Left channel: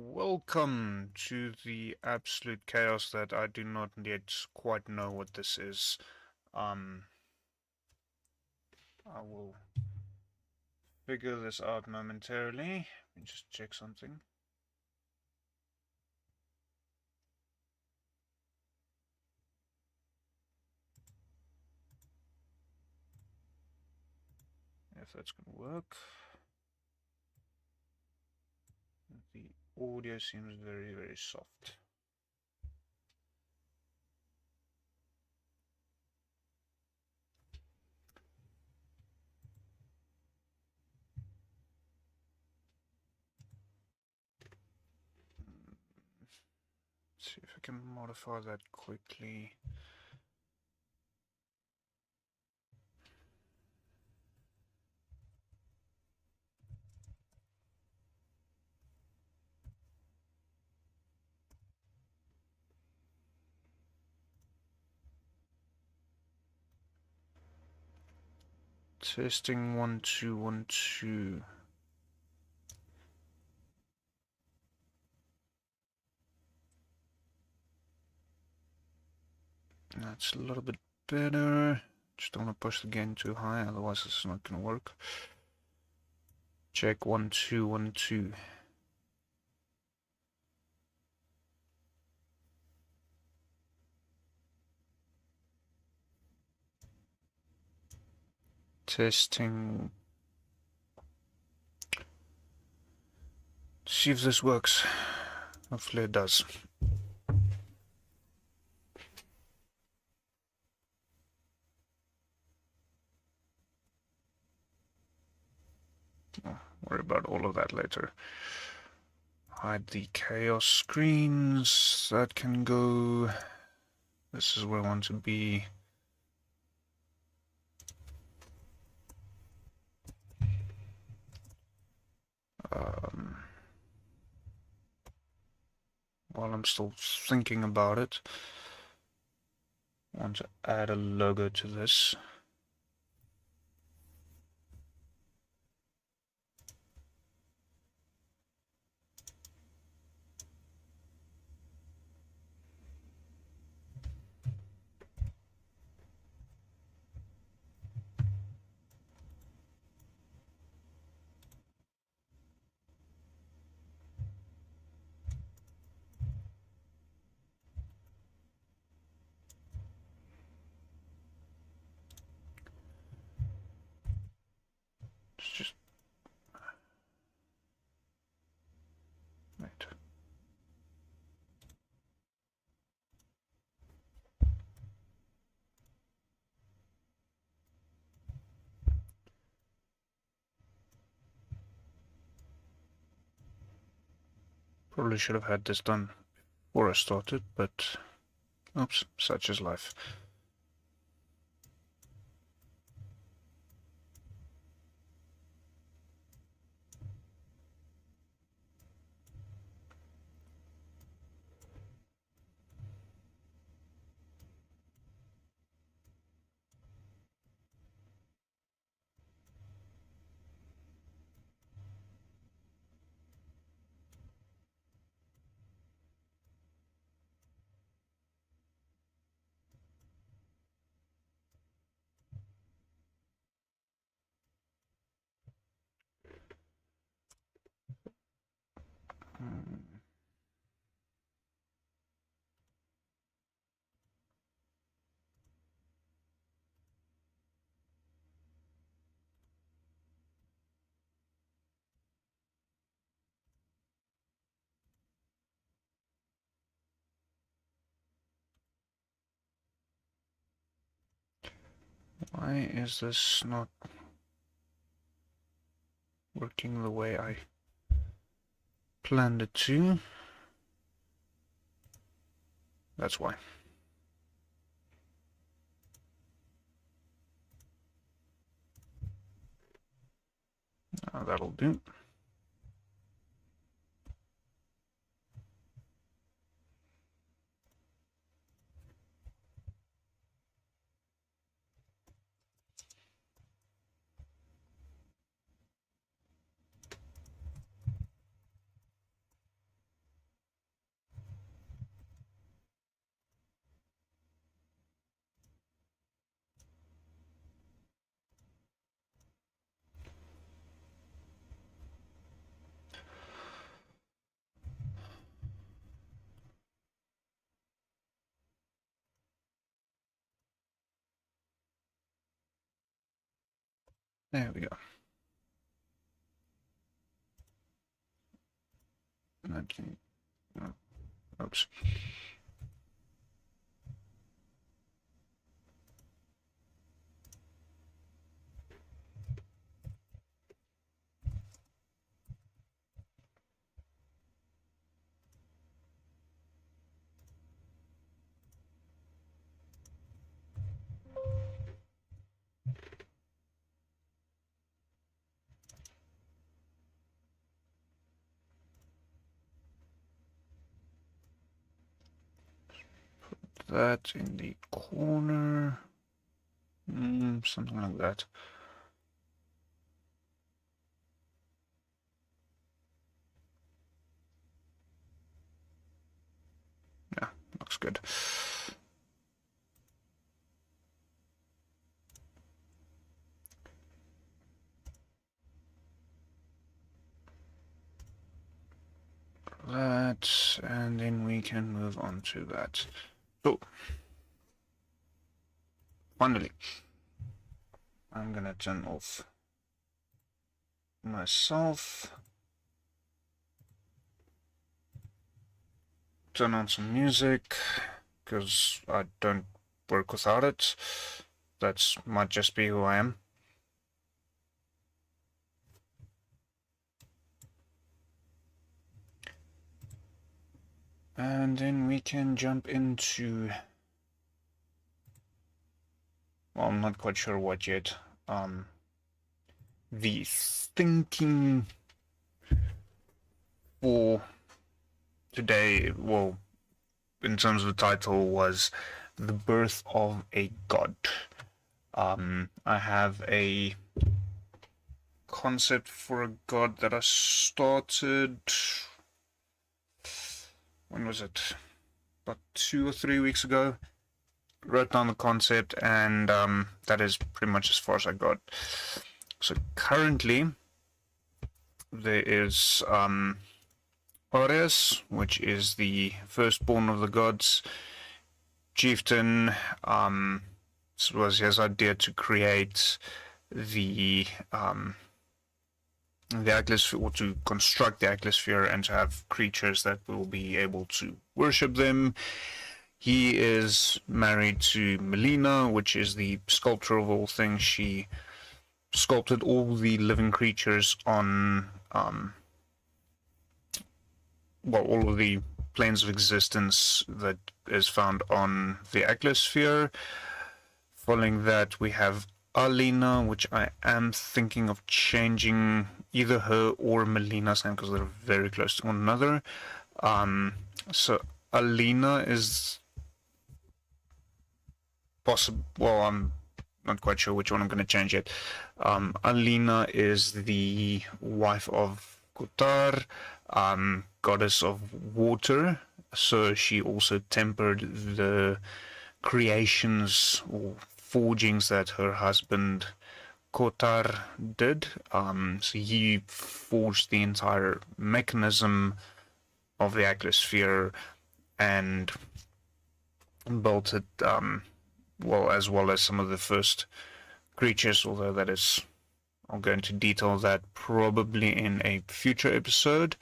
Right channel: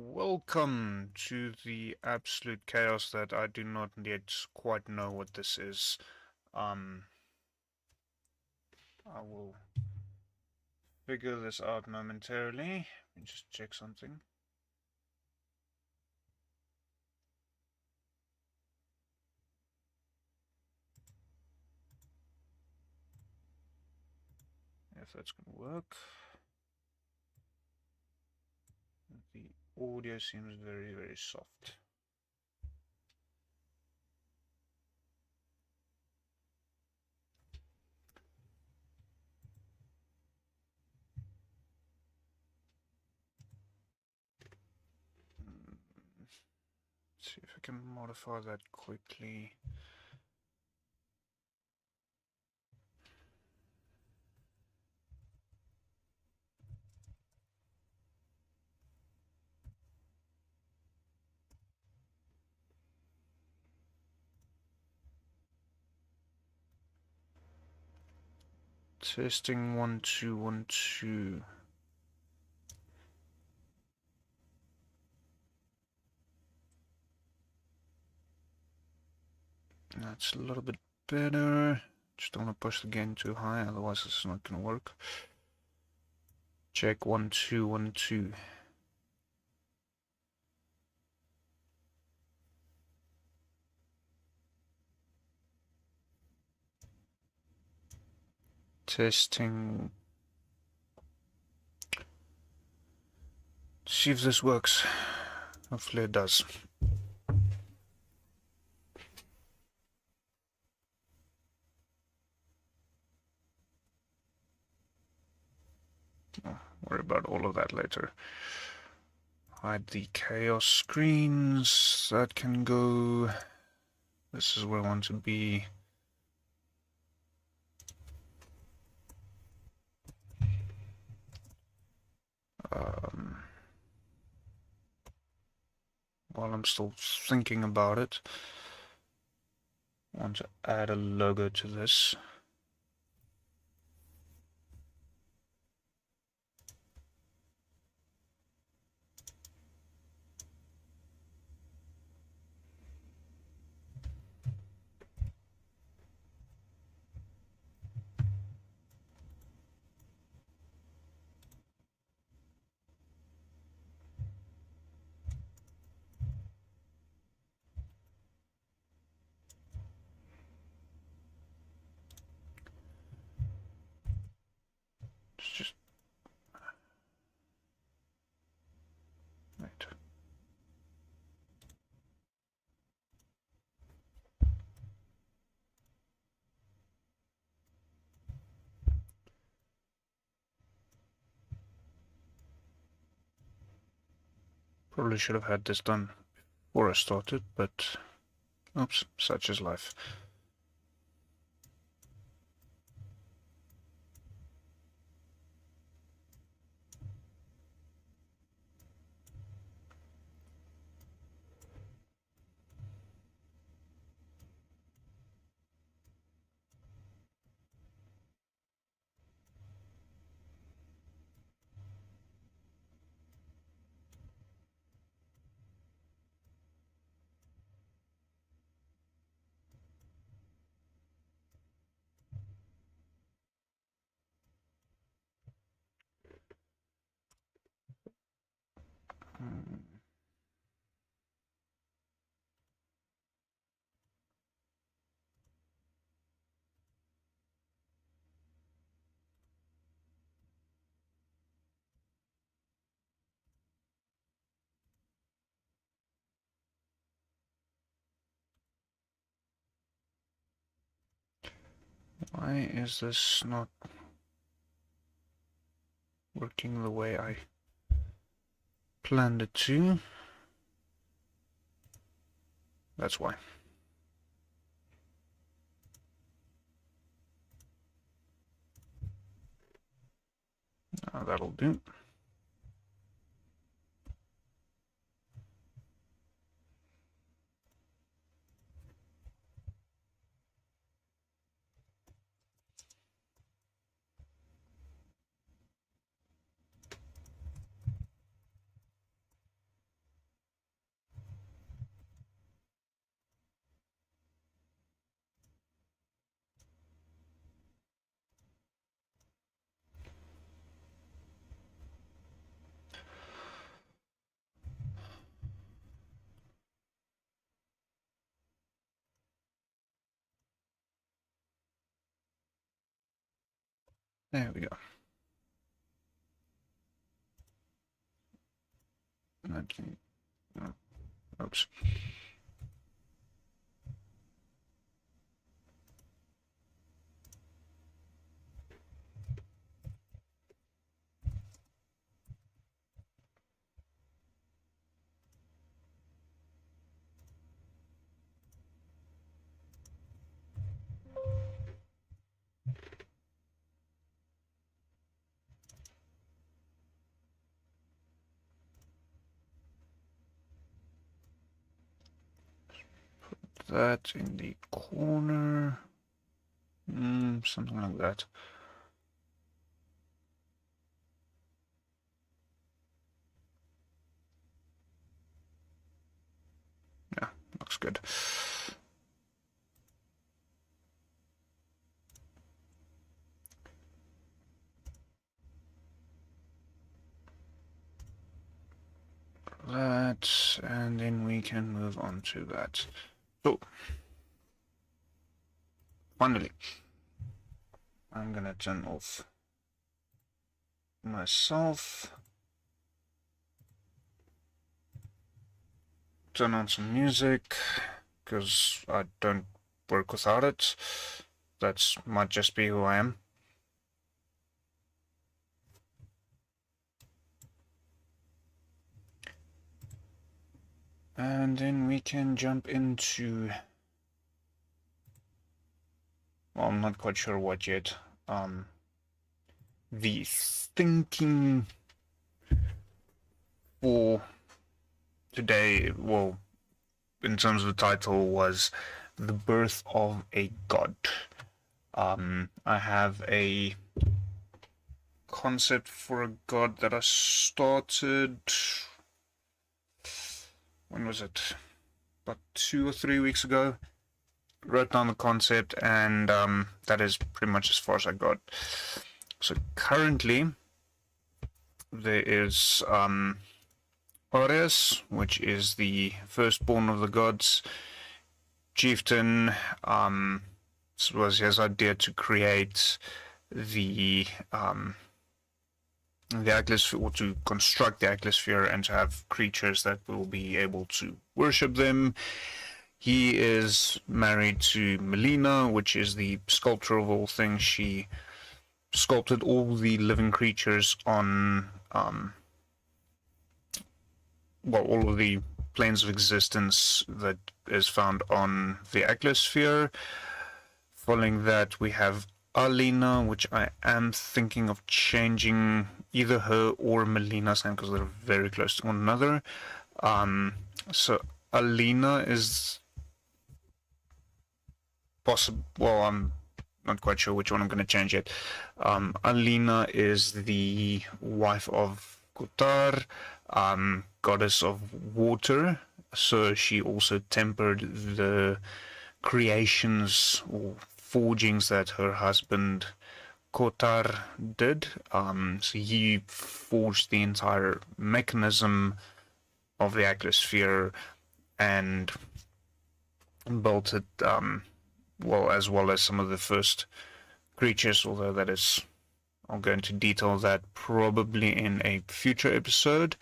Welcome to the absolute chaos that I do not yet quite know what this is. I will figure this out momentarily. Let me just check something. If that's going to work. The audio seems very, very soft. Let's see if I can modify that quickly. Testing 1 2 1 2. That's a little bit better. Just don't want to push the gain too high, otherwise it's not going to work. Check 1 2 1 2. Testing. See if this works. Hopefully it does. Oh, worry about all of that later. Hide the chaos screens. That can go. This is where I want to be. While I'm still thinking about it, I want to add a logo to this. Just right. Probably should have had this done before I started, but oops, such is life. Why is this not working the way I planned it to? That's why. That'll do. There we go. Oops. That in the corner, something like that. Yeah, looks good. That, and then we can move on to that. So, finally, I'm gonna turn off myself, turn on some music, because I don't work without it. That might just be who I am. And then we can jump into, well, I'm not quite sure what yet. The thinking for today, well, in terms of the title, was The Birth of a God. I have a concept for a god that I started, when was it? About 2 or 3 weeks ago. Wrote down the concept, and that is pretty much as far as I got. So currently, there is Ares, which is the firstborn of the gods. Chieftain, it was his idea to create the Ækleosphere, or to construct the Ækleosphere and to have creatures that will be able to worship them. He is married to Melina, which is the sculptor of all things. She sculpted all the living creatures on, all of the planes of existence that is found on the Ækleosphere. Following that, we have Alina, which I am thinking of changing either her or Melina's name because they're very close to one another. So Alina is possible. Well, I'm not quite sure which one I'm going to change yet. Alina is the wife of Kotar, goddess of water. So she also tempered the creations or forgings that her husband Kotar did. So he forged the entire mechanism of the Ækleosphere and built it, as well as some of the first creatures, although that is, I'll go into detail that probably in a future episode.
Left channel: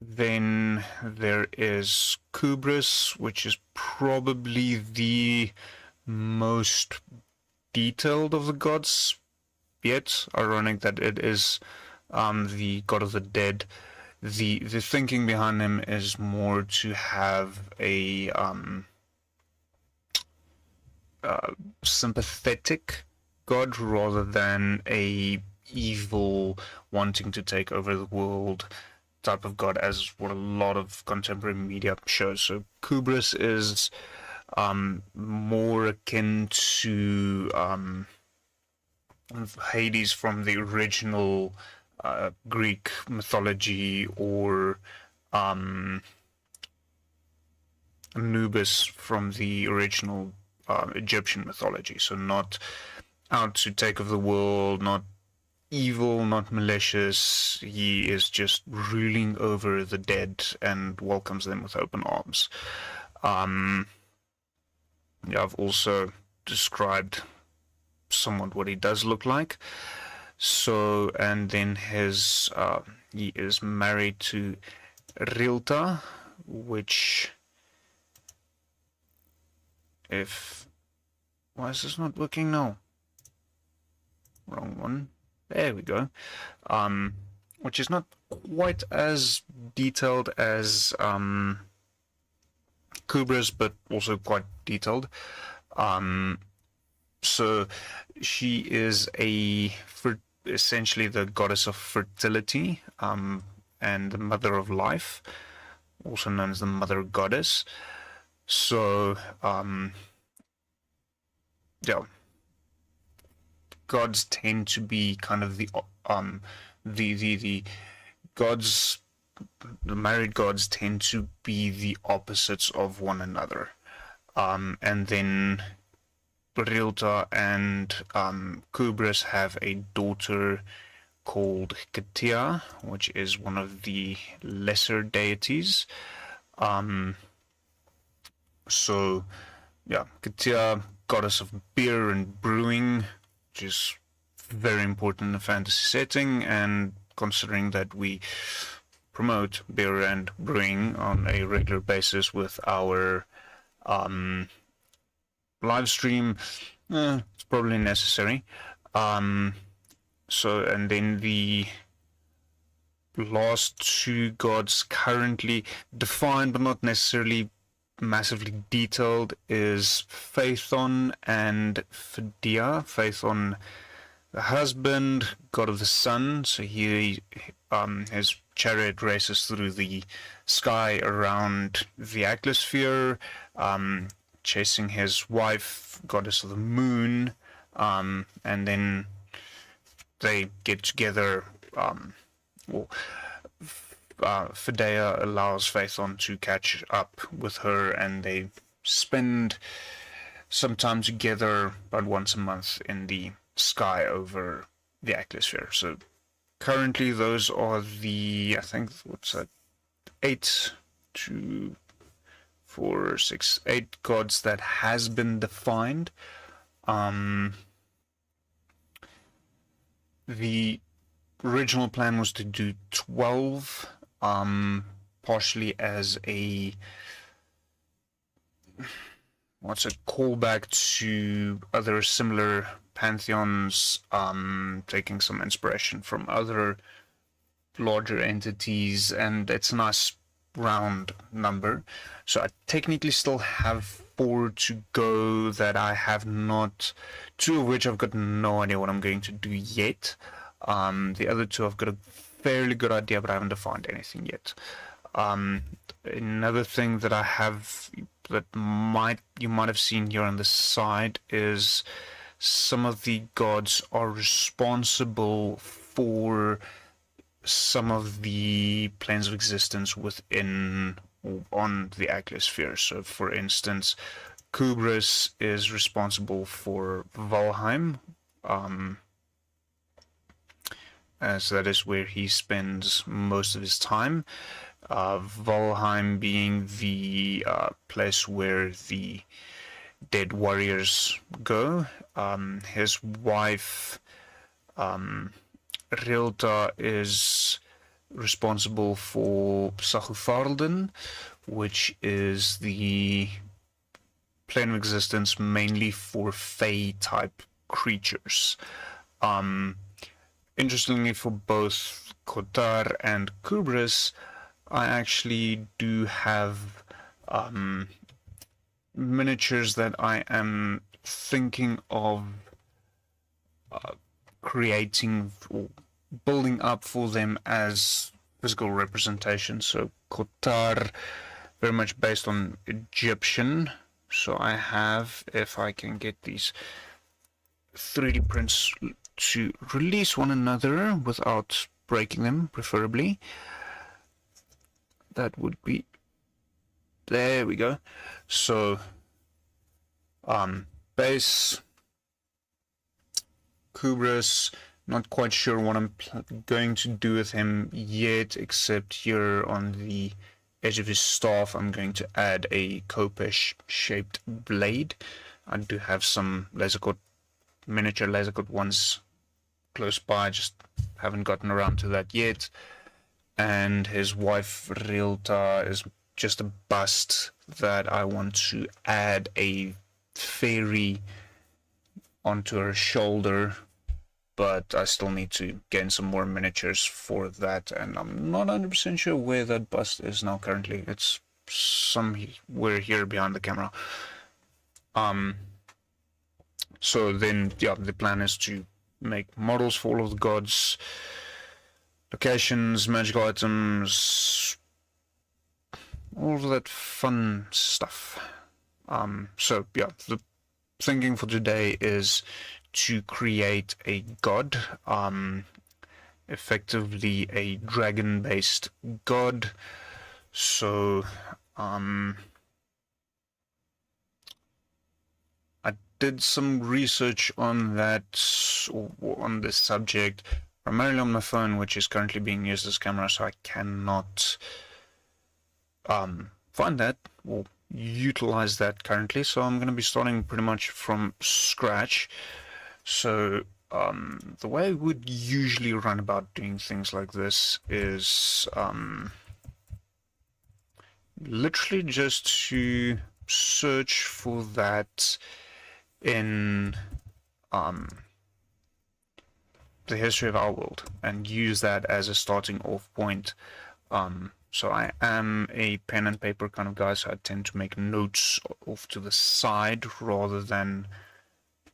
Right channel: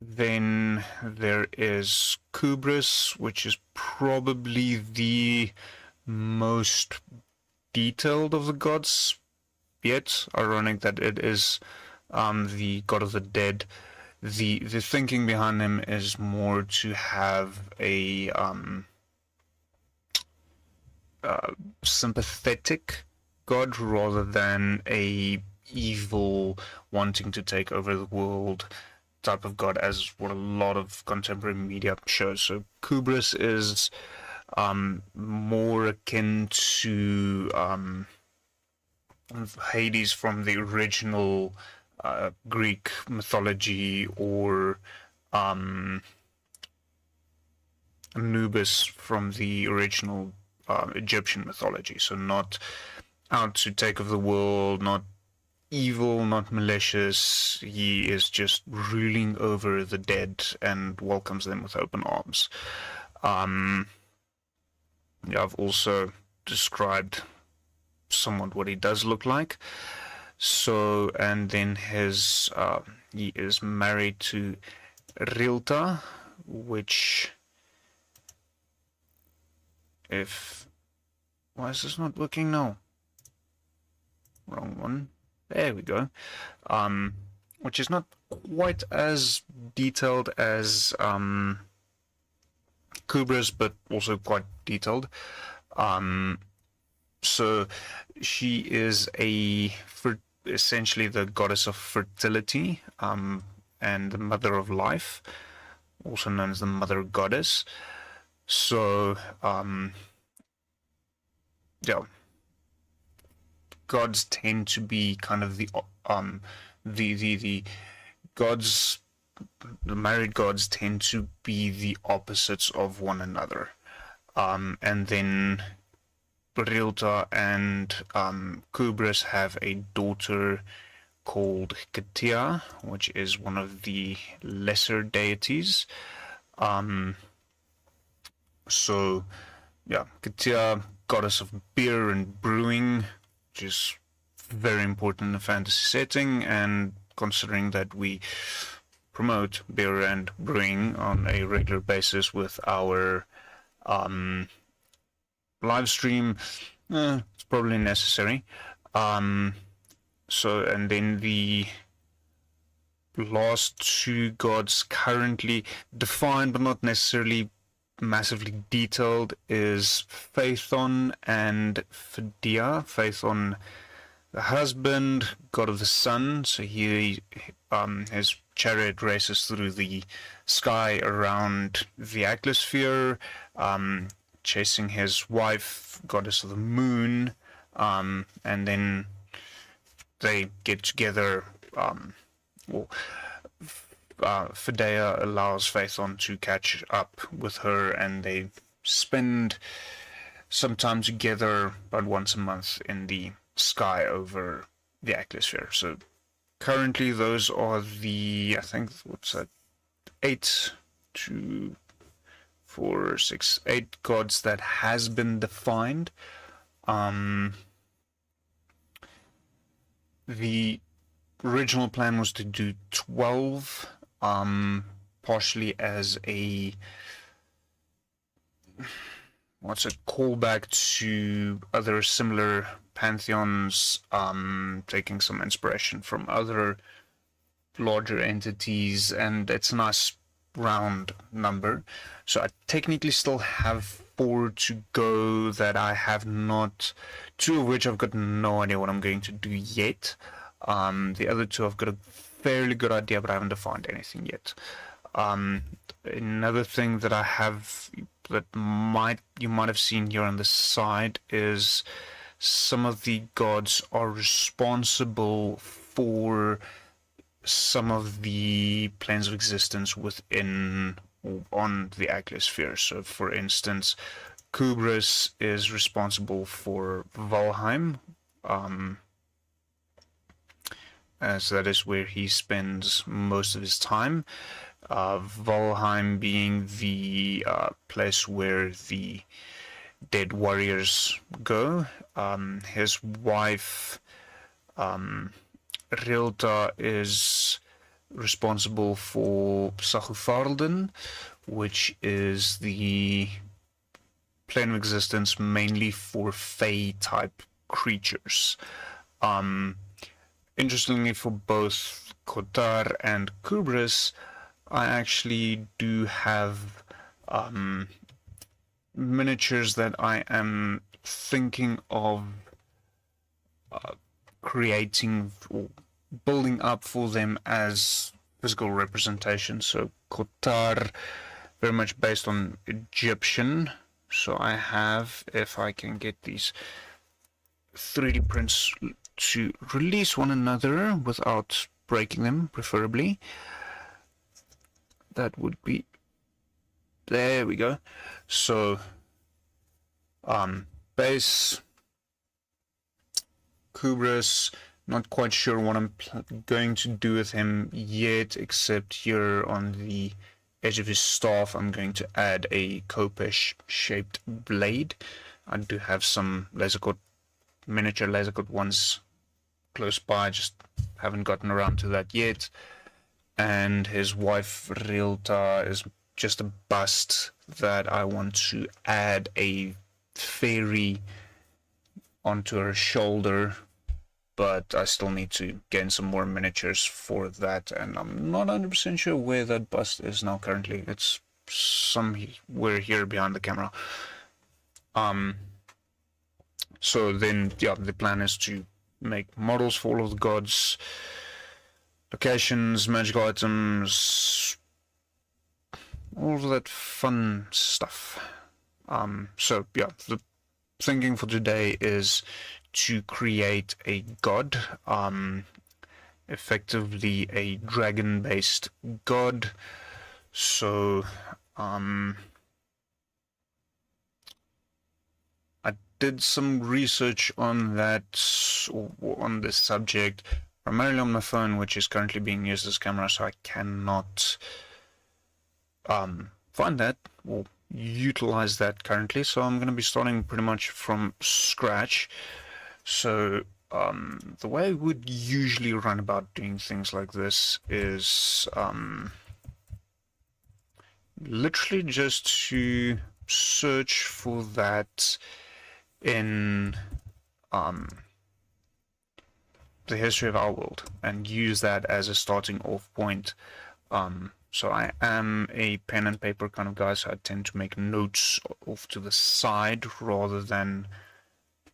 Then there is Kubris, which is probably the most detailed of the gods yet. Ironic that it is the god of the dead. The thinking behind him is more to have a sympathetic god rather than a evil wanting to take over the world type of god, as what a lot of contemporary media shows. So Kubris is more akin to Hades from the original Greek mythology, or Anubis from the original Egyptian mythology. So not out to take over the world, not evil, not malicious. He is just ruling over the dead and welcomes them with open arms. I've also described somewhat what he does look like. So, and then he is married to Rilta, which, why is this not working now? Wrong one. There we go. Which is not quite as detailed as Kubra's, but also quite detailed. So she is essentially the goddess of fertility, and the mother of life, also known as the mother goddess. So, yeah, gods tend to be kind of the gods, the married gods tend to be the opposites of one another. And then Rilta and Kubris have a daughter called Katia, which is one of the lesser deities. So, yeah, Katia, goddess of beer and brewing, which is very important in a fantasy setting, and considering that we promote beer and brewing on a regular basis with our live stream, it's probably necessary. So, and then the last two gods currently defined but not necessarily massively detailed is Phaethon and Phidea. Phaethon, the husband, god of the sun, so his chariot races through the sky around the Ækleosphere, chasing his wife, goddess of the moon, and then they get together. Phidea allows Phaethon to catch up with her, and they spend some time together about once a month in the sky over the Ækleosphere. So currently those are the, I think, 8 gods that has been defined. The original plan was to do 12, partially as a callback to other similar pantheons, taking some inspiration from other larger entities, and it's a nice round number. So I technically still have 4 to go that I have not, 2 of which I've got no idea what I'm going to do yet. The other 2 I've got a fairly good idea, but I haven't defined anything yet. Another thing that I have that you might have seen here on the side is some of the gods are responsible for some of the planes of existence on the Ækleosphere. So, for instance, Kubris is responsible for Valheim, as that is where he spends most of his time. Valheim being the place where the dead warriors go. His wife, Rilta, is responsible for Sagufarlden, which is the plane of existence mainly for Fae-type creatures. Interestingly, for both Kotar and Kubris, I actually do have miniatures that I am thinking of creating or building up for them as physical representation. So Kotar, very much based on Egyptian. So I have, if I can get these 3D prints to release one another without breaking them, preferably, that would be, there we go. So base Kubris, not quite sure what I'm going to do with him yet, except here on the edge of his staff I'm going to add a Kopesh shaped blade. I do have some laser cut miniature laser cut ones close by, just haven't gotten around to that yet. And his wife Rilta is just a bust that I want to add a fairy onto her shoulder, but I still need to gain some more miniatures for that, and I'm not 100% sure where that bust is now currently. It's somewhere here behind the camera. So then, yeah, the plan is to make models for all of the gods, locations, magical items, all of that fun stuff. So yeah, the thinking for today is to create a god, effectively a dragon-based god. So I did some research on that, or on this subject, primarily on my phone, which is currently being used as camera, so I cannot find that or utilize that currently. So I'm going to be starting pretty much from scratch. So the way I would usually run about doing things like this is literally just to search for that in the history of our world and use that as a starting off point. So I am a pen and paper kind of guy, so I tend to make notes off to the side rather than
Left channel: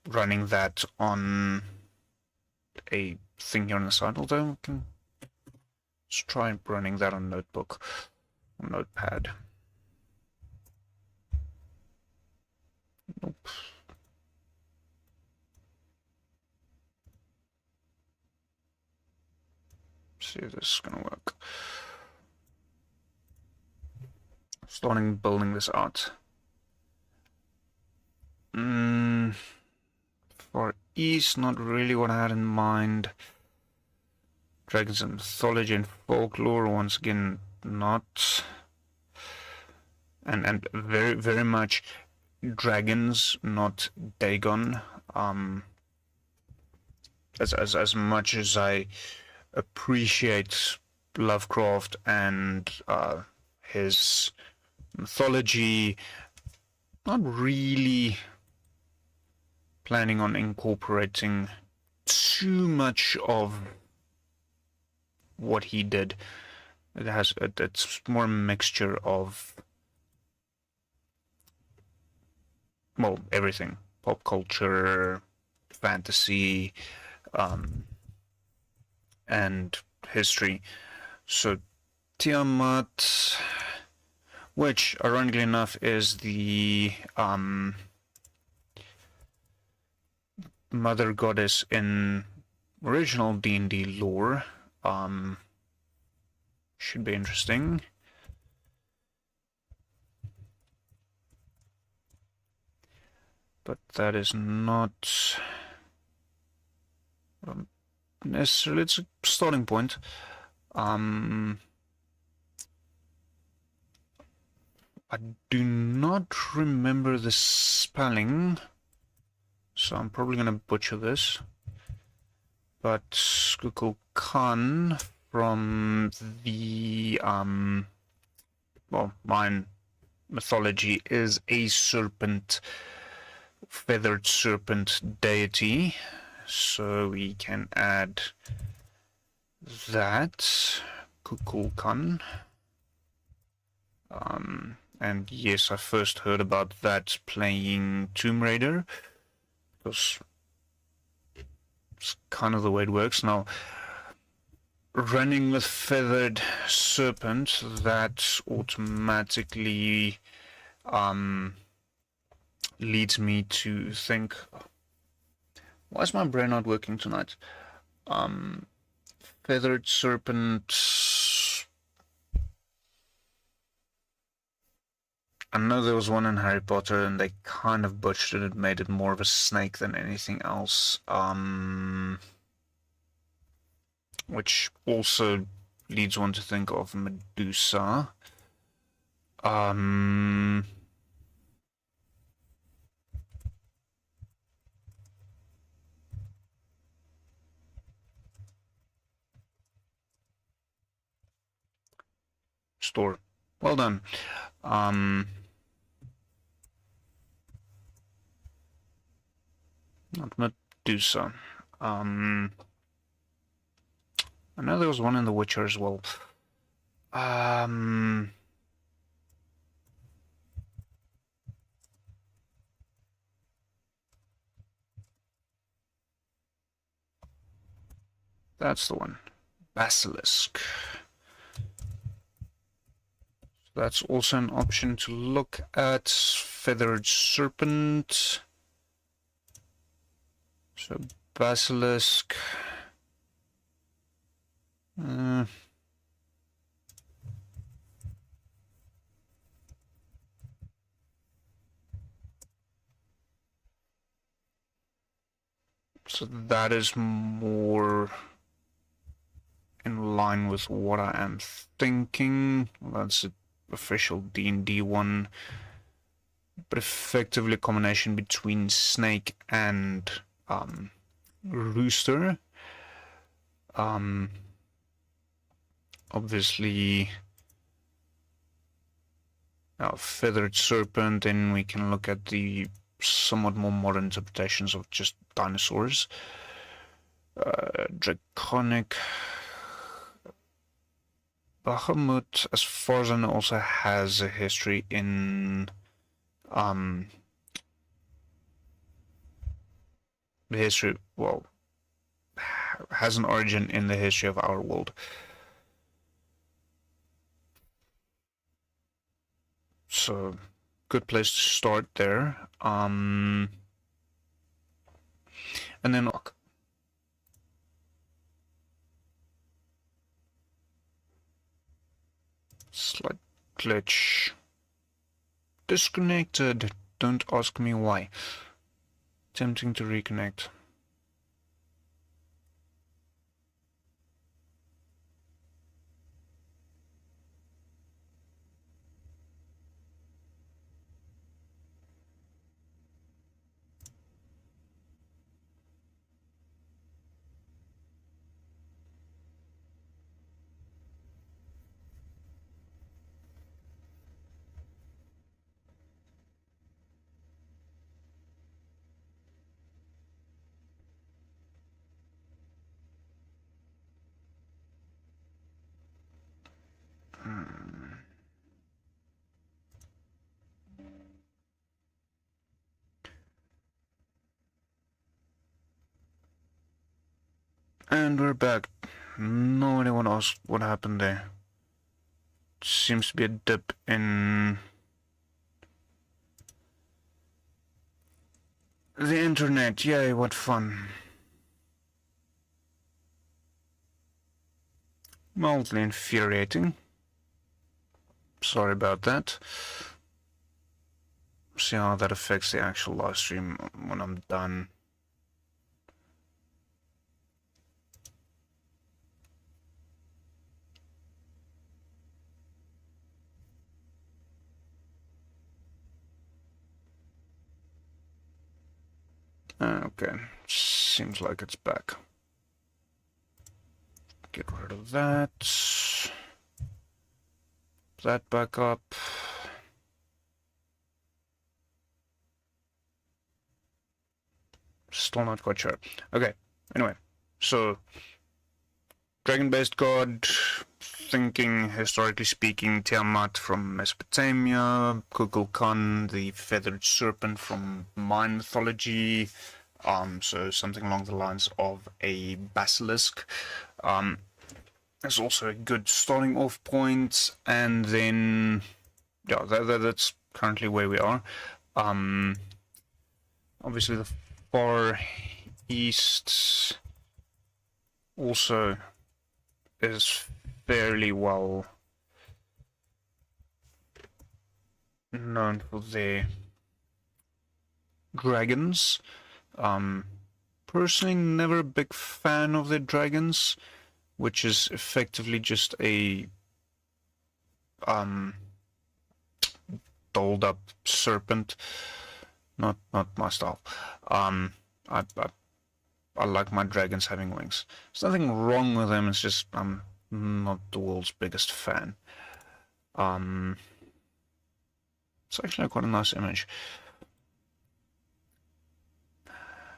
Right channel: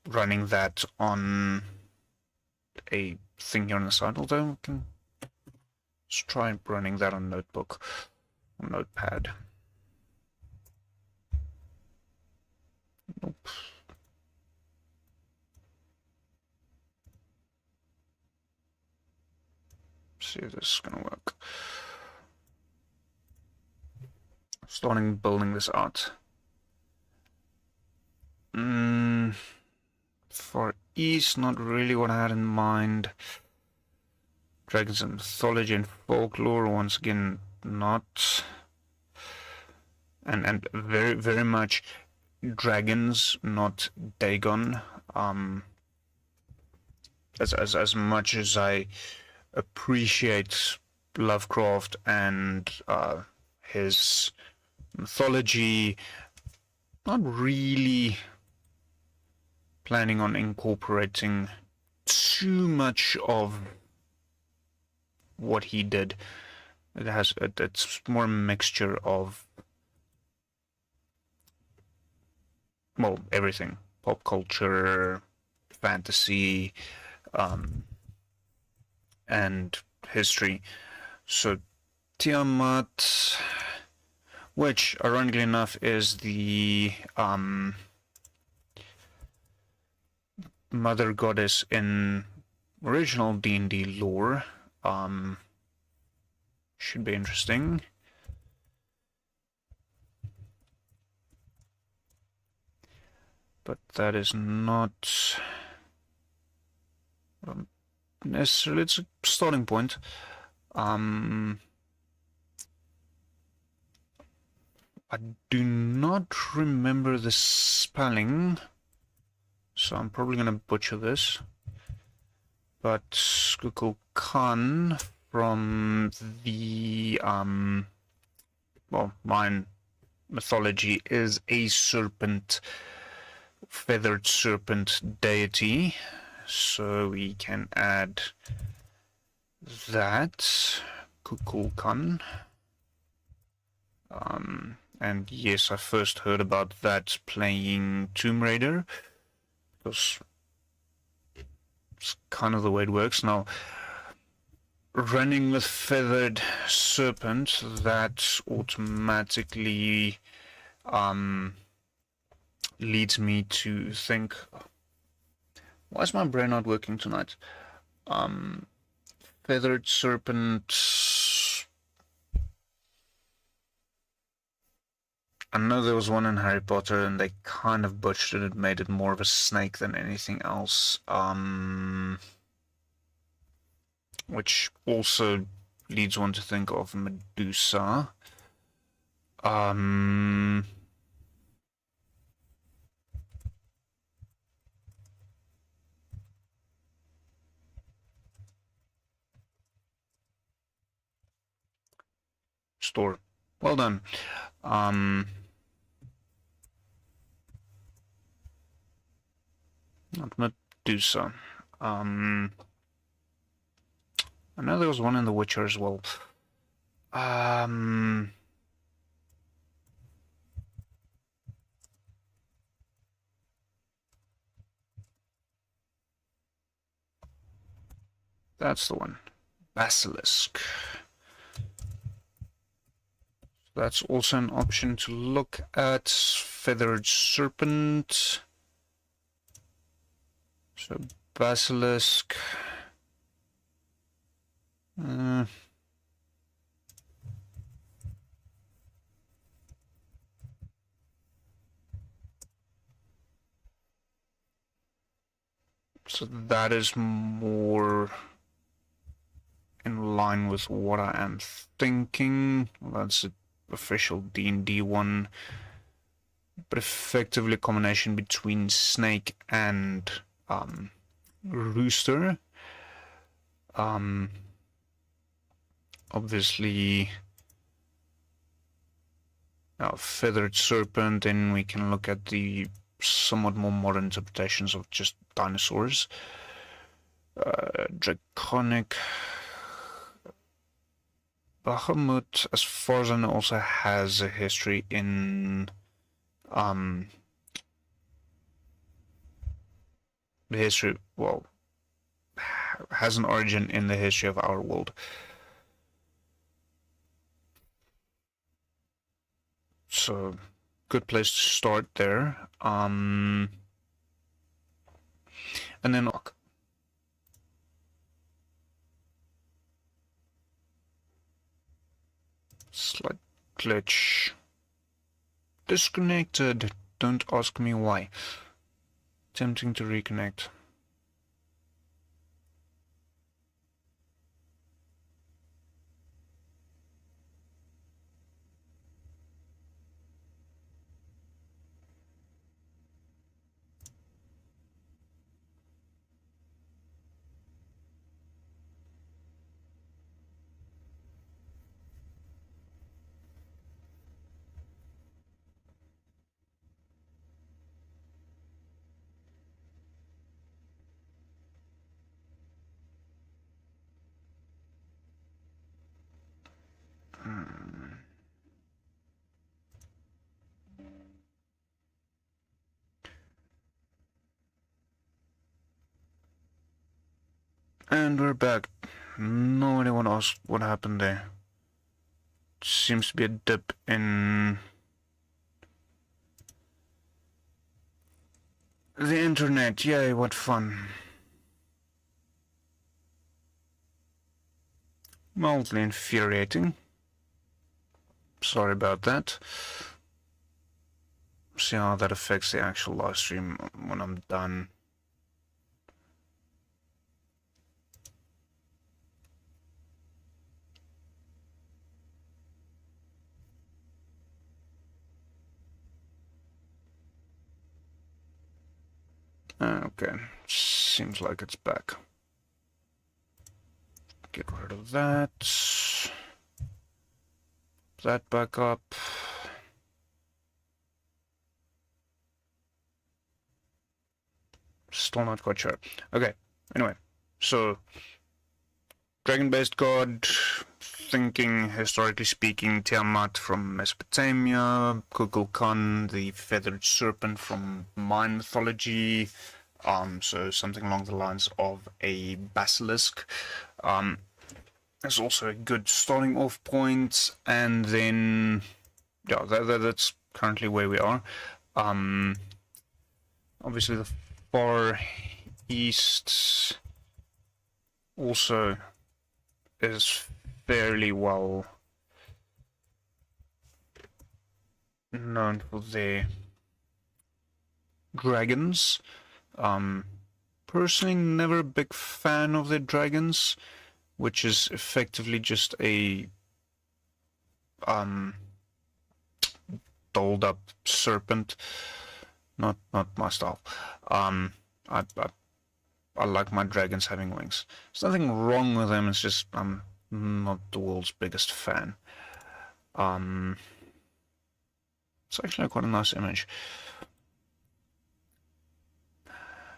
running that on a thing here on the side, although we can just try running that on notebook or notepad. Nope. See if this is gonna work. Starting building this out. Far East, not really what I had in mind. Dragons and mythology and folklore, once again, not. And very, very much dragons, not Dagon. As much as I appreciate Lovecraft and his mythology, not really planning on incorporating too much of what he did. It's more a mixture of, well, everything: pop culture, fantasy, and history. So Tiamat, which ironically enough is the mother goddess in original D&D lore, should be interesting. But that is not necessarily, it's a starting point. I do not remember the spelling, so I'm probably going to butcher this. But Kukulkan from the mine mythology is a serpent, feathered serpent deity, so we can add that, Kukulkan. And yes, I first heard about that playing Tomb Raider, because it's kind of the way it works. Now, running with feathered serpent, that automatically leads me to think, why is my brain not working tonight? Feathered serpent, I know there was one in Harry Potter and they kind of butchered it, made it more of a snake than anything else, which also leads one to think of Medusa. Store. Well done. Not Medusa. I know there was one in The Witcher as well. That's the one. Basilisk. That's also an option to look at. Feathered Serpent. So, Basilisk. So that is more in line with what I am thinking. Well, that's the official D&D one. But effectively a combination between snake and rooster. Obviously, feathered serpent, and we can look at the somewhat more modern interpretations of just dinosaurs. Draconic. Bahamut, as far as I know, also has a history in the history, well, has an origin in the history of our world. So, good place to start there. And then look. Slight glitch. Disconnected. Don't ask me why. Attempting to reconnect. And we're back. No idea what else, what happened there. Seems to be a dip in the internet. Yay, what fun. Mildly infuriating. Sorry about that. See how that affects the actual live stream when I'm done. Okay, seems like it's back. Get rid of that. That back up. Still not quite sure. Okay, anyway, so dragon-based god, thinking, historically speaking, Tiamat from Mesopotamia, Kukulkan, the feathered serpent from Mayan mythology, so something along the lines of a basilisk. There's also a good starting off point, and then, yeah, that's currently where we are. Obviously the far east also is fairly well known for their dragons. Personally, never a big fan of their dragons, which is effectively just a dolled up serpent. Not my style. I like my dragons having wings. There's nothing wrong with them, it's just I'm not the world's biggest fan. It's actually quite a nice image.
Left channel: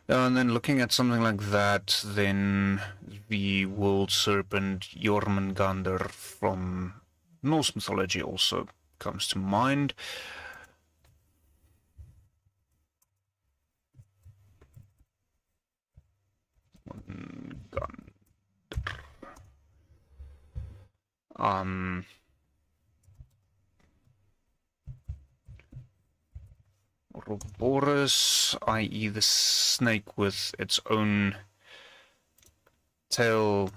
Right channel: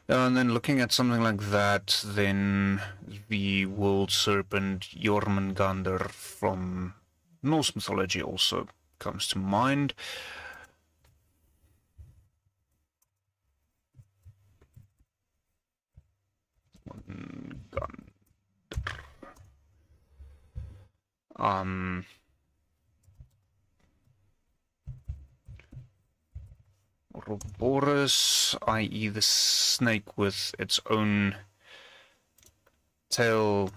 And then looking at something like that, then the world serpent Jormungandr from Norse mythology also comes to mind. Ouroboros, i.e. the snake with its own tail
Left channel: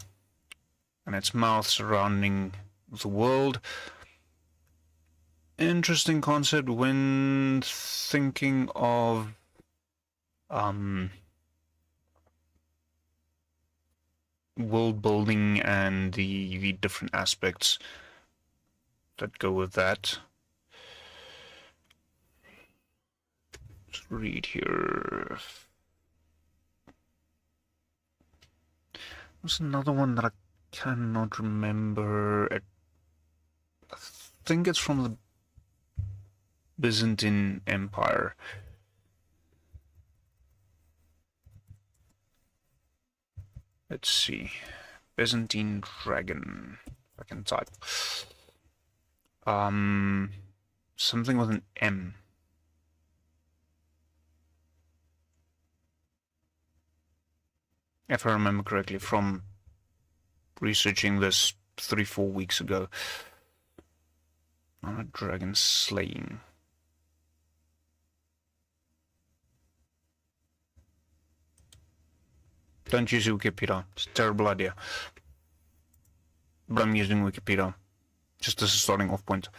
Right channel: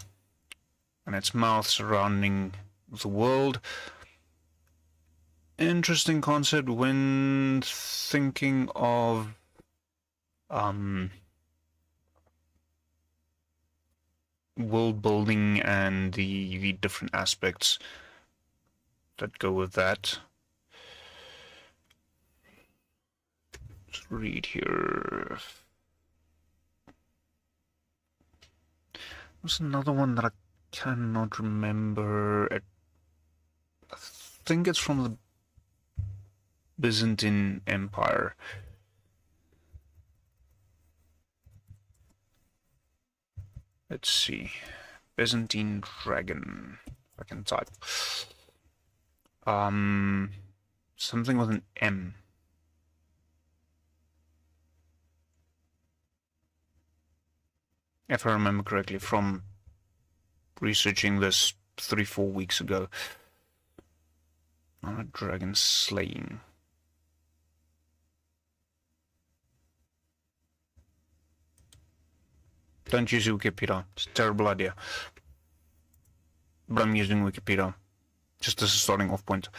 and its mouth surrounding the world. Interesting concept when thinking of world building and the different aspects that go with that. Let's read here. There's another one that I cannot remember. I think it's from the Byzantine Empire. Let's see. Byzantine dragon. I can type. Something with an M. If I remember correctly, from researching this 3-4 weeks ago. Not a dragon slaying. Don't use Wikipedia. It's a terrible idea. But I'm using Wikipedia just as a starting off point.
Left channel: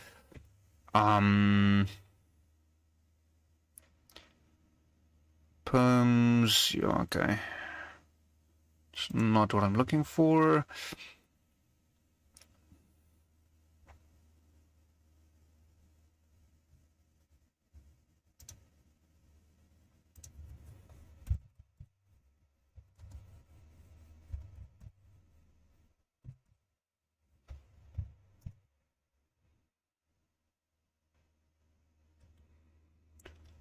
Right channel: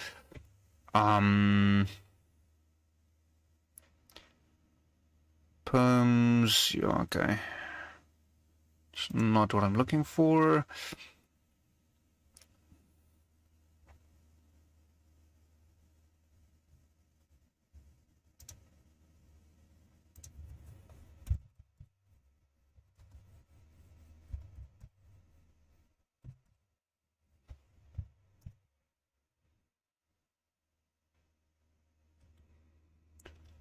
Poems, yeah, okay. It's not what I'm looking for.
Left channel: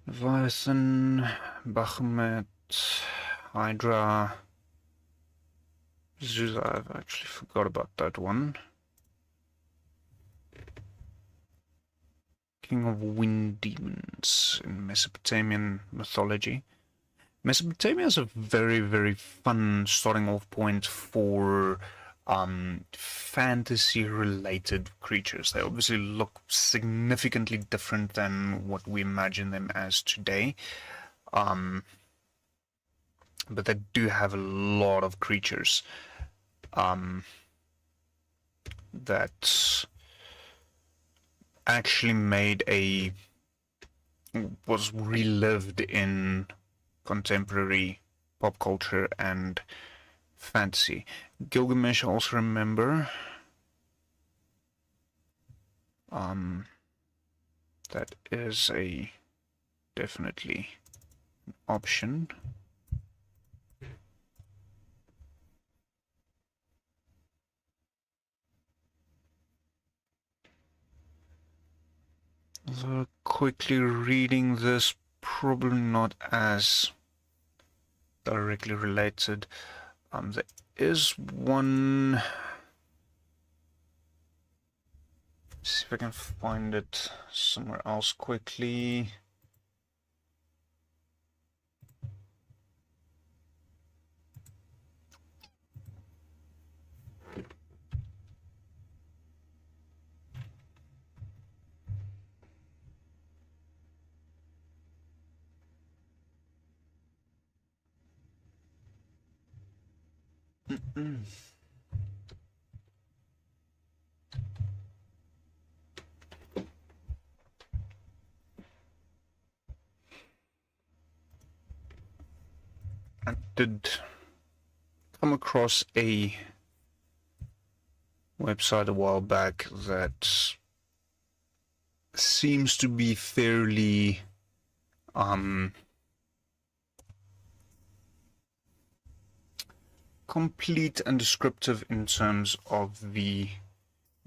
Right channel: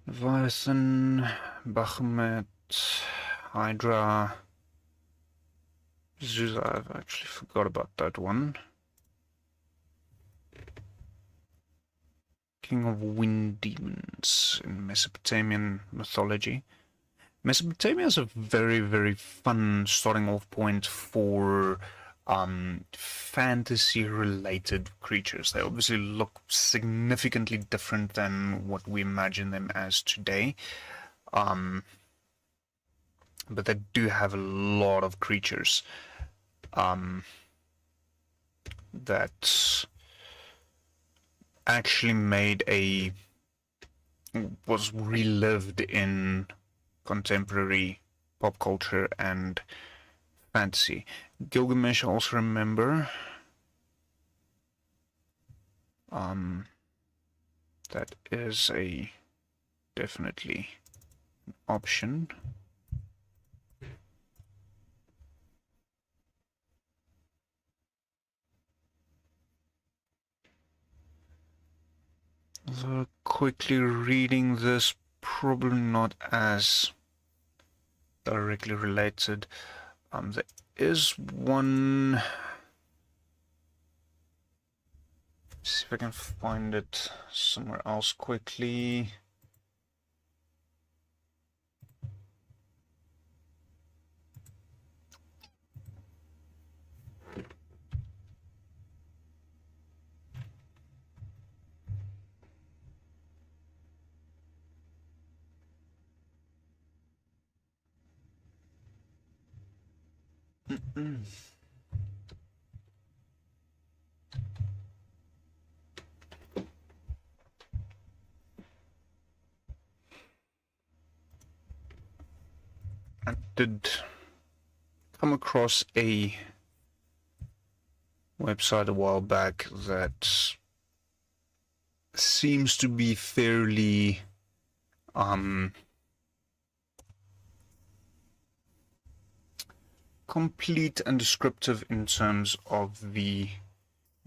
Leviathan, Baphomet, Hydra, Zeus. I've actually forgot about that one. King of wind demons in Mesopotamian mythology. Mesopotamia is a very, very fun starting off point for fantasy-related creatures. They obviously look significantly different than what we imagine them as today. But they do have a lot of creatures that actually was relived in contemporary pop culture and fantasy. Gilgamesh, I also remember. That is definitely an option. So quickly reading this, probably not as directly related. There is one. Let's see if I can find it somewhere else quickly. I did come across a website a while back that seems to be fairly complete and descriptive in terms of the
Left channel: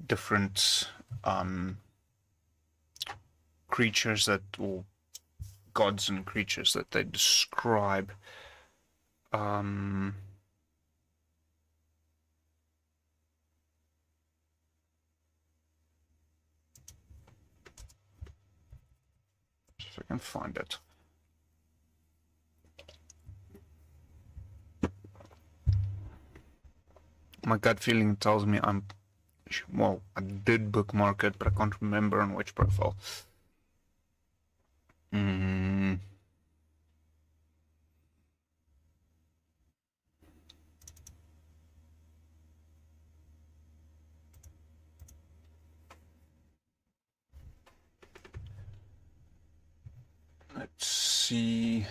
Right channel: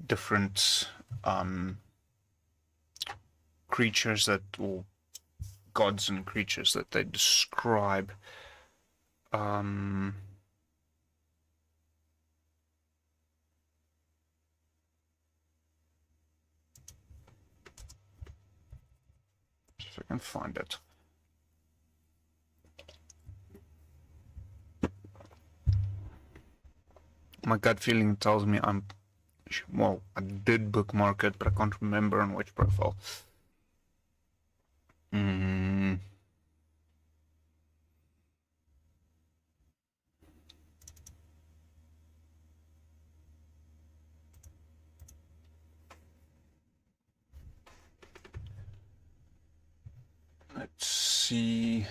different creatures that, or gods and creatures that they describe. If I can find it. My gut feeling tells me well, I did bookmark it, but I can't remember on which profile. Let's see.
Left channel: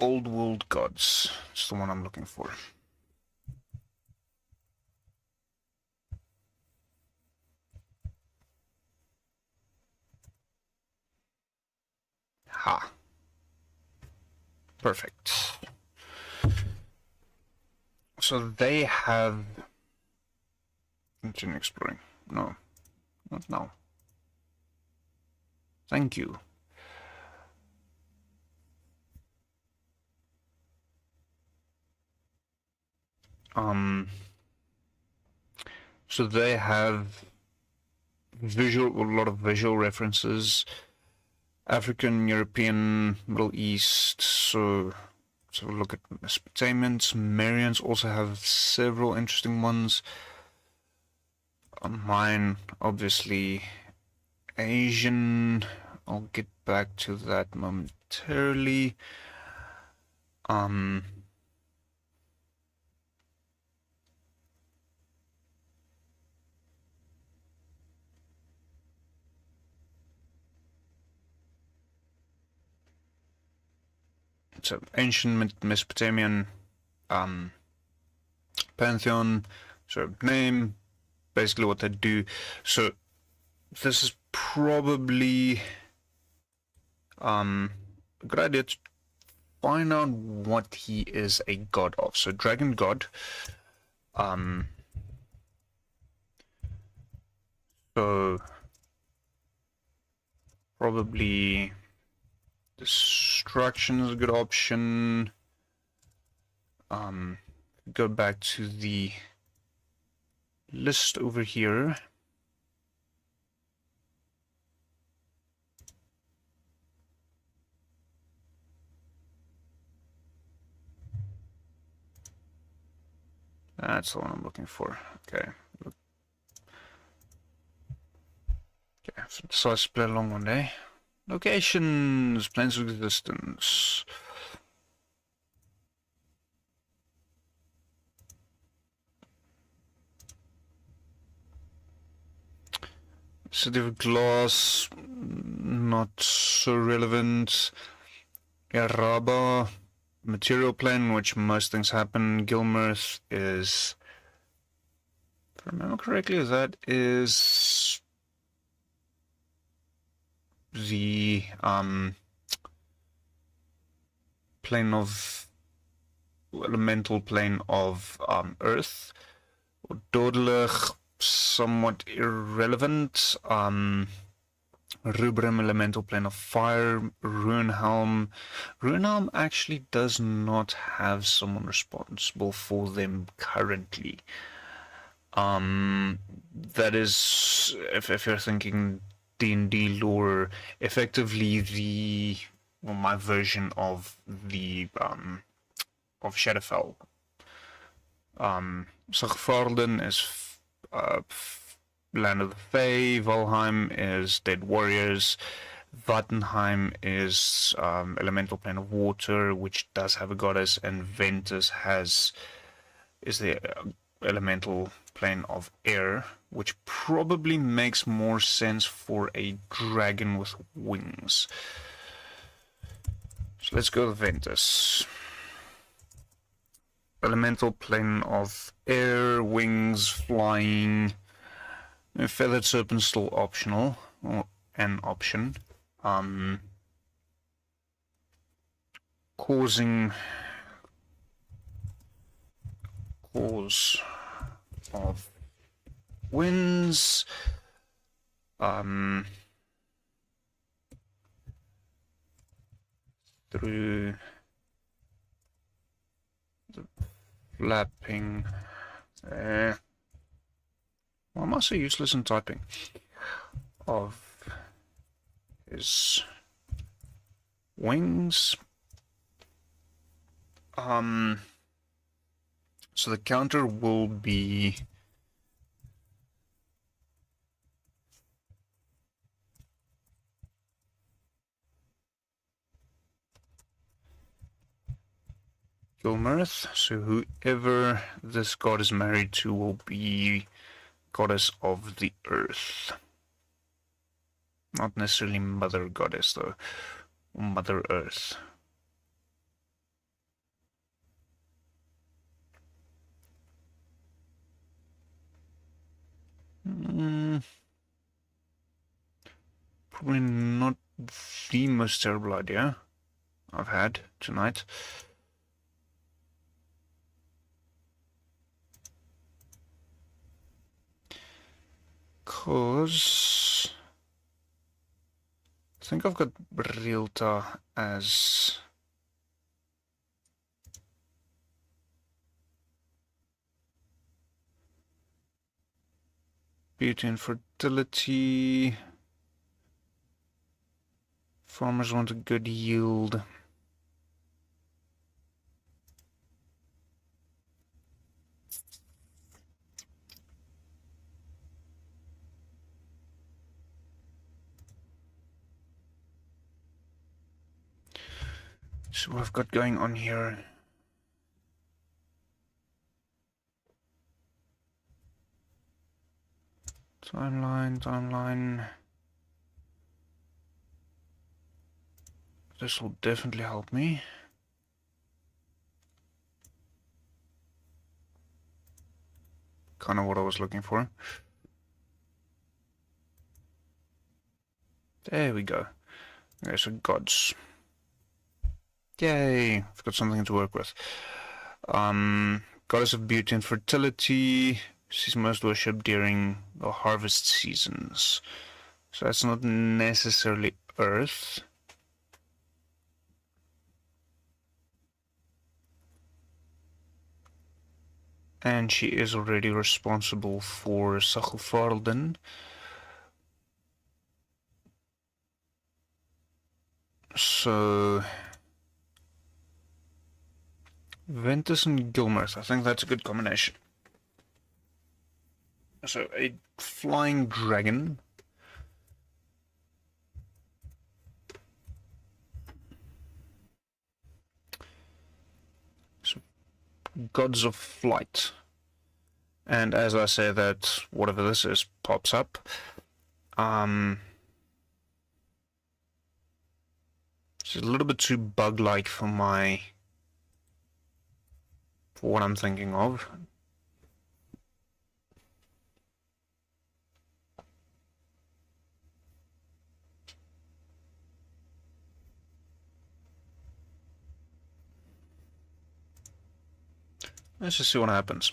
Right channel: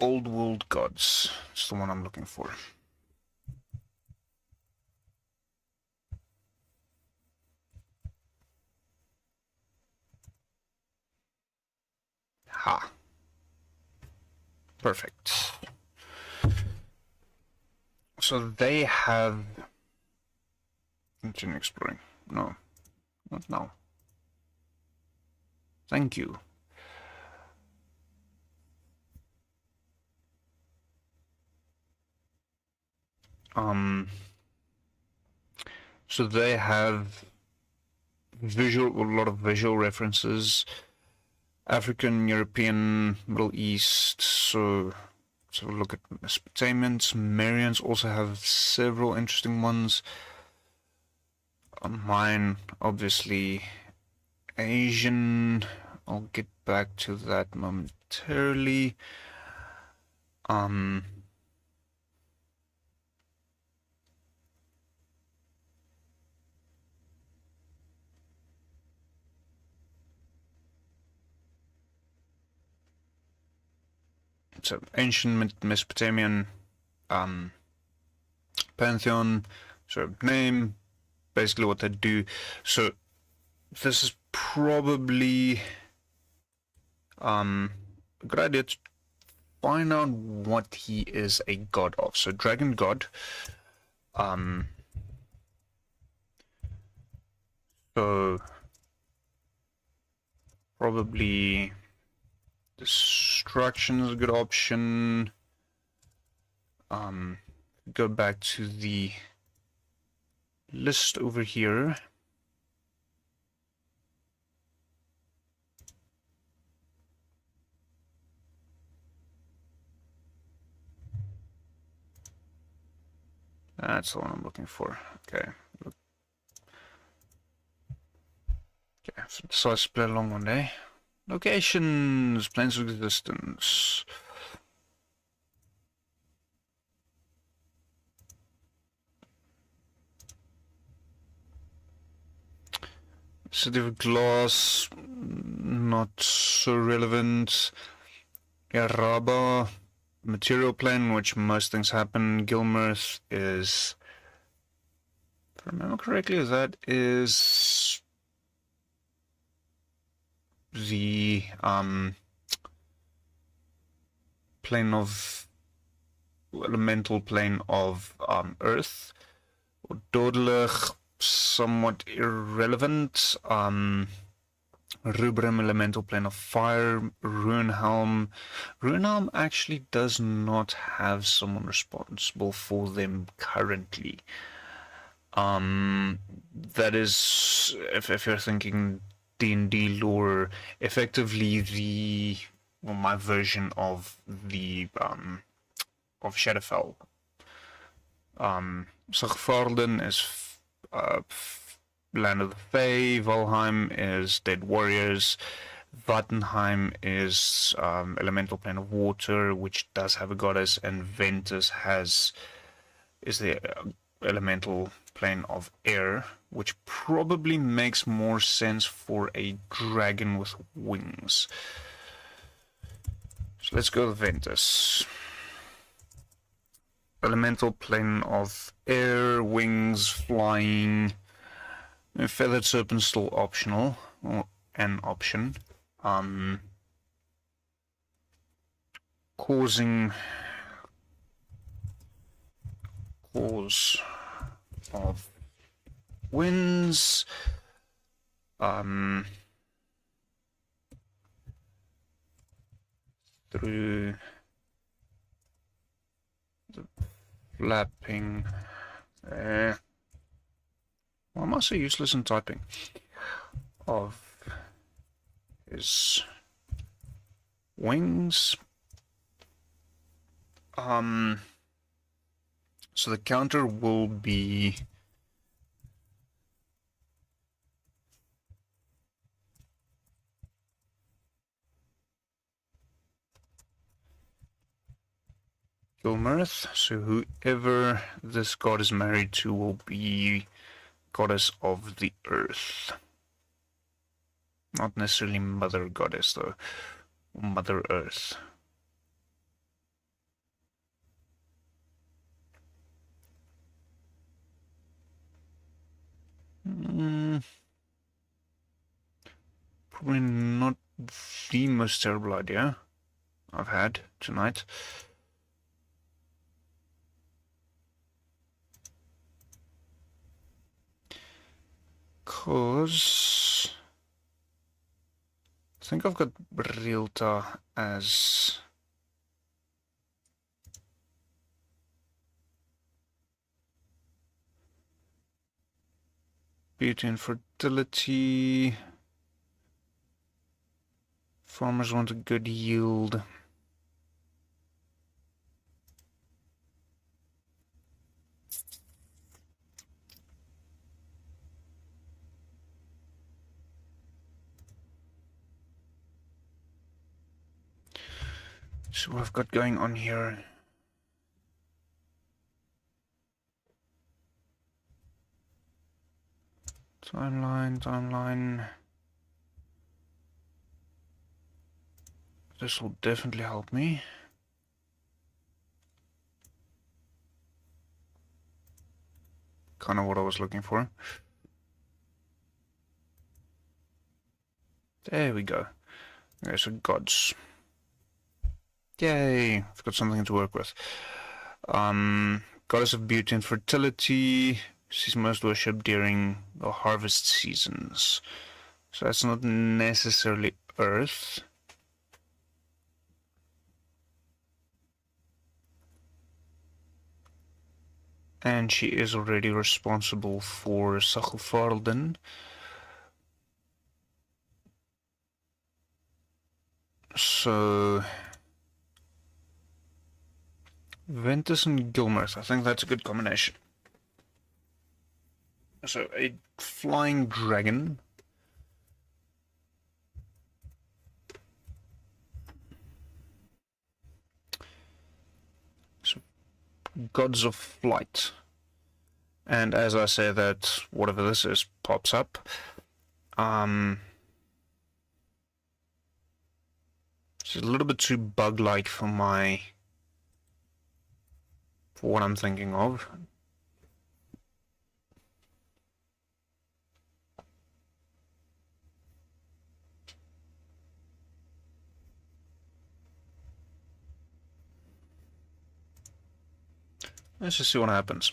Old World Gods. It's the one I'm looking for. Ha. Perfect. So they have... Continue exploring. No. Not now. Thank you. So they have a lot of visual references. African, European, Middle East, so look at Mesopotamians. Sumerians also have several interesting ones. Mine, obviously, Asian. I'll get back to that momentarily. So ancient Mesopotamian pantheon, so name, basically what they do. So this is probably a good idea to find out what he is a god of. So dragon god. So probably destruction is a good option. Go back to the list over here. That's the one I'm looking for. Okay. Okay, so I split along one day. Locations, planes of existence. City of Glass, not so relevant. Yaraba, material plane, which most things happen. Gilmirth is, if I remember correctly, that is the plane of, elemental plane of Earth. Dodelig, somewhat irrelevant. Rubrum, elemental plane of fire. Runehelm. Runehelm actually does not have someone responsible for them currently. That is, if you're thinking D&D lore, effectively my version of the of Shadowfell. Sigvarden is Land of the Fae. Valheim is Dead Warriors. Vattenheim is elemental plane of water, which does have a goddess, and Ventus is the elemental plane of air, which probably makes more sense for a dragon with wings. So let's go with Ventus. Elemental plane of air, wings, flying. Feathered serpent still optional, or an option. Cause of winds. Through the flapping there. Why am I so useless in typing? Of his wings. So the counter will be Gilmirth. So whoever this god is married to will be goddess of the earth. Not necessarily mother goddess though. Mother Earth. Probably not the most terrible idea I've had tonight. Because I think I've got Realta as beauty and fertility. Farmers want a good yield. So what I've got going on here. Timeline. This will definitely help me. Kind of what I was looking for. There we go. Okay, so gods. Yay! I've got something to work with. Goddess of beauty and fertility. She's most worshipped during the harvest seasons. So that's not necessarily Earth. And she is already responsible for Sachufarlden. So Ventus and Gilmirth, I think that's a good combination. So a flying dragon. So gods of flight. And as I say that, whatever this is pops up. She's a little bit too bug-like for what I'm thinking of. Let's just see what happens.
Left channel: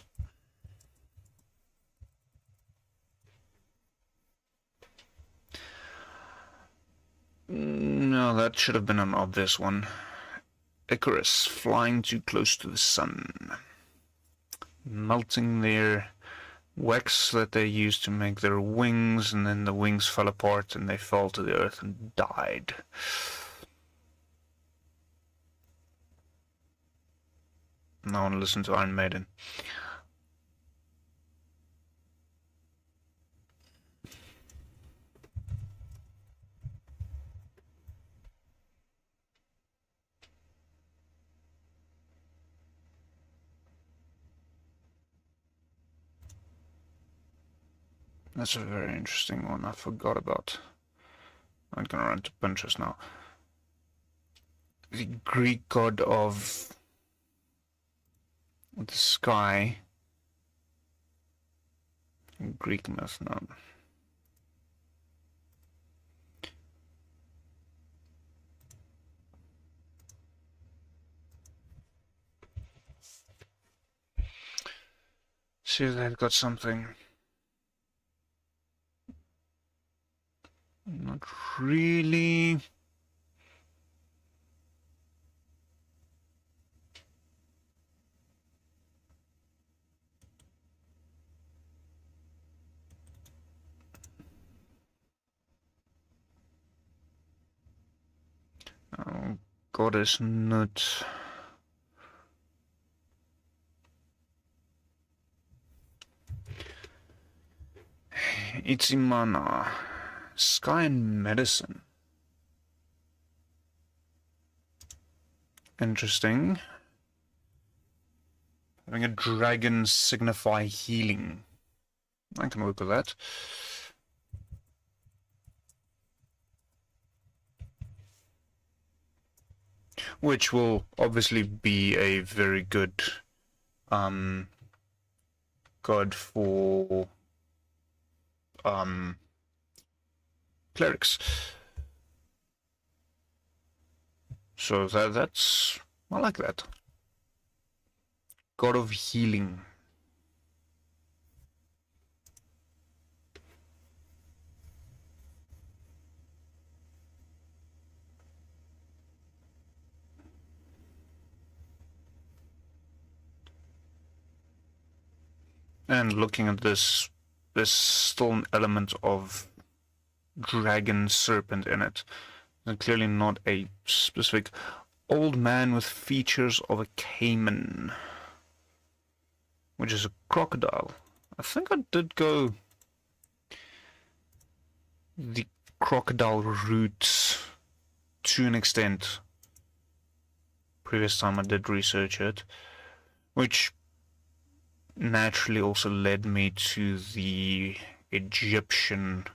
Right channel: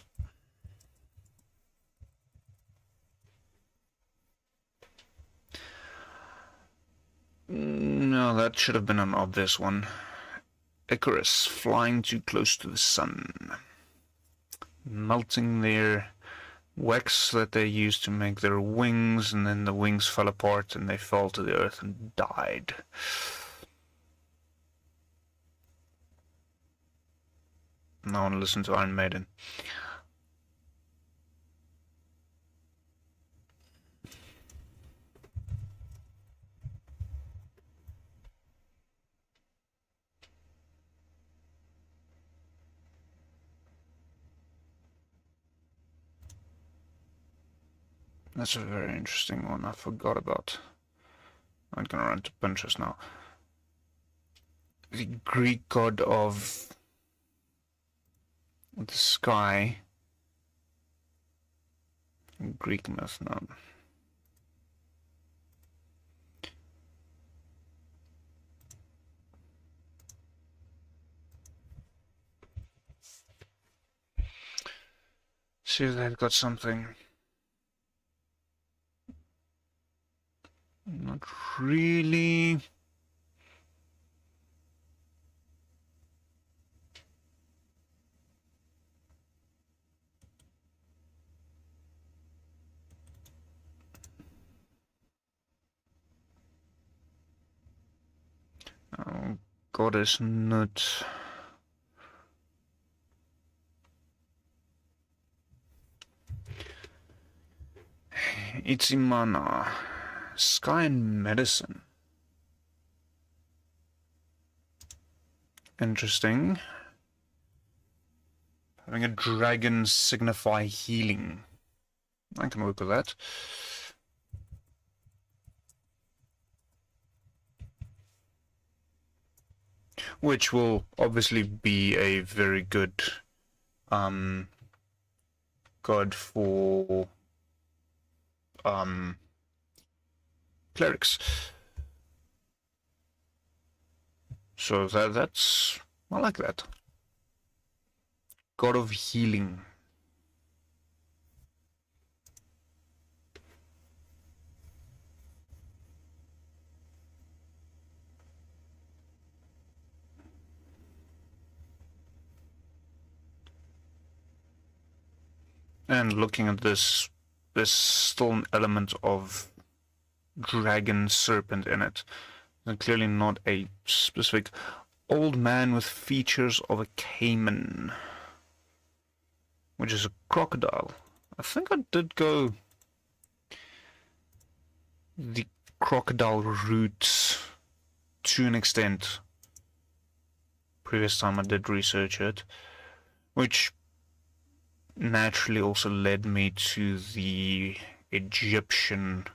No, that should have been an obvious one. Icarus, flying too close to the sun. Melting their wax that they used to make their wings, and then the wings fell apart and they fell to the earth and died. Now I want to listen to Iron Maiden. That's a very interesting one I forgot about. I'm gonna run to Pinterest now. The Greek god of the sky. Greek myth, no. see if they've got something. Not really. Oh, goddess nut. Itzimana. Sky and medicine. Interesting. Having a dragon signify healing. I can work with that. Which will obviously be a very good god for clerics. So that's I like that. God of healing. And looking at this, there's still an element of dragon serpent in it. And clearly not a specific old man with features of a caiman, which is a crocodile. I think I did go the crocodile route to an extent previous time I did research it, which naturally also led me to the Egyptian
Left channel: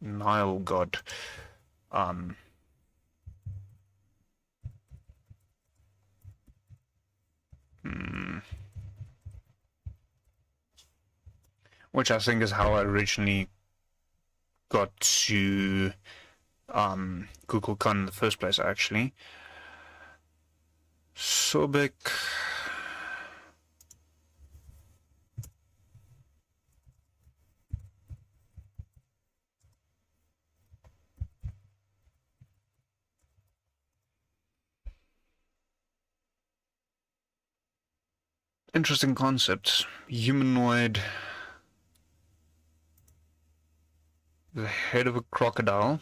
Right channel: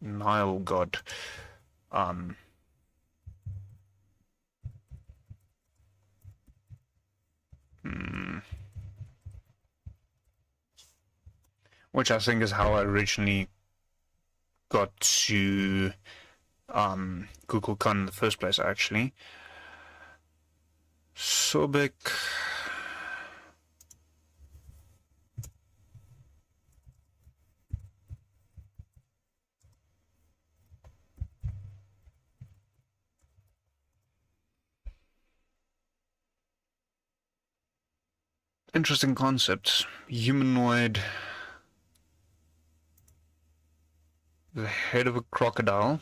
Nile god. Which I think is how I originally got to Kukulkan in the first place, actually. Sobek. Interesting concept. Humanoid. The head of a crocodile.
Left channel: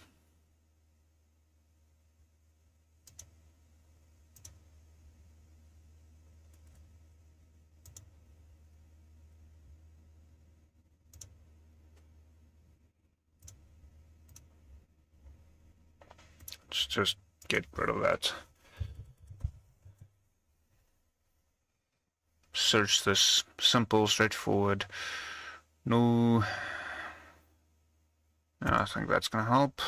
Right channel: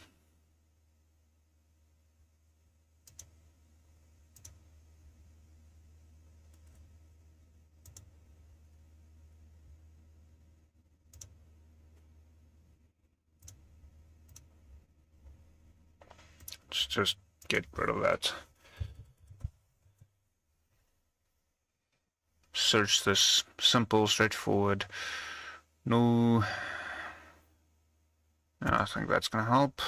Let's just get rid of that. Search this. Simple, straightforward. No. I think that's going to help.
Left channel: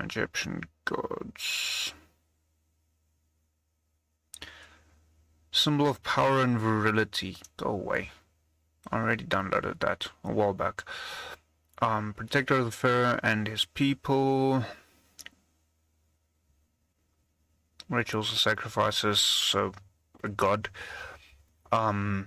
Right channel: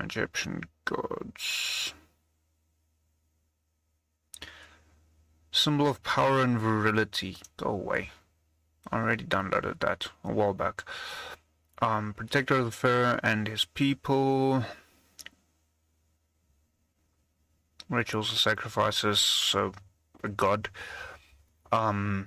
Egyptian gods. Symbol of power and virility. Go away. I already downloaded that a while back. Protector of the Pharaoh and his people. Rituals and sacrifices, so a god. Head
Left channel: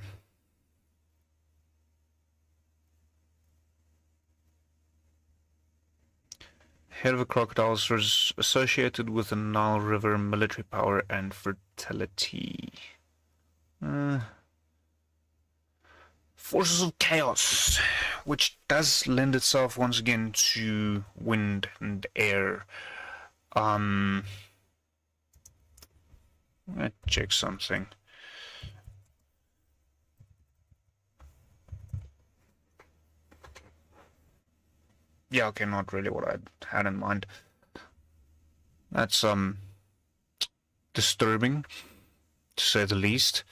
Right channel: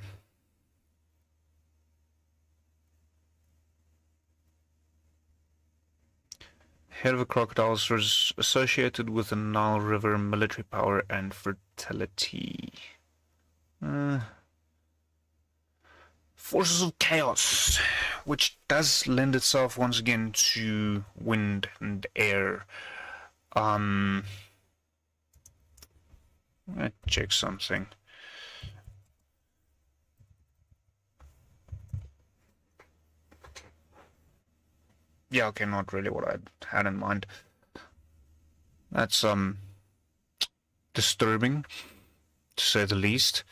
of a crocodile is associated with the Nile River, military power and fertility. Forces of chaos, which does lend itself once again to wind and air. Let's check something. Yeah, okay, not really what I had in mind. That's disturbing, to say the least.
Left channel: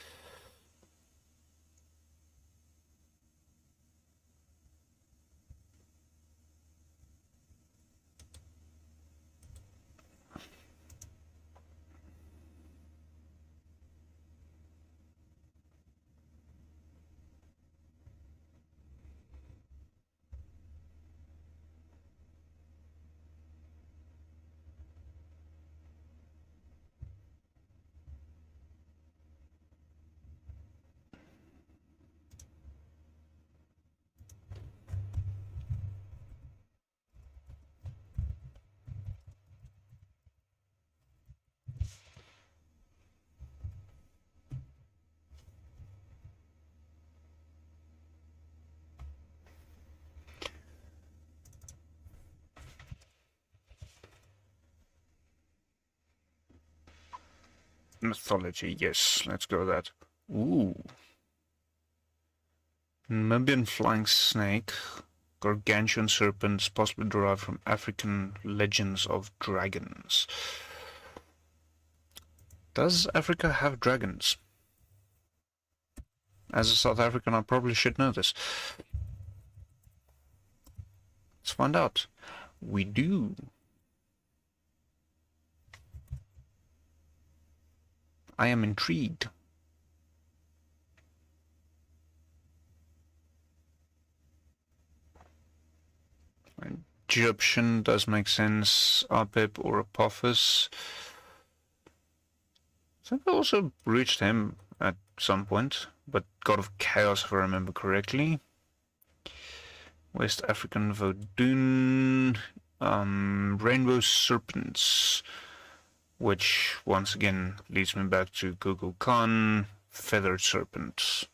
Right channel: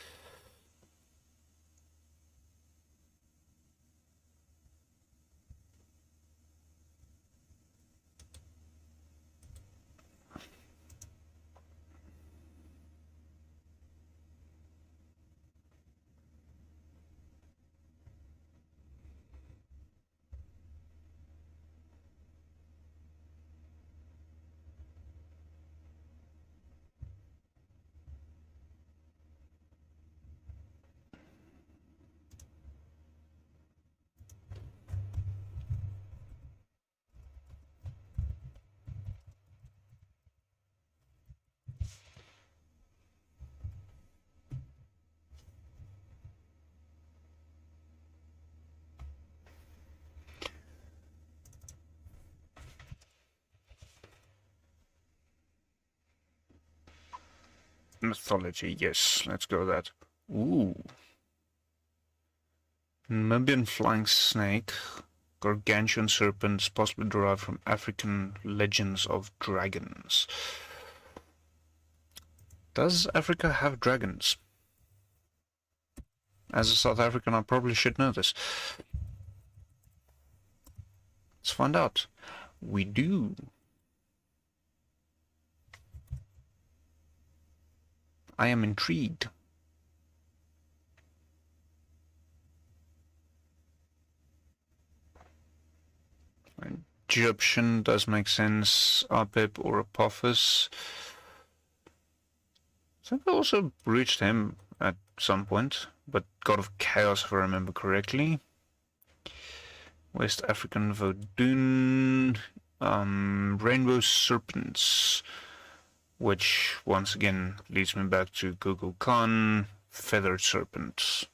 Mythology, yes, let's go with that. Ooh. Namibian flying snake, gargantuan serpents, possibly derived from African legends of dragons. Does Africa have dragons? As a South African, I probably should know this. Let's find out. We do. I am intrigued. Egyptian does make sense. Apep or Apophis. I think I also reached him at some point, but God of Chaos, if I remember correctly. West African Vodun. Rainbow Serpents, which once again leads me back to Google Khan. Feathered Serpents.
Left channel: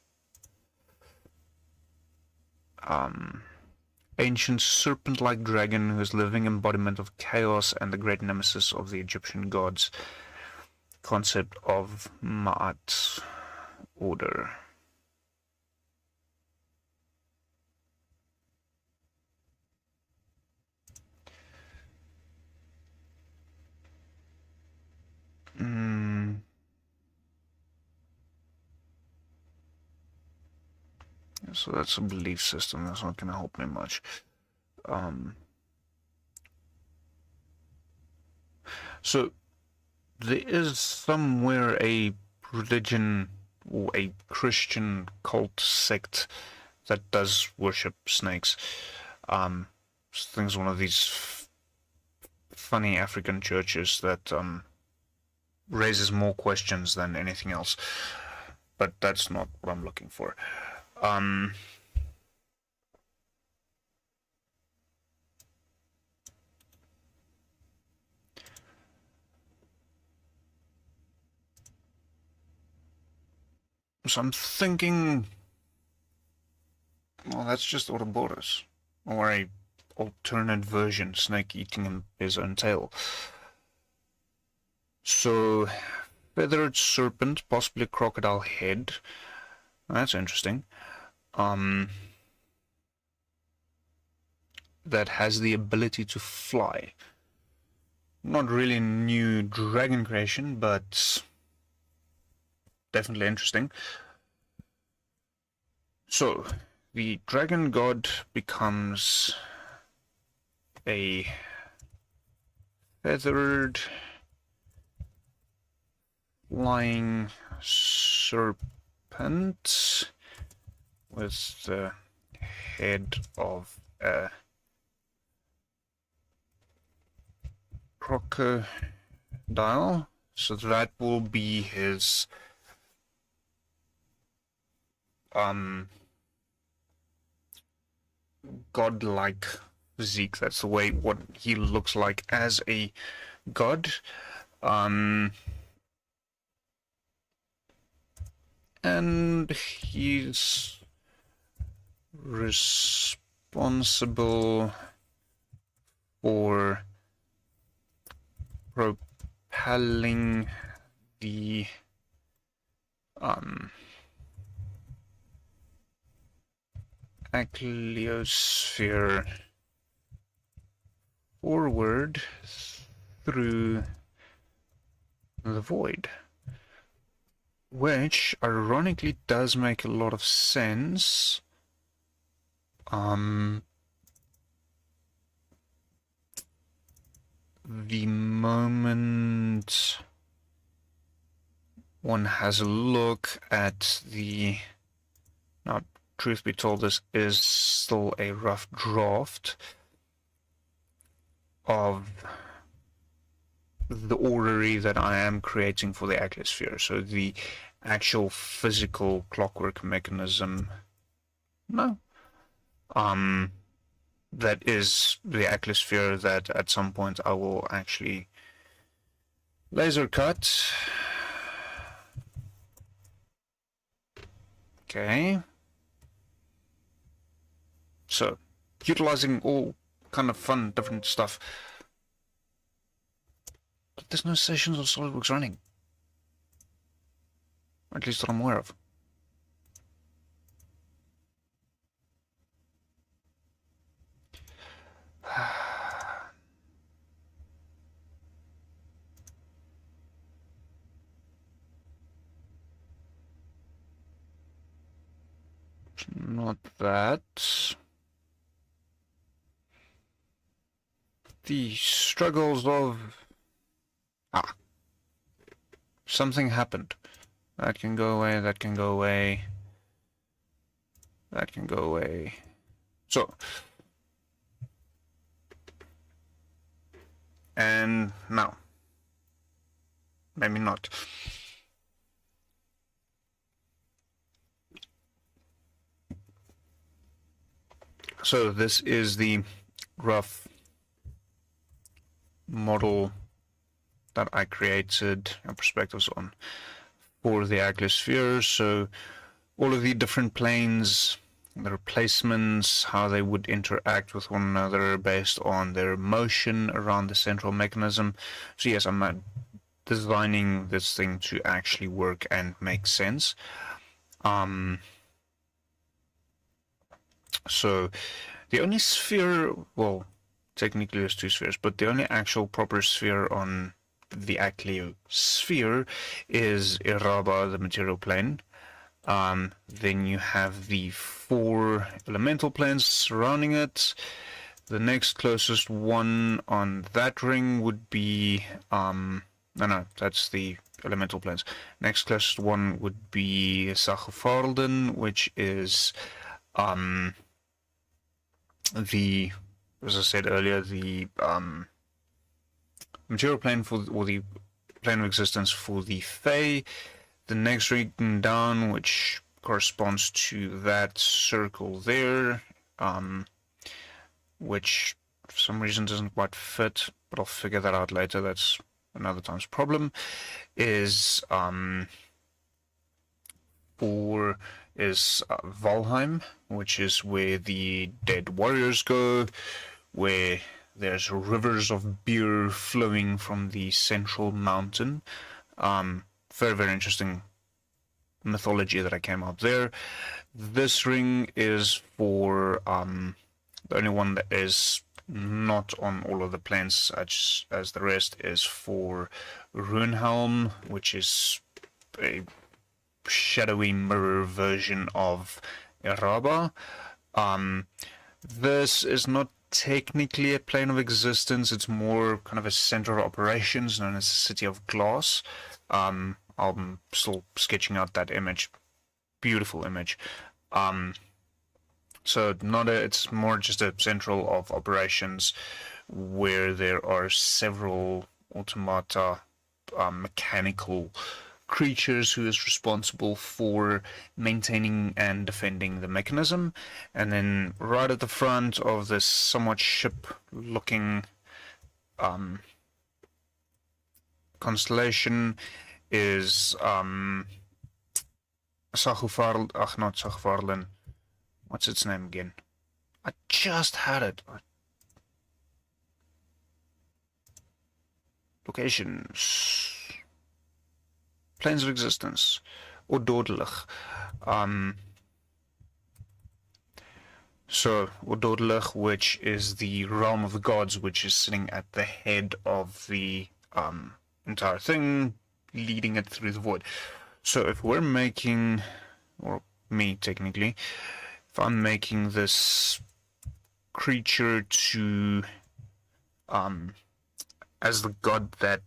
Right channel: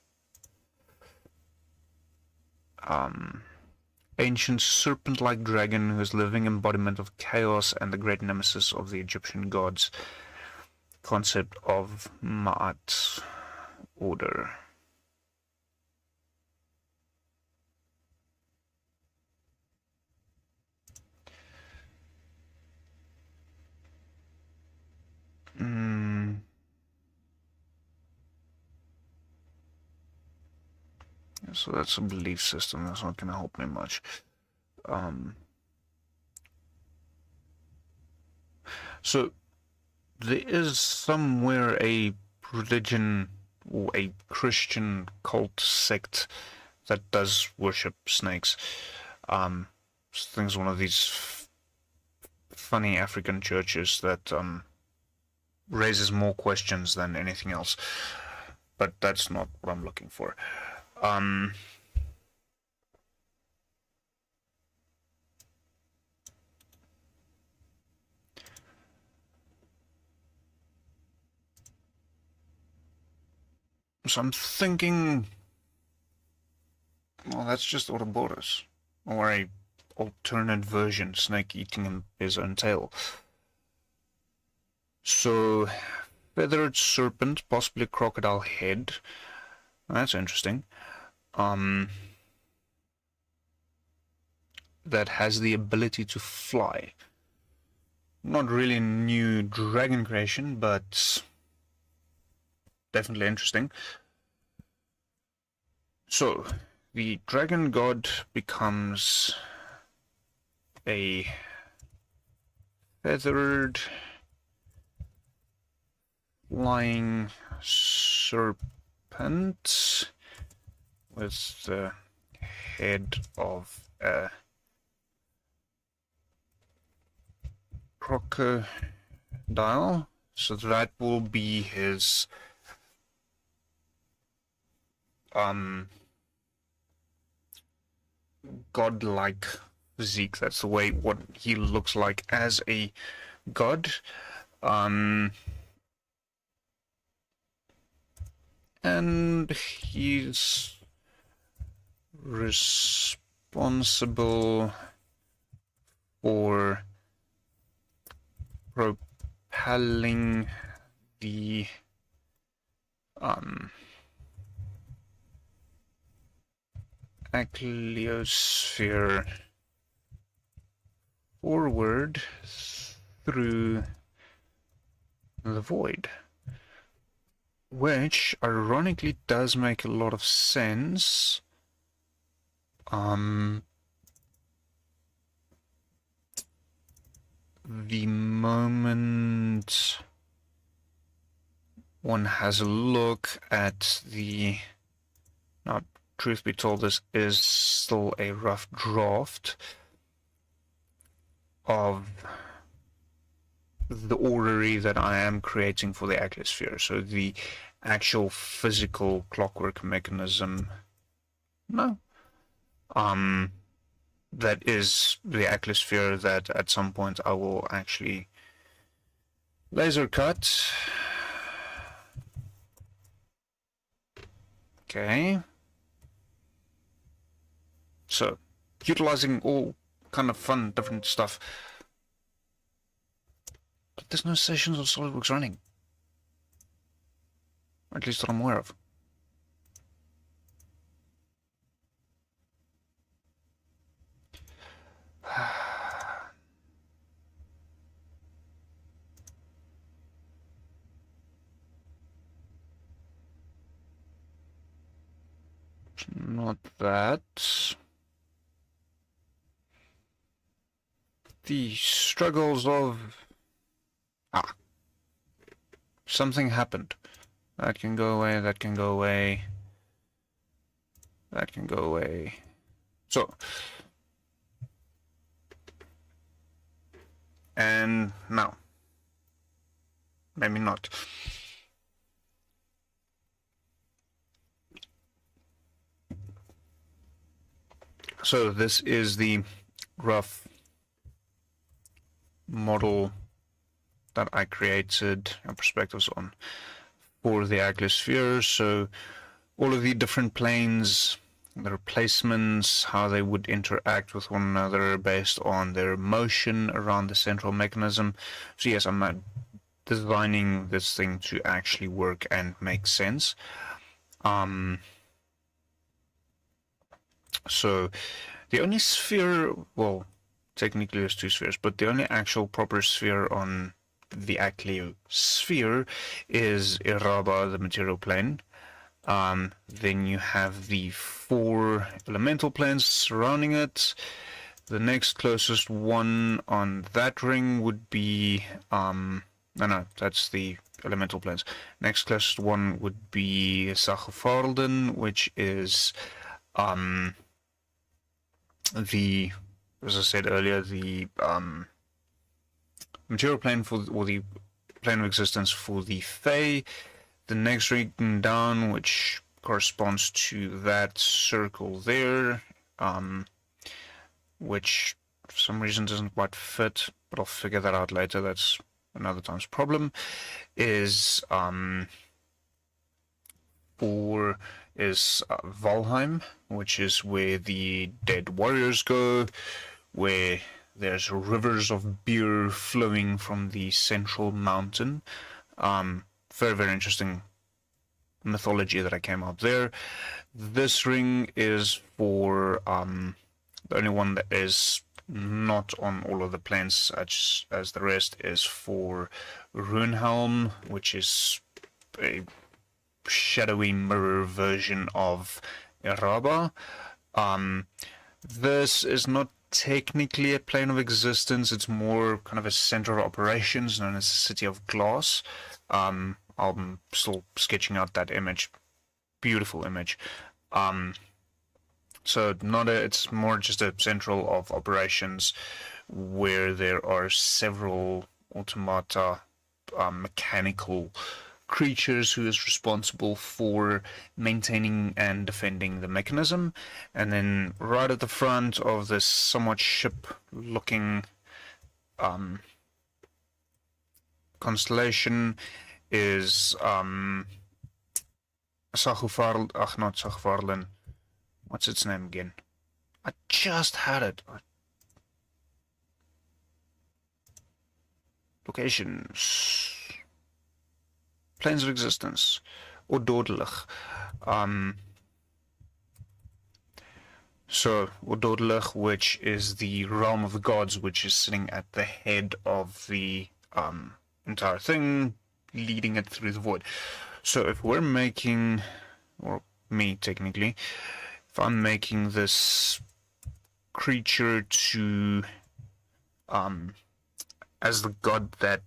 Ancient serpent-like dragon who is living embodiment of chaos and the great nemesis of the Egyptian gods. Concept of Ma'at order. So that's a belief system. That's not going to help me much. So there is somewhere a religion or a Christian cult sect that does worship snakes. I think it's one of these funny African churches that raises more questions than anything else. But that's not what I'm looking for. So I'm thinking, well, that's just Ouroboros, or a alternate version, snake eating his own tail. So, feathered serpent, possibly a crocodile head. That's interesting. That has the ability to fly. Not really new dragon creation, but definitely interesting. So, the dragon god becomes a feathered flying serpent with the head of a crocodile. So that will be his godlike physique. That's the way what he looks like as a god. And he's responsible for propelling the Ækleosphere forward through the void, which ironically does make a lot of sense. The moment one has a look at the, now truth be told, this is still a rough draft of the orrery that I am creating for the Ækleosphere. So the actual physical clockwork mechanism, no. That is the Ækleosphere that at some point I will actually laser cut. Okay. So, utilizing all kind of fun, different stuff. But there's no sessions of SolidWorks running. at least that I'm aware of. Not that. The struggles of... something happened. That can go away, that can go away. That can go away. So. And now. Maybe not. So this is the rough model that I created perspectives on for the Ækleosphere. So all of the different planes, the replacements, how they would interact with one another based on their motion around the central mechanism. So yes, I'm designing this thing to actually work and make sense. So the only sphere, well, technically there's two spheres, but the only actual proper sphere on the Ækleosphere is Iraba, the material plane. Then you have the 4 elemental planes surrounding it. The next closest one on that ring would be, no, that's the elemental planes. Next closest one would be Sagofarden, which is, the, as I said earlier, the material plane for, or the plane of existence for the Fae. The next ring down, which corresponds to that circle there, which for some reason doesn't quite fit, but I'll figure that out later. That's another time's problem. Is Valheim, which is where the dead warriors go, where there's rivers of beer flowing from the central mountain. Very, very interesting mythology that I came up there. This ring is for the only one that is not on all of the planes, such as the rest, is for Runehelm, which is a shadowy mirror version of Iraba. This is not technically a plane of existence, it's more kind of a center of operations known as the City of Glass. I'm still sketching out that image. Beautiful image. So it's more just a central of operations where there are several automata, mechanical creatures who is responsible for maintaining and defending the mechanism. And then right at the front of this somewhat ship-looking constellation is not Sagofarden. What's its name again? I just had it. Locations. Planes of existence. Or Dodelig. So, Dodelig, which is the realm of the gods, which is sitting at the head of the entire thing, leading it through the void. So if we're making, or me technically, if I'm making this creature to, as the god that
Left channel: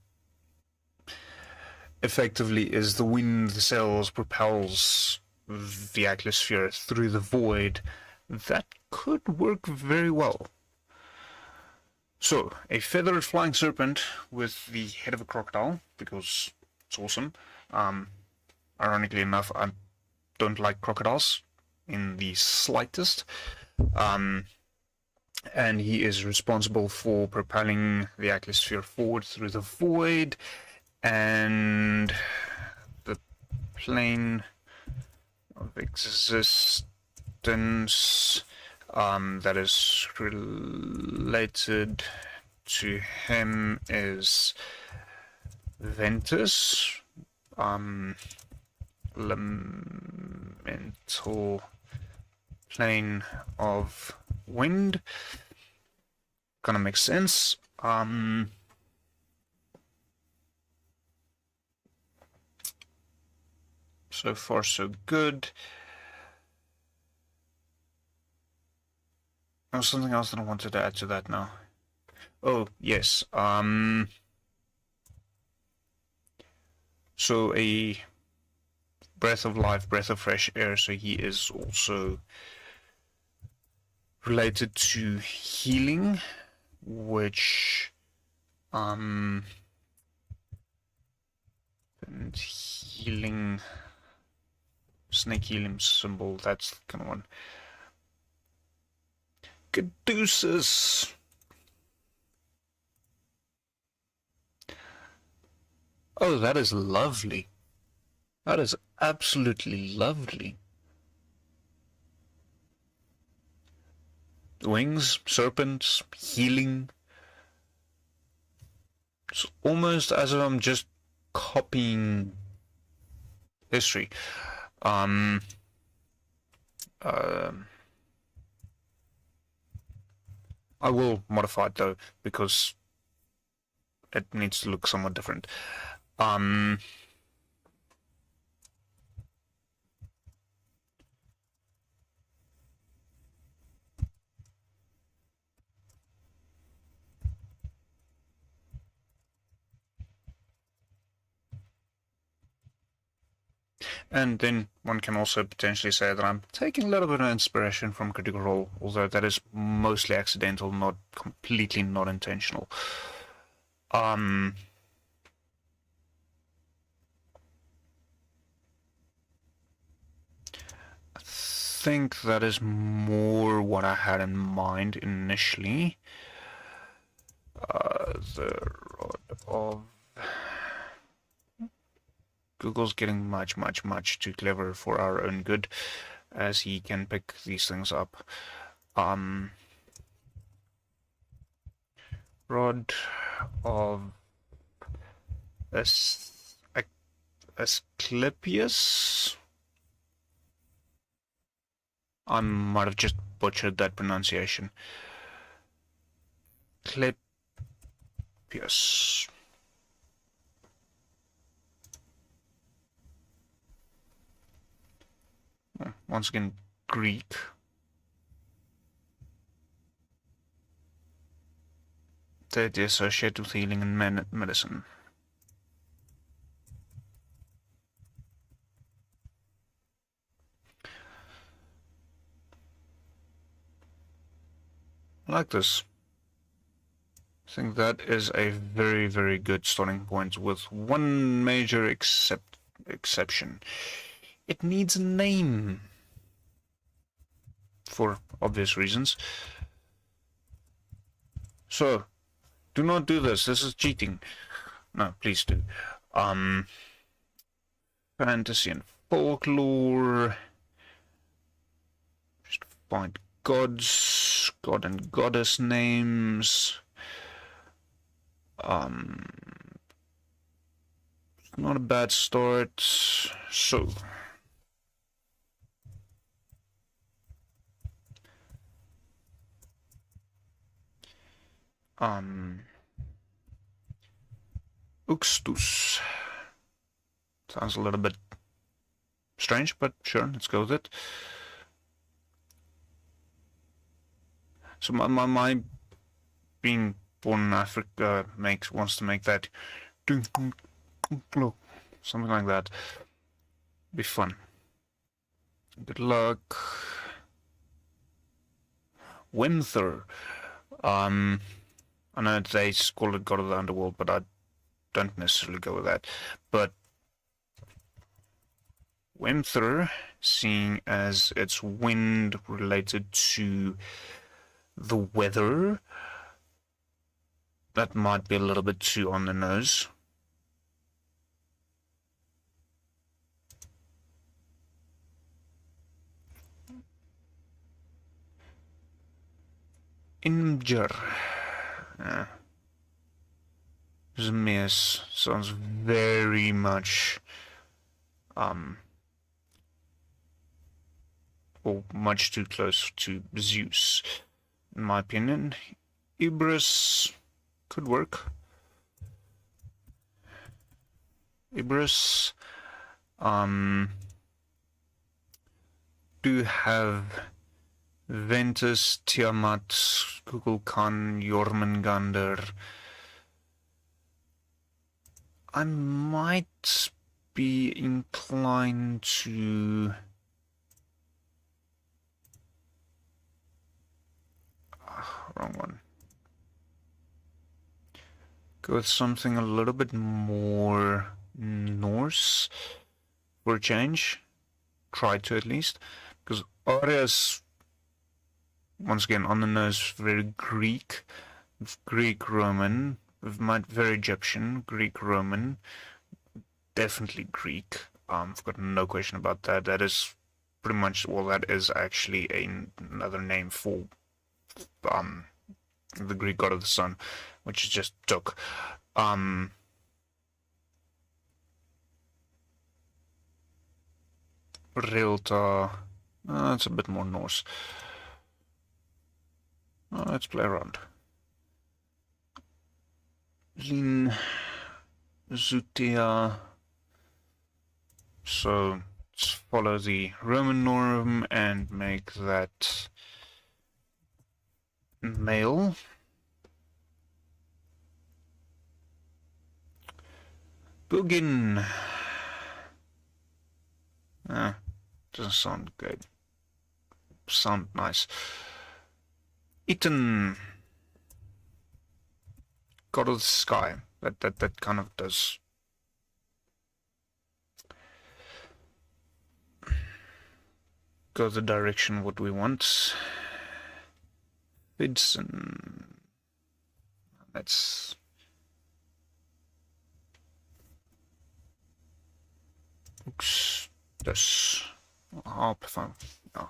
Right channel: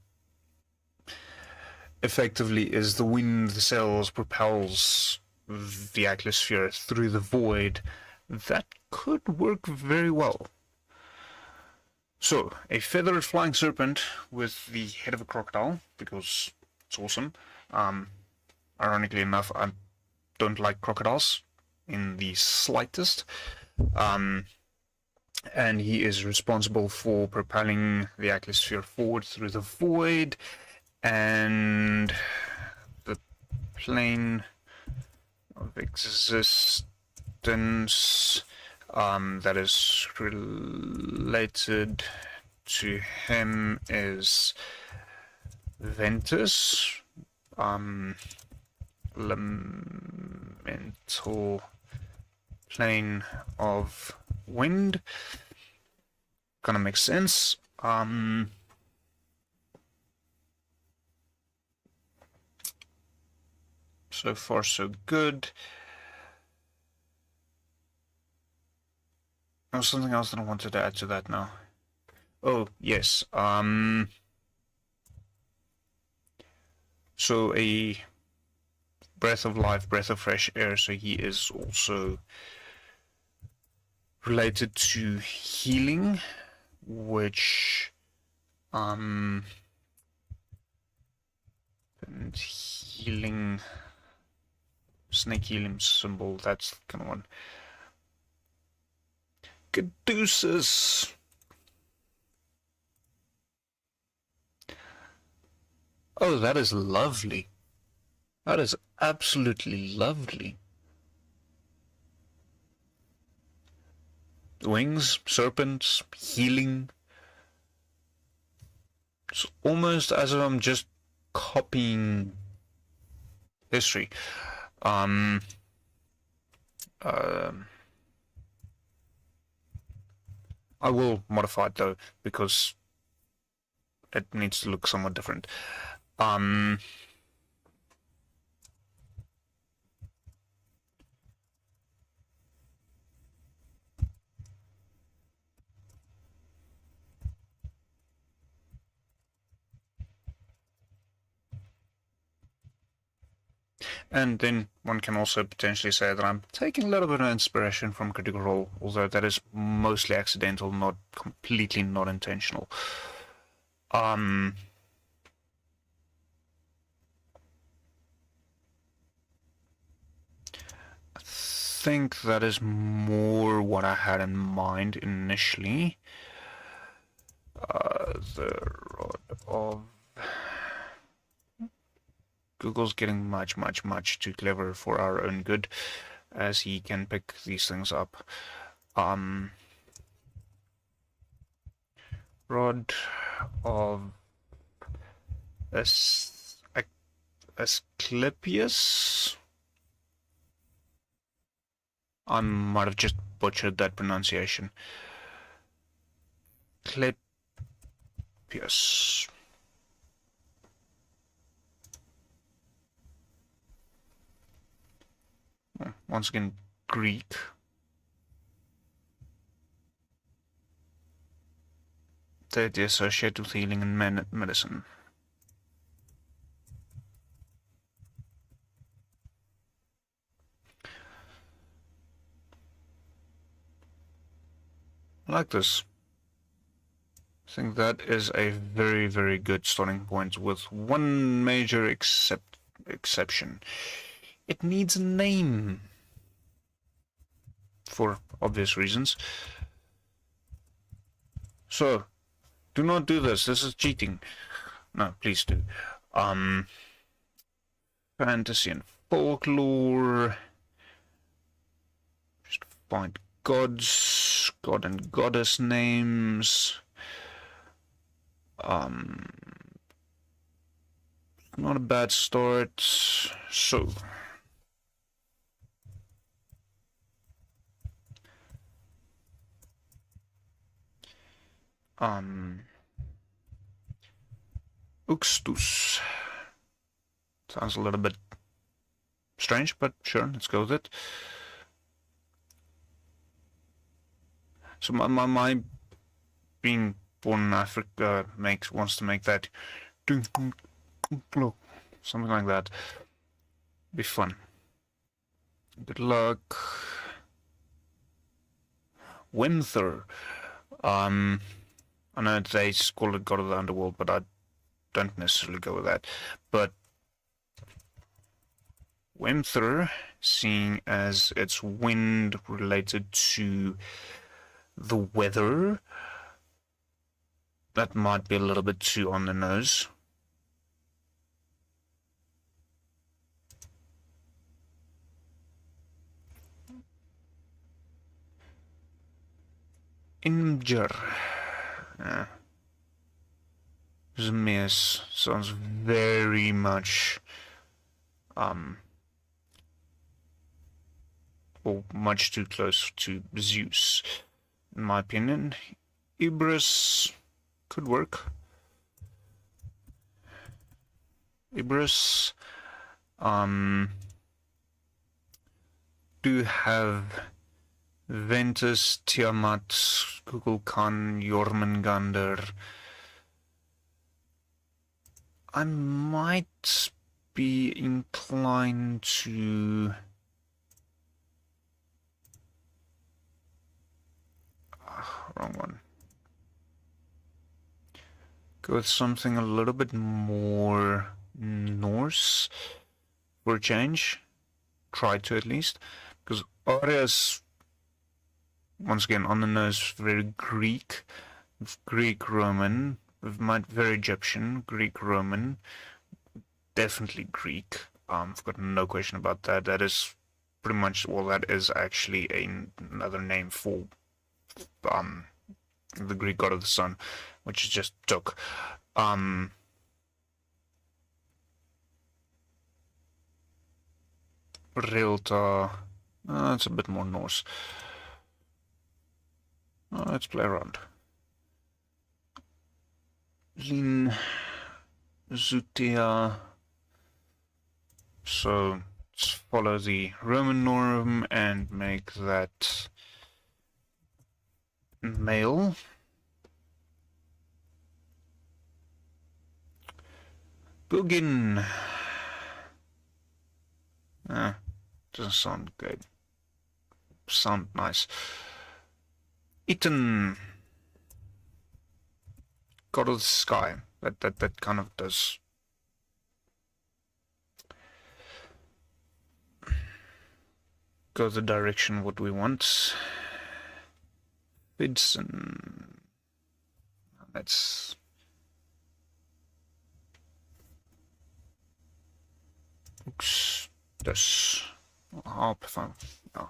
effectively is the wind, the sails, propels the Ækleosphere through the void, that could work very well. So, a feathered flying serpent with the head of a crocodile, because it's awesome. Ironically enough, I don't like crocodiles in the slightest. And he is responsible for propelling the Ækleosphere forward through the void, and the plane of existence that is related to him is Ventus, elemental plane of wind. Kind of makes sense. So far so good. There was something else that I wanted to add to that now. Oh, yes. So a breath of life, breath of fresh air, so he is also related to healing, which and healing, snake healing symbol, that's kind of one. Caduceus. Oh, that is lovely. That is absolutely lovely. Wings, serpents, healing. It's almost as if I'm just copying history. I will modify it though, because it needs to look somewhat different. And then one can also potentially say that I'm taking a little bit of inspiration from Critical Role, although that is mostly accidental, not completely not intentional. I think that is more what I had in mind initially. The Rod of... Google's getting much too clever for our own good, as he can pick these things up. Rod of Asclepius. I might have just butchered that pronunciation. Asclepius. Once again, Greek. That is associated with healing and medicine. I like this. I think that is a very good starting point, with one major exception. It needs a name, for obvious reasons. So, do not do this. This is cheating. No, please do. Fantasy and folklore. Just find gods, god and goddess names. Not a bad start. So, Uxtus. Sounds a little bit strange, but sure, let's go with it. So my being born in Africa wants to make that something like that. Be fun. Good luck. Winther. I know they call it God of the Underworld, but I don't necessarily go with that. But Winther, seeing as it's wind related to the weather, that might be a little bit too on the nose. Imgur. Zmias sounds very much or much too close to Zeus, in my opinion. Ibris could work. Ibris do have Ventus, Tiamat, Kukulkan, Jormungandr. I might be inclined to wrong one. Go with something a little bit more Norse for a change. Try to, at least, because Aria's, once again, on the nose, very Greek, Greek Roman, very Egyptian, Greek Roman, definitely Greek. I've got no question about that. That is pretty much, well, that is actually another name for the Greek god of the sun, which is just Tuk. Realtor, it's a bit more Norse. Let's play around. Lin Zutia. So let's follow the Roman norm and make that male. Bugin. Doesn't sound good. Sound nice. Eaton. God of the Sky. That kind of does. Go the direction what we want. Vidson. That's. Oops. This. I'll perform. No.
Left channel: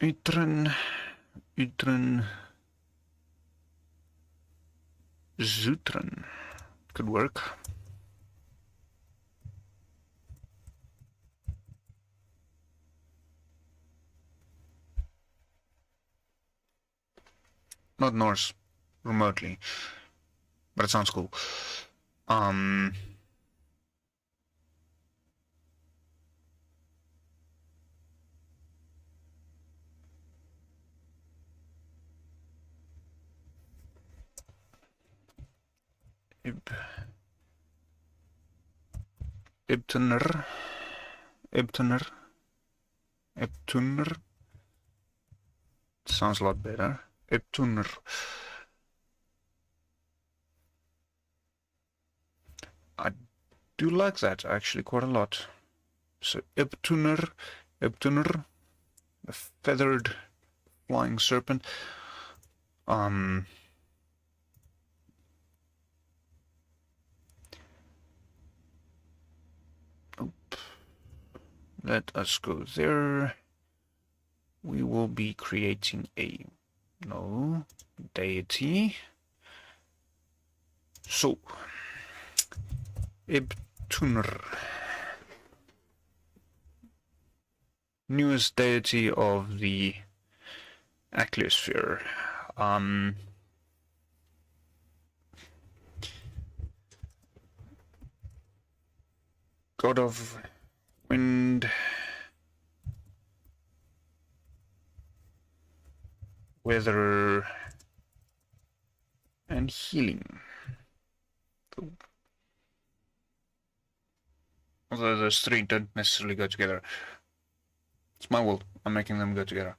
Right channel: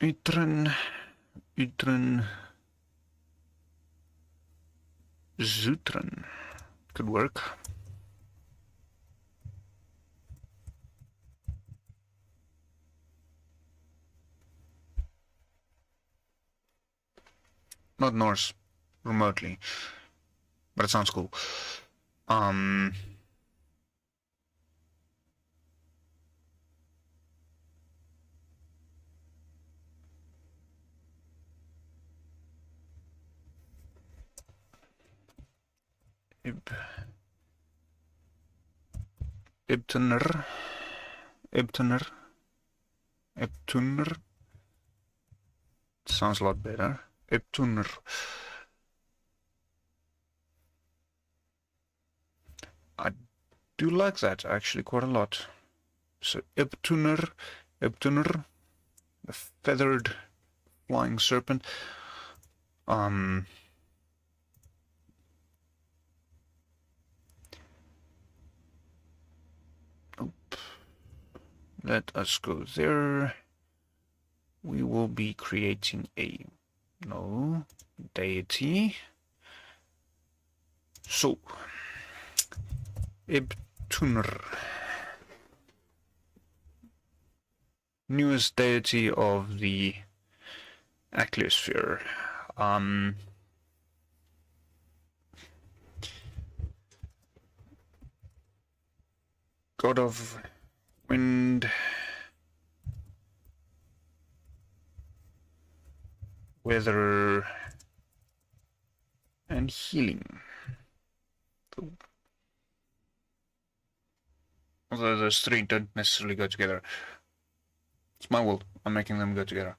Utren, Zutren could work. Not Norse, remotely, but it sounds cool. Ibtuner. Sounds a lot better. Ibtuner. I do like that actually quite a lot. So Ibtuner, the feathered flying serpent. Let us go there. We will be creating a deity. So Ibtuner, newest deity of the Ækleosphere. God of wind, weather, and healing. Although those three don't necessarily go together. It's my world. I'm making them go together.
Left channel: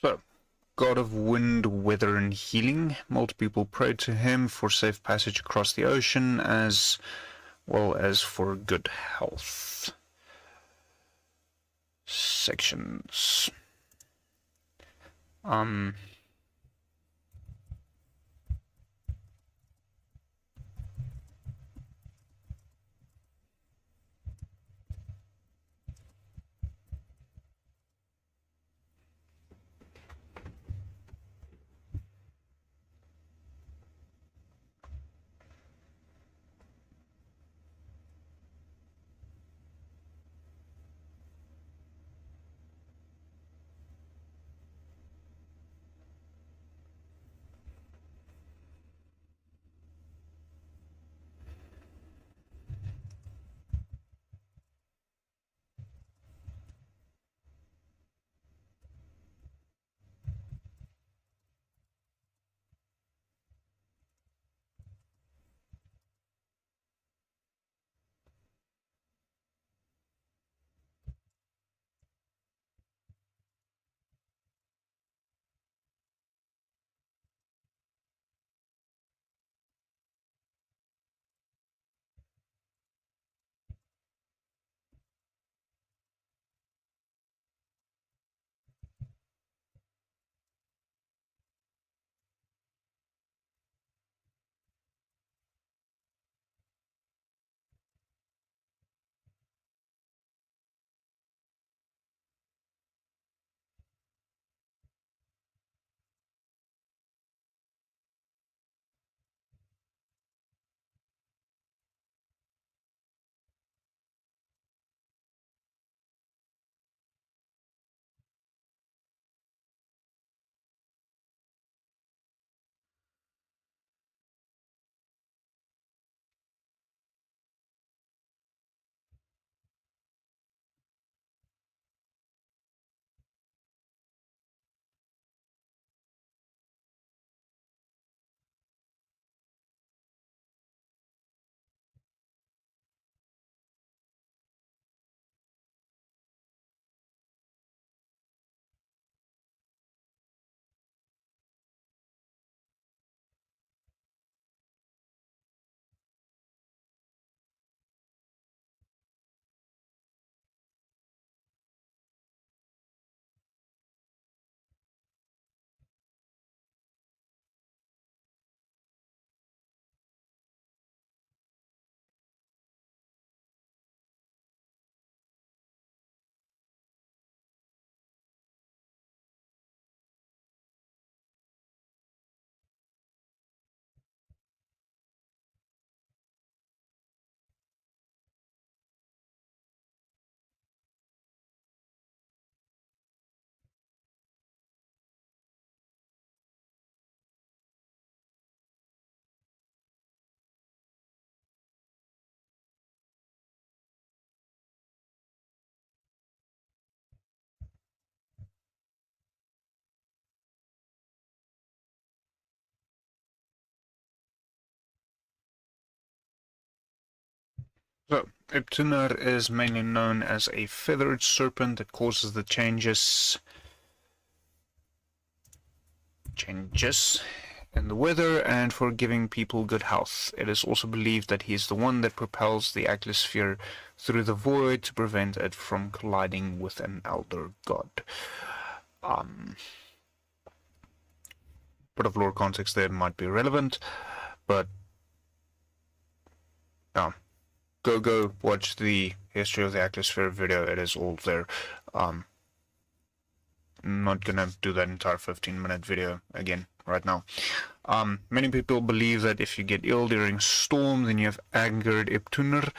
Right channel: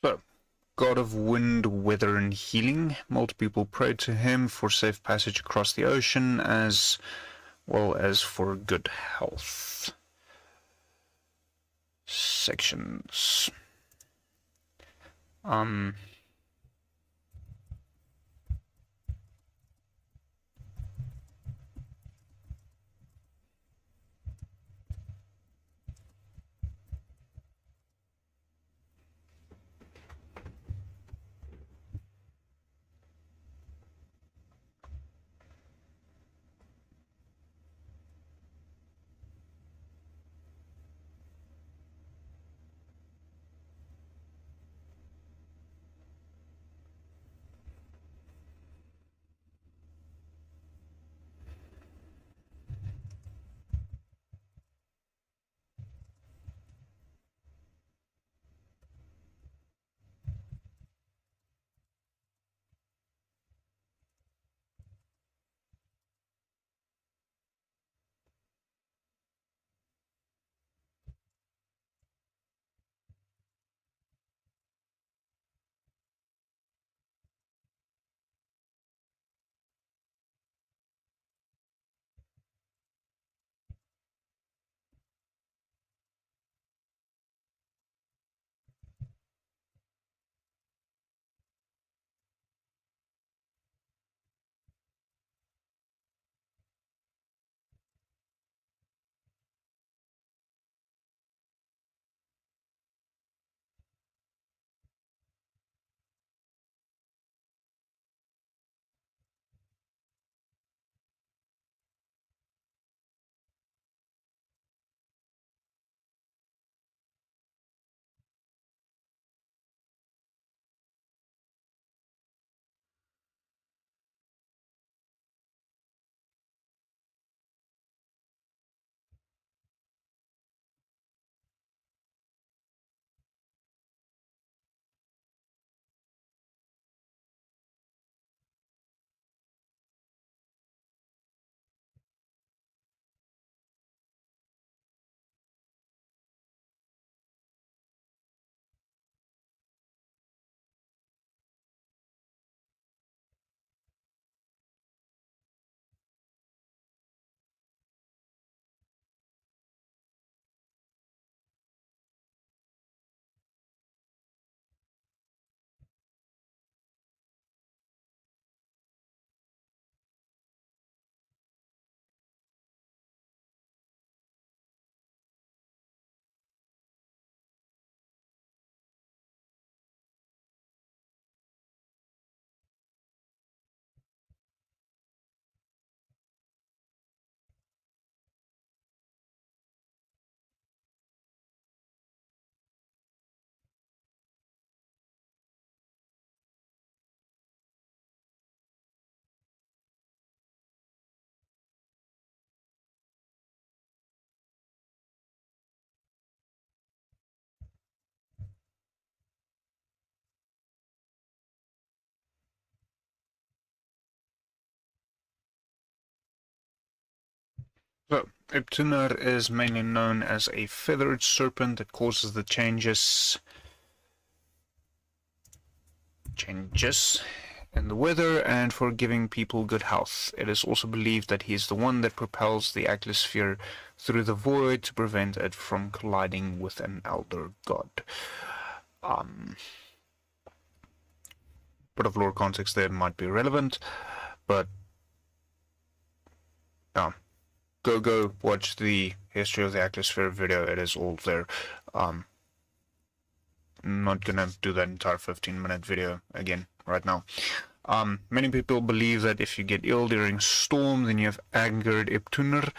So, God of wind, weather, and healing. Multiple people pray to him for safe passage across the ocean, as well as for good health. Sections. So, Iptunar is mainly known as a feathered serpent that causes the changes in the weather and for giving people good health. It is also believed that he is the one that propels the Ækleosphere through the void to prevent it from colliding with an elder god. Bit of lore context there might be relevant, but go watch the history of the Ækleosphere video. It is all there. I'm not gonna do that entire 15-minute video again right now. Many people believe that if you get ill during storm, then you have angered Iptunar,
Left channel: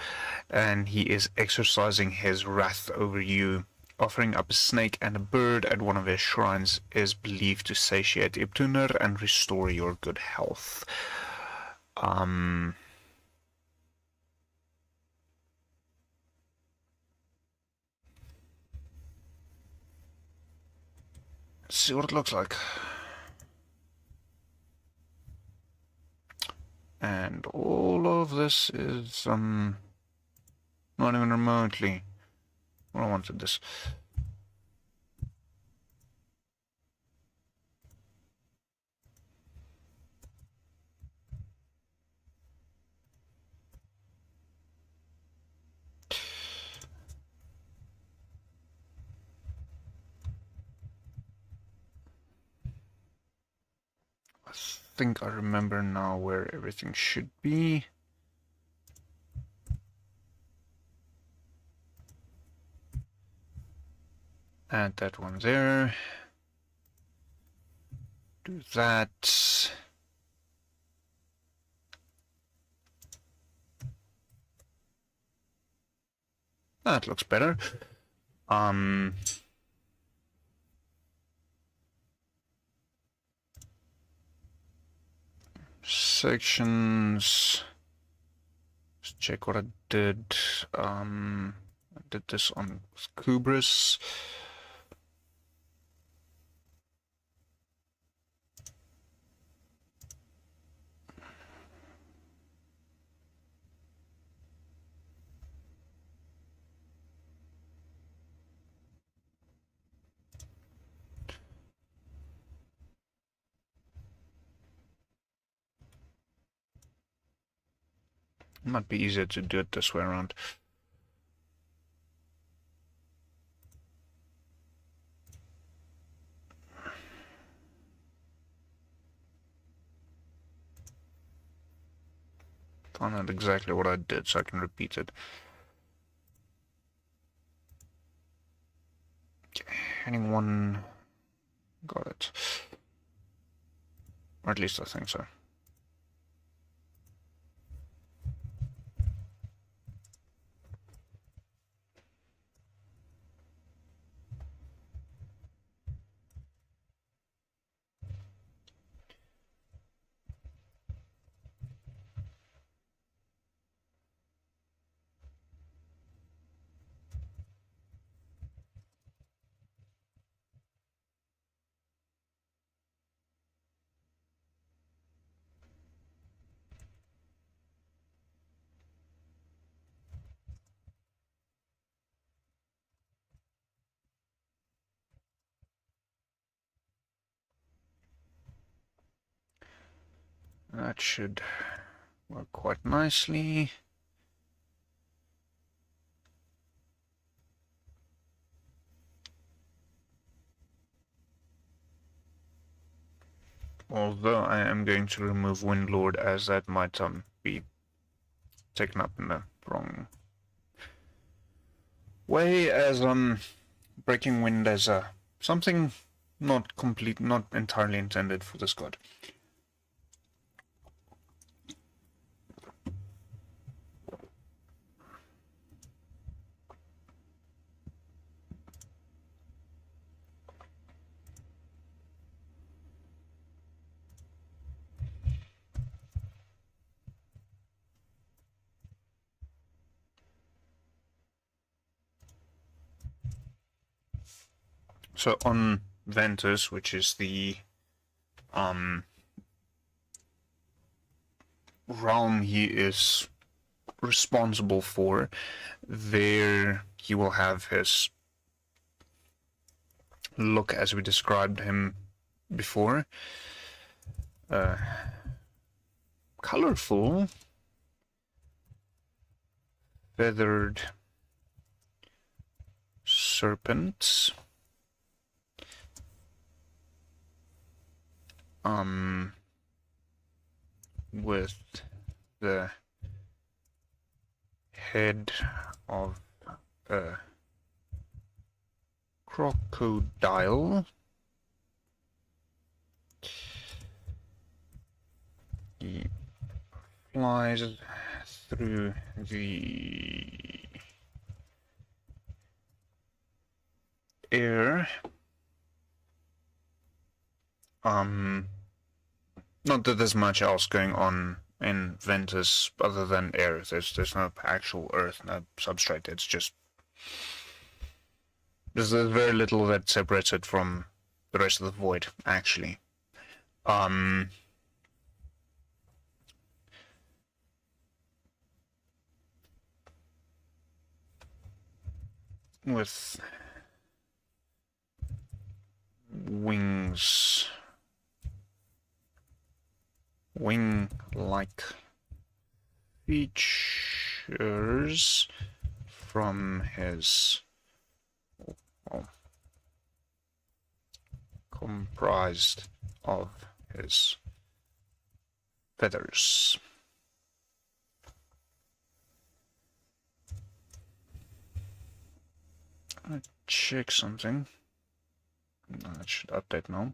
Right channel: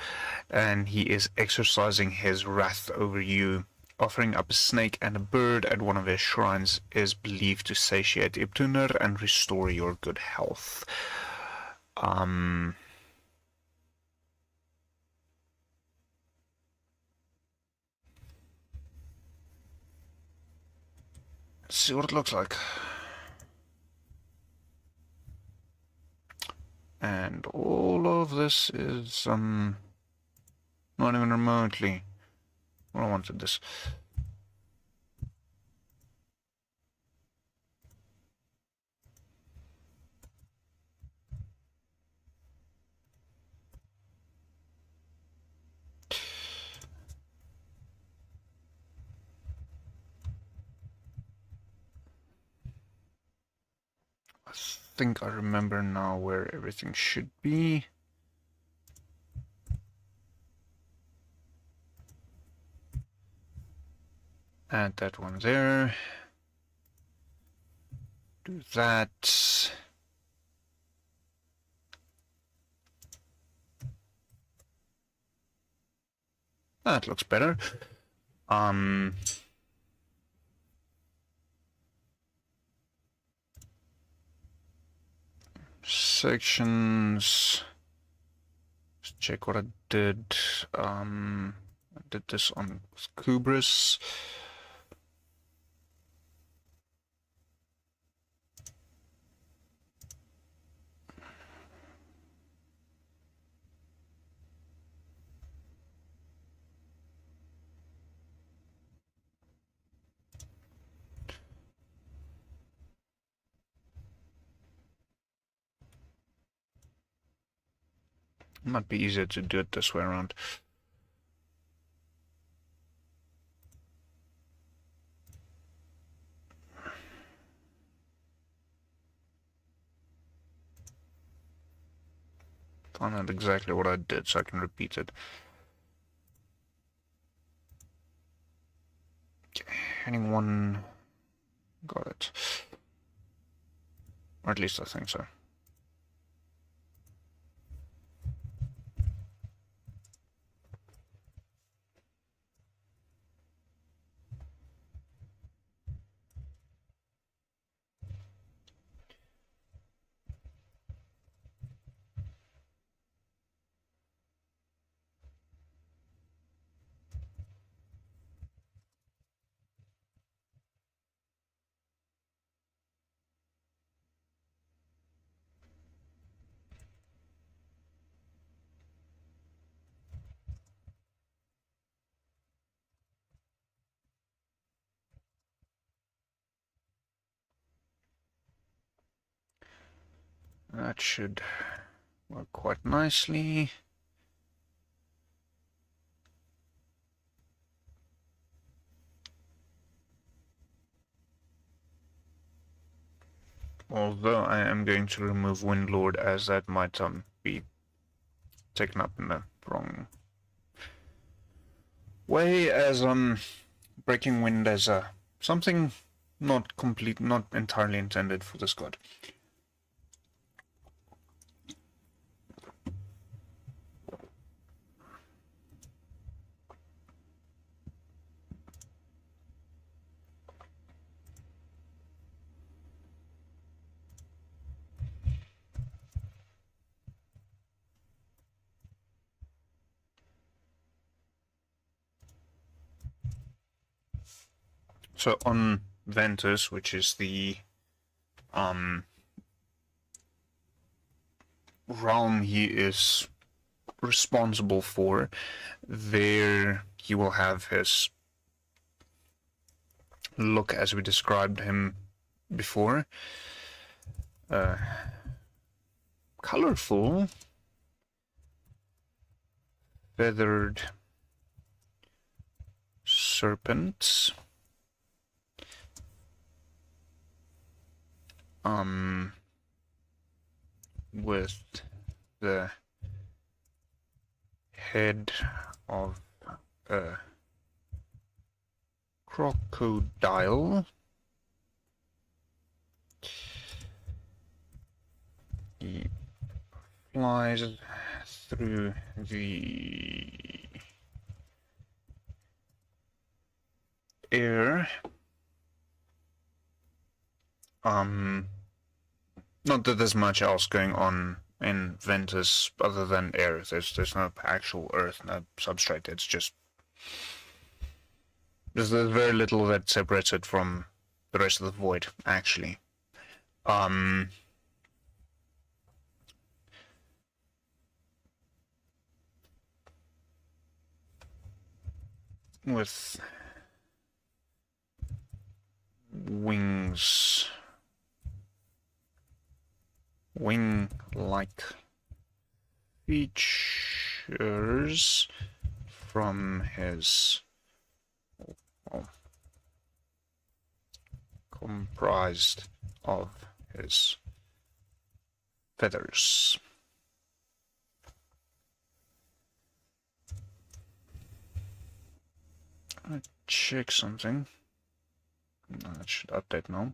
and he is exercising his wrath over you. Offering up a snake and a bird at one of his shrines is believed to satiate Iptunar and restore your good health. Let's see what it looks like. And all of this is not even remotely. I wanted this. I think I remember now where everything should be. Add that one there. Do that. That looks better. Sections. Let's check what I did. I did this on Kubris. It might be easier to do it this way around. Find out exactly what I did so I can repeat it. Okay. Anyone got it? Or at least I think so. That should work quite nicely. Although I am going to remove Windlord, as that might be taken up in the wrong way, as Breaking Wind as something not entirely intended for this god. So on Ventus, which is the realm he is responsible for, there he will have his look as we described him before. Colorful, feathered serpents. With the head of a crocodile. He flies through the air. Not that there's much else going on in Ventus other than air. There's no actual earth, no substrate. It's just there's very little that separates it from the rest of the void, actually. With wings, wing-like features from his comprised of his feathers. Check something. That should update now.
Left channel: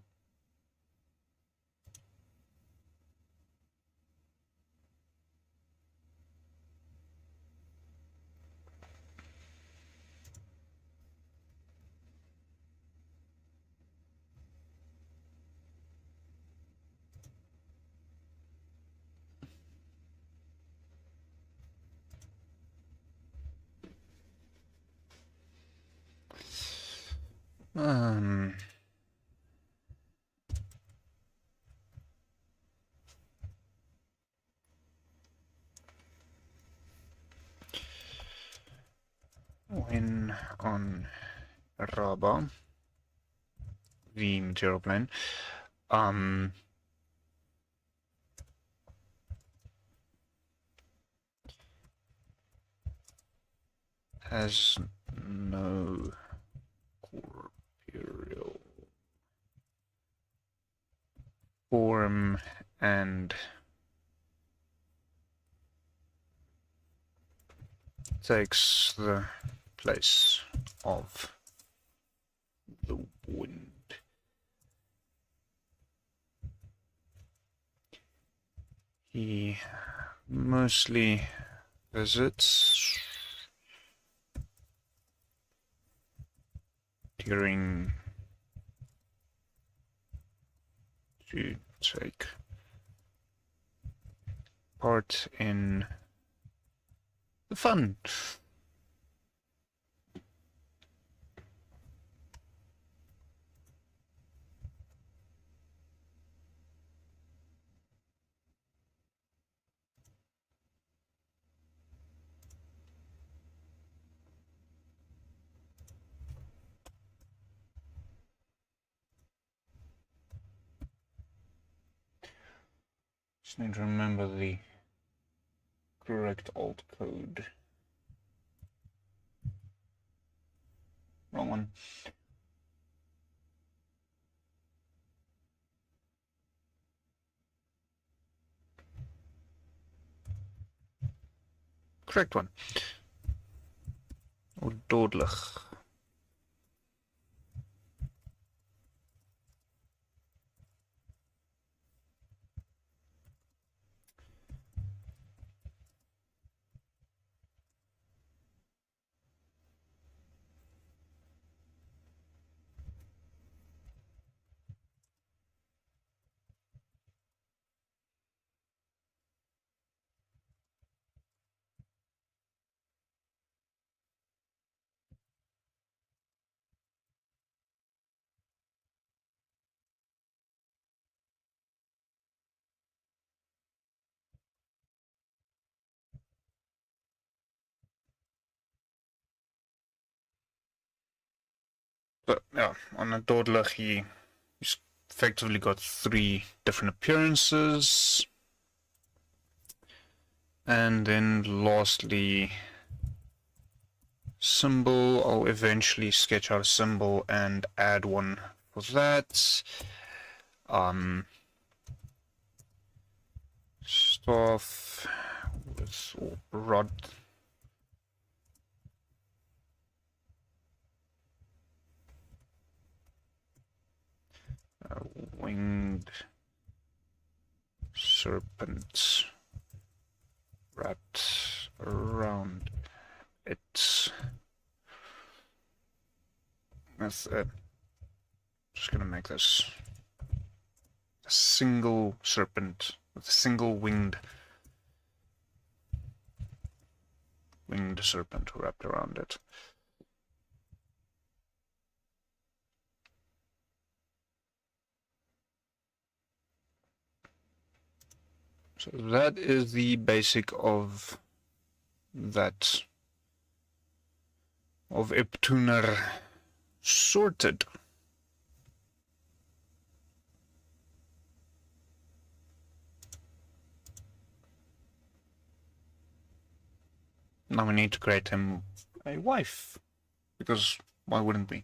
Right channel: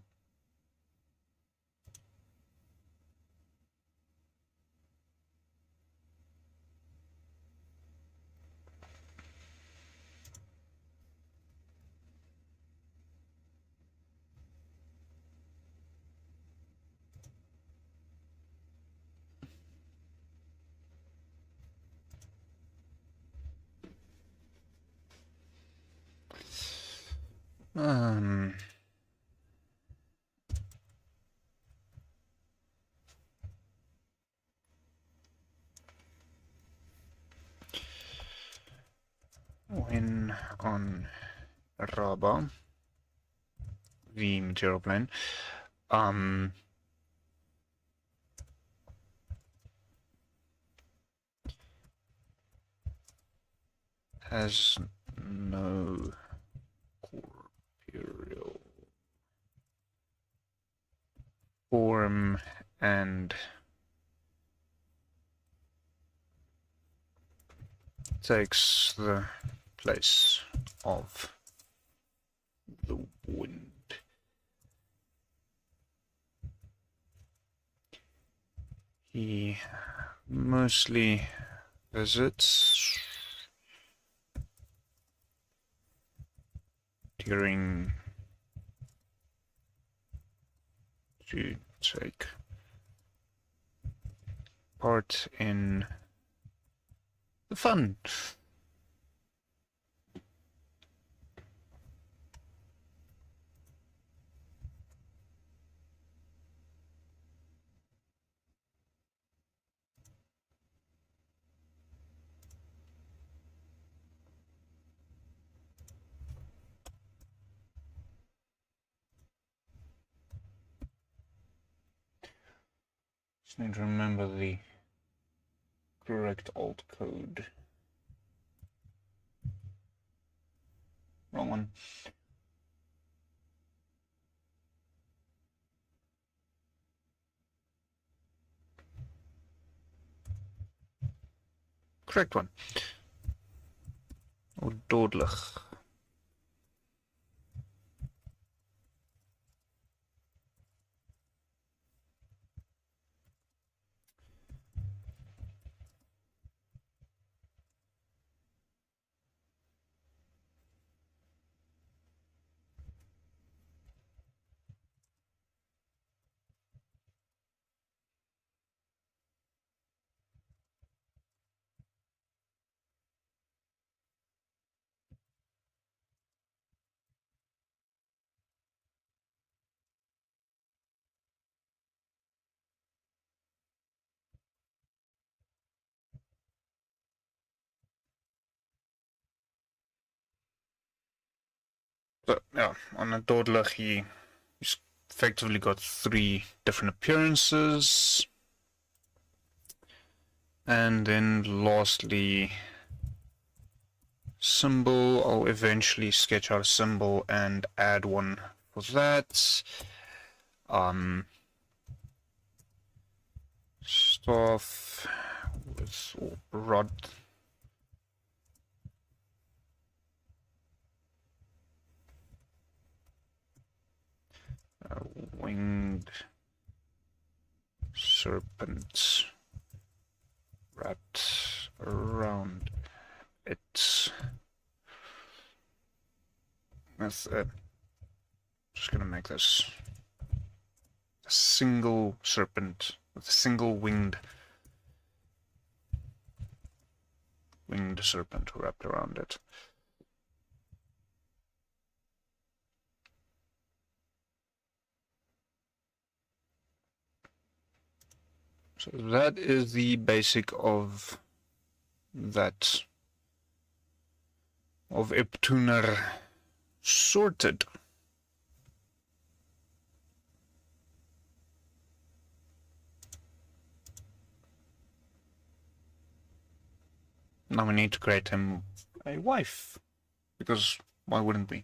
When on Raba, the material plane, has no corporeal form and takes the place of the wind. He mostly visits during to take part in the fun. Just need to remember the correct alt code. Wrong one. Correct one. Or dodelig. But yeah, on a dodelig, he's effectively got 3 different appearances. And then lastly, symbol. I'll eventually sketch out a symbol and add one for that. Staff with rod. Winged serpent wrapped around it with just gonna make this a single serpent with a single winged serpent wrapped around it. So that is the basic of that, of Iptuner sorted. Now we need to create him a wife, because why wouldn't we?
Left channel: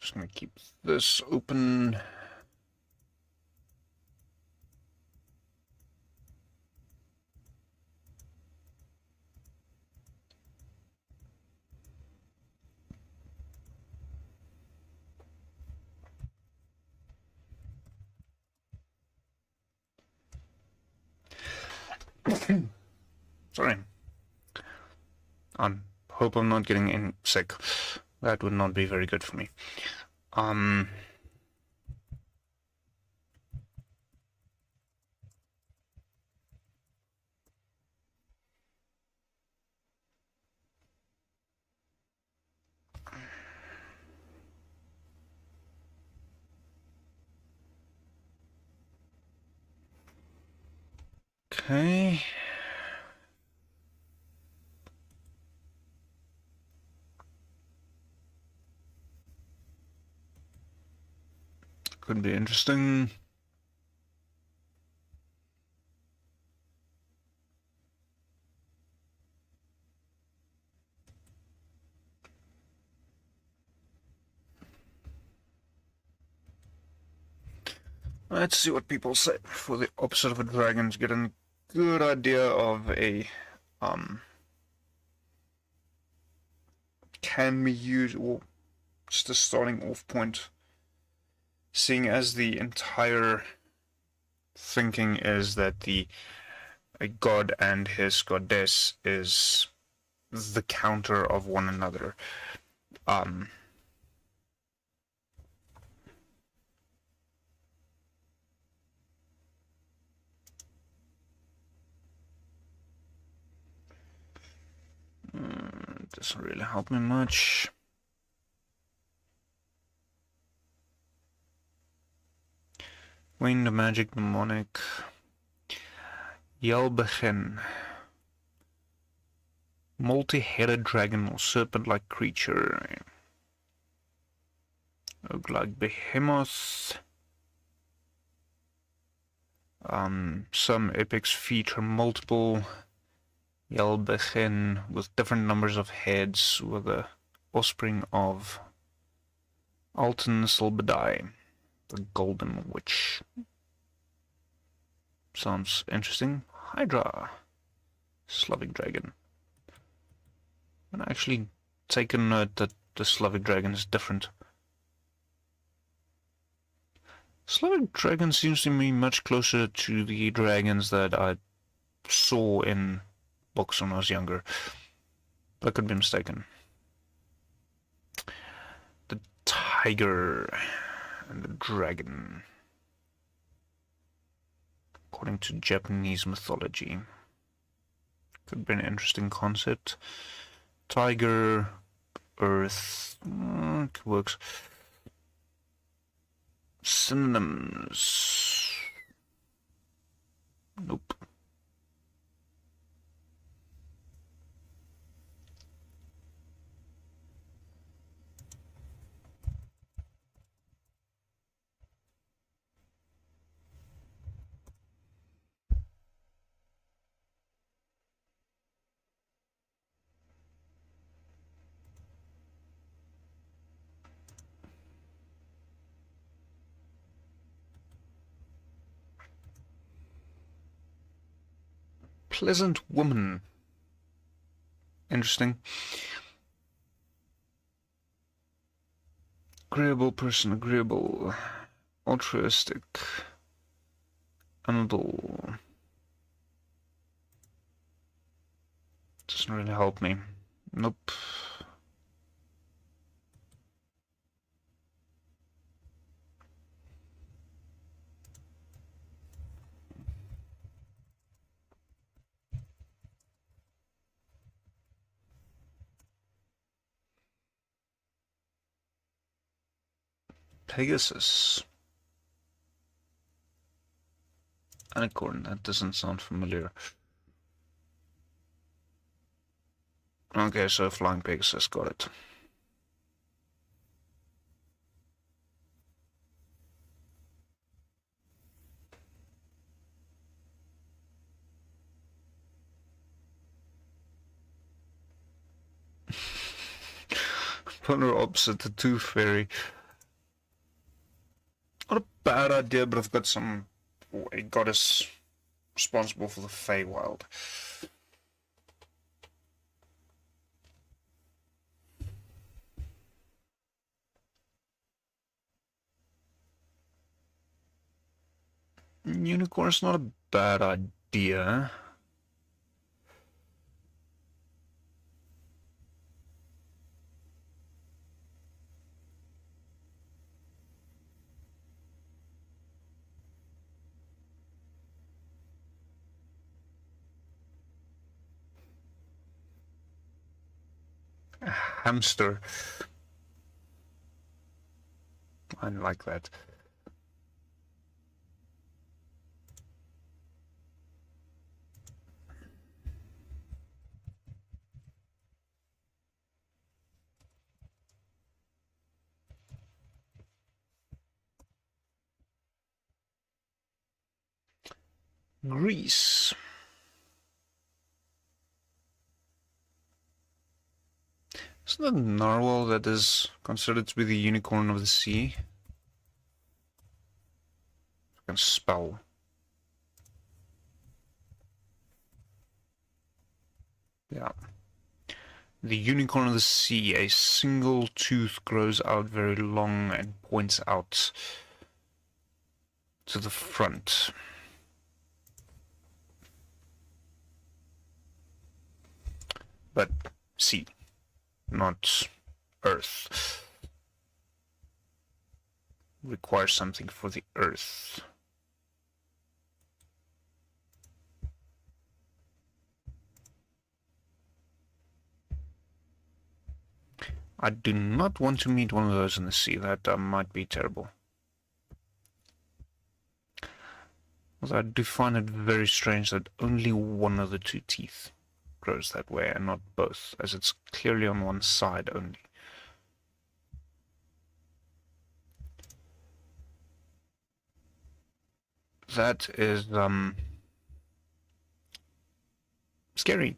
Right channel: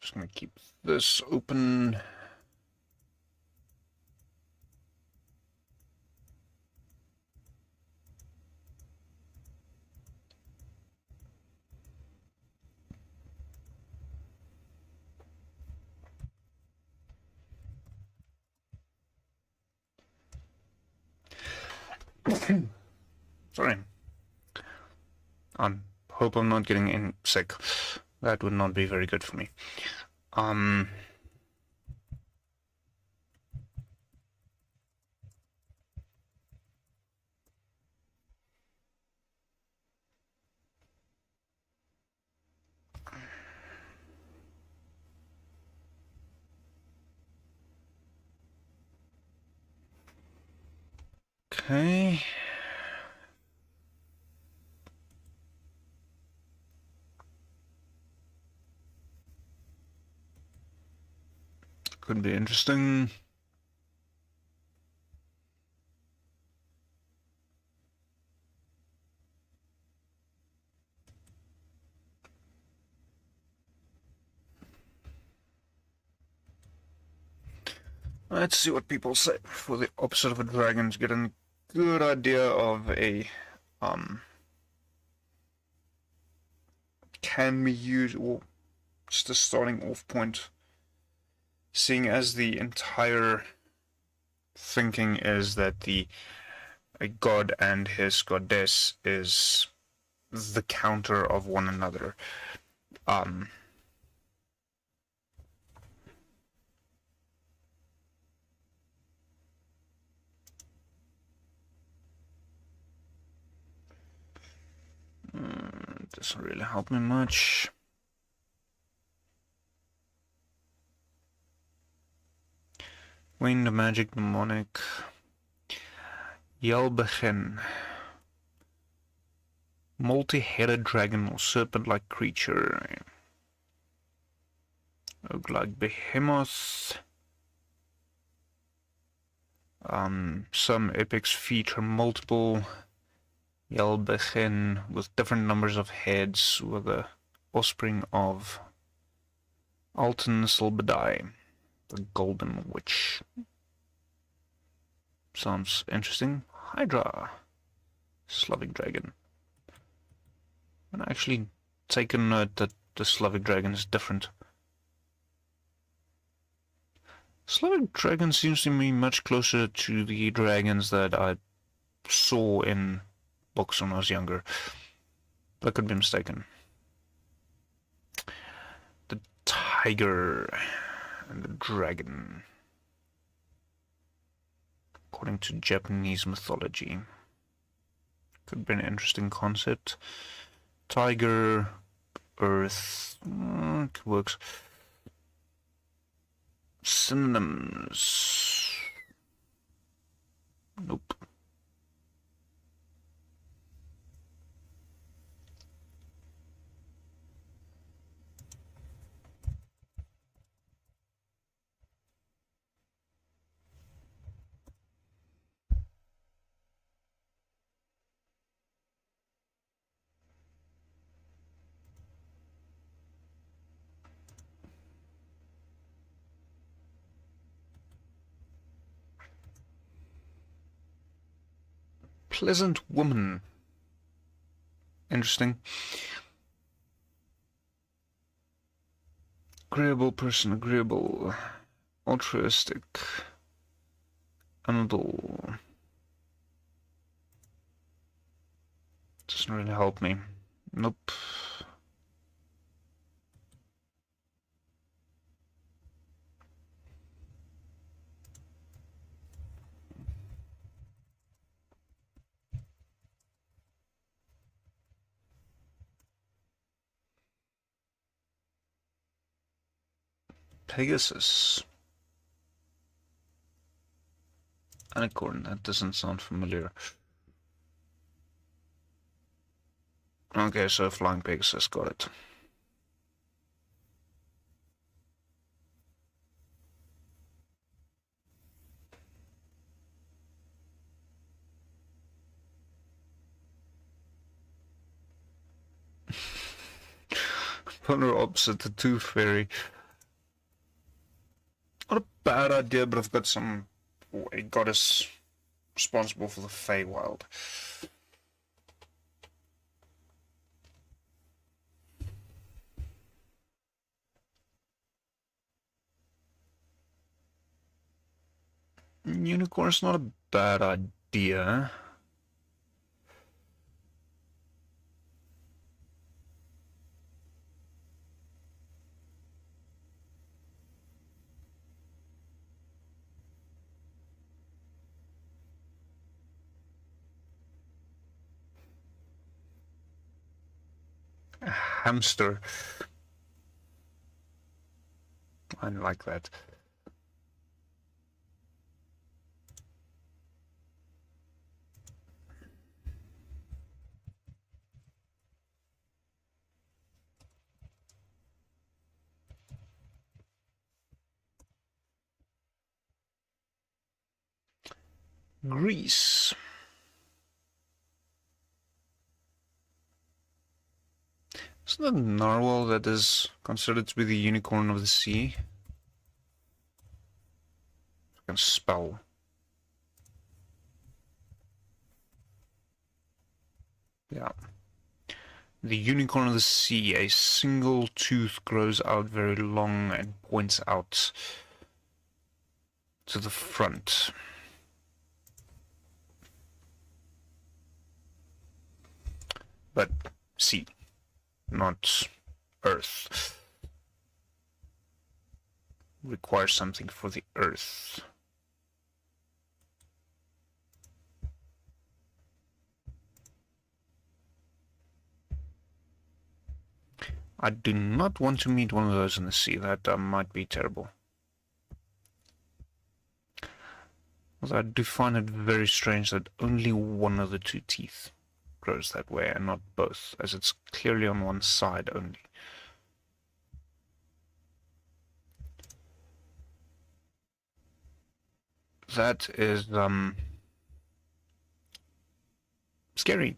Just gonna keep this open. Sorry. I hope I'm not getting sick. That would not be very good for me. Okay. Could be interesting. Let's see what people say. For the opposite of a dragon, to get a good idea of a can be used, or just a starting off point, seeing as the entire thinking is that a god and his goddess is the counter of one another. Doesn't really help me much. Winged magic demonic. Yelbegin. Multi-headed dragon or serpent-like creature. Ogre-like behemoth. Some epics feature multiple Yelbegin with different numbers of heads, with the offspring of Alton Silbadai, the Golden Witch. Sounds interesting. Hydra, Slavic dragon. I'm gonna actually take a note that the Slavic dragon is different. Slavic dragon seems to me much closer to the dragons that I saw in books when I was younger. But I could be mistaken. The tiger and the dragon, according to Japanese mythology. Could be an interesting concept. Tiger, earth, works. Synonyms. Nope. Pleasant woman. Interesting. Agreeable person, agreeable, altruistic, amiable. Doesn't really help me. Nope. Pegasus. Unicorn, that doesn't sound familiar. Okay, so flying Pegasus, got it. Polar opposite, the Tooth Fairy. Not a bad idea, but I've got a goddess responsible for the Feywild. Unicorn's not a bad idea. A hamster. I like that. Greece. Isn't that narwhal that is considered to be the unicorn of the sea? I can spell. Yeah. The unicorn of the sea, a single tooth grows out very long and points out to the front. But sea, not earth. Requires something for the earth. I do not want to meet one of those in the sea. That might be terrible. Although I do find it very strange that only one of the two teeth grows that way and not both, as it's clearly on one side only. That is scary.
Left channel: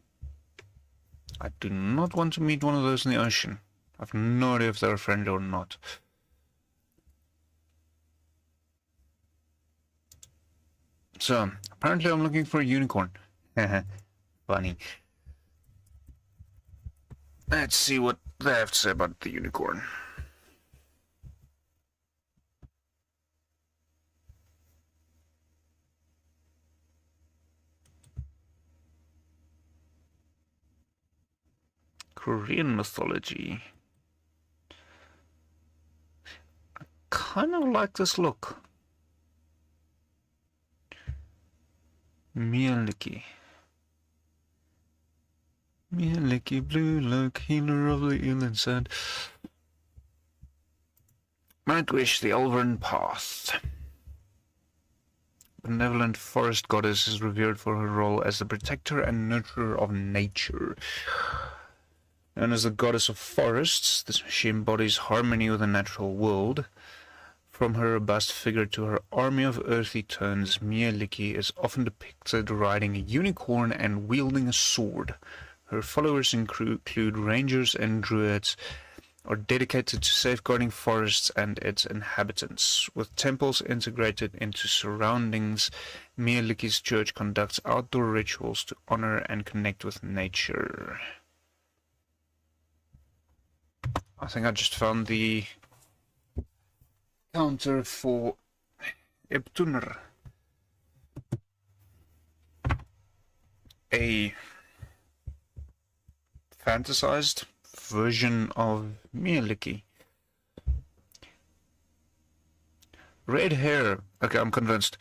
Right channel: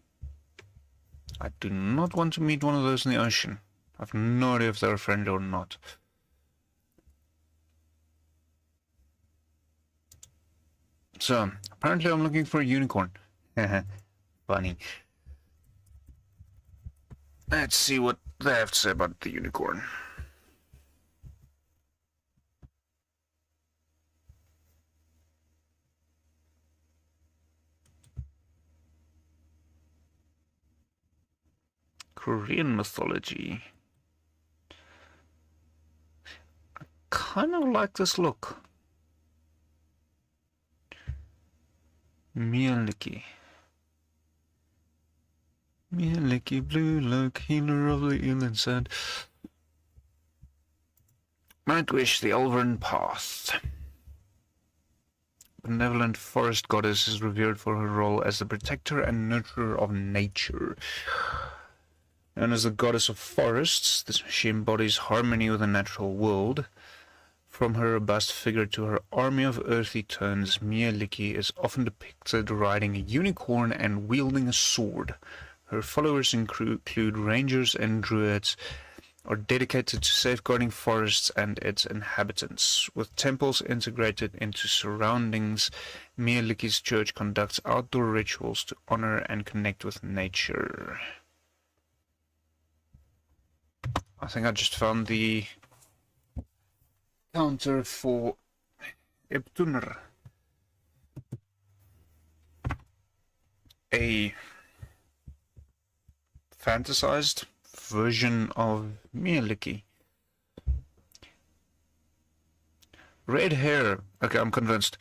I do not want to meet one of those in the ocean. I have no idea if they're friendly or not. So, apparently I'm looking for a unicorn. Funny. Let's see what they have to say about the unicorn. Korean mythology. I kind of like this look. Mieliki. Mieliki, blue look, healer of the inland sand. Nightwish, the Elven Path. Benevolent forest goddess is revered for her role as the protector and nurturer of nature. Known as the goddess of forests, she embodies harmony with the natural world. From her robust figure to her army of earthly tones, Mieliki is often depicted riding a unicorn and wielding a sword. Her followers include rangers and druids, are dedicated to safeguarding forests and its inhabitants. With temples integrated into surroundings, Mieliki's church conducts outdoor rituals to honor and connect with nature. I think I just found the counter for Ebtuner, a fantasized version of Mieliki. Red hair, okay, I'm convinced.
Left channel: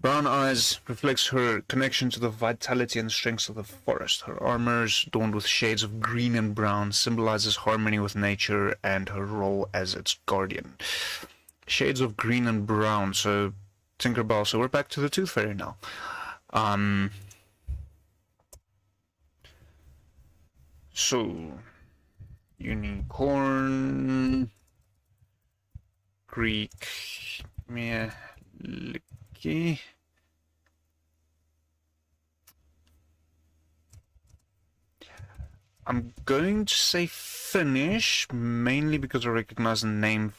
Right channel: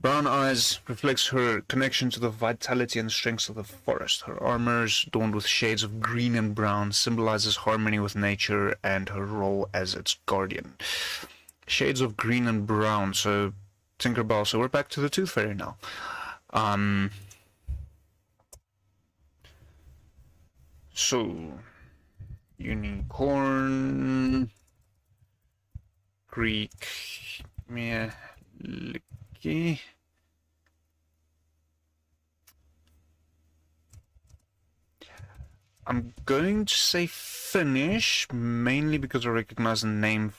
Brown eyes reflects her connection to the vitality and strength of the forest. Her armor is adorned with shades of green and brown, symbolizes harmony with nature and her role as its guardian. Shades of green and brown, so Tinkerbell. So we're back to the Tooth Fairy now. So, unicorn, Greek, Mieliki. I'm going to say Finnish, mainly because I recognize the name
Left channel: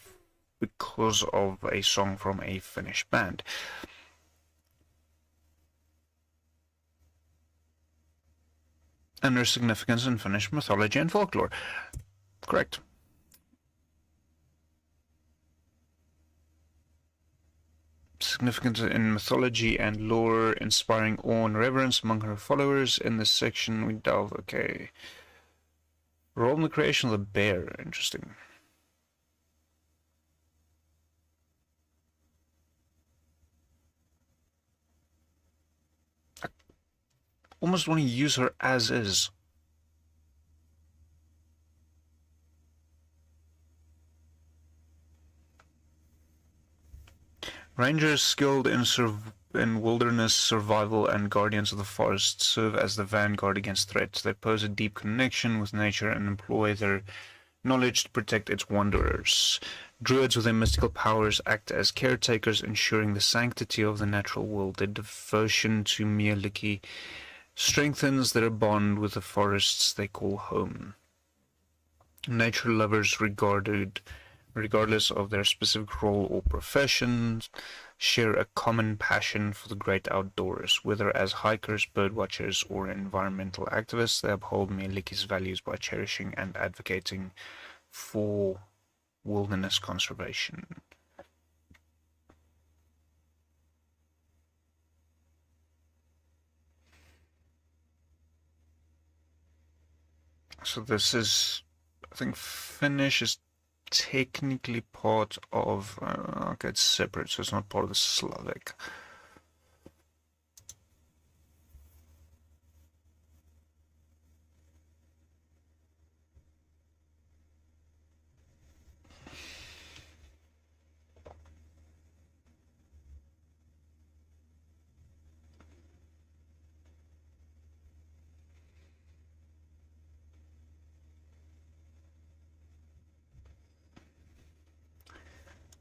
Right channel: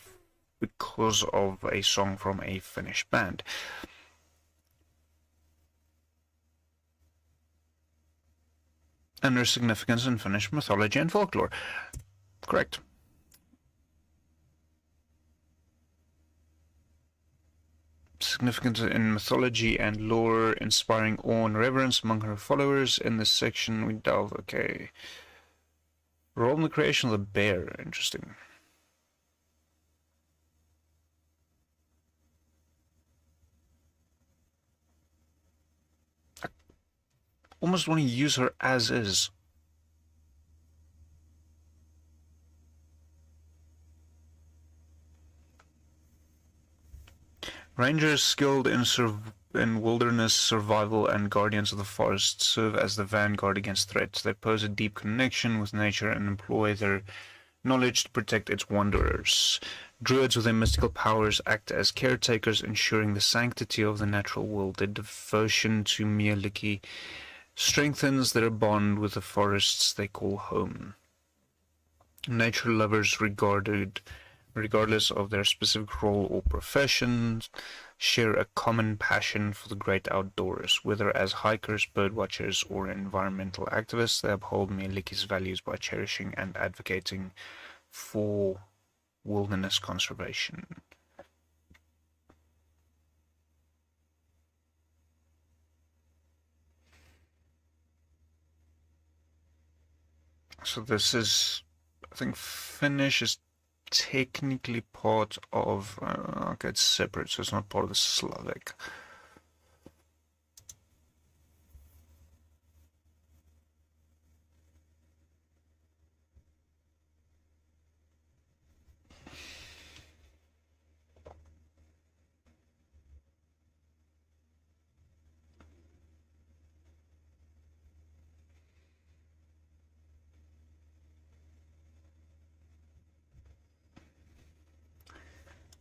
because of a song from a Finnish band. And their significance in Finnish mythology and folklore. Correct. Significance in mythology and lore, inspiring awe and reverence among her followers. In this section, we delve. Okay. Role in the creation of the bear. Interesting. I almost want to use her as is. Rangers skilled in wilderness survival and guardians of the forest serve as the vanguard against threats. They pose a deep connection with nature and employ their knowledge to protect its wanderers. Druids with their mystical powers act as caretakers, ensuring the sanctity of the natural world. Their devotion to Mieliki strengthens their bond with the forests they call home. Nature lovers regardless of their specific role or professions, share a common passion for the great outdoors. Whether as hikers, birdwatchers, or environmental activists, they uphold Mieliki's values by cherishing and advocating for wilderness conservation. So this is, I think Finnish is technically part of, okay, it's separate, so it's not part of the Slavic.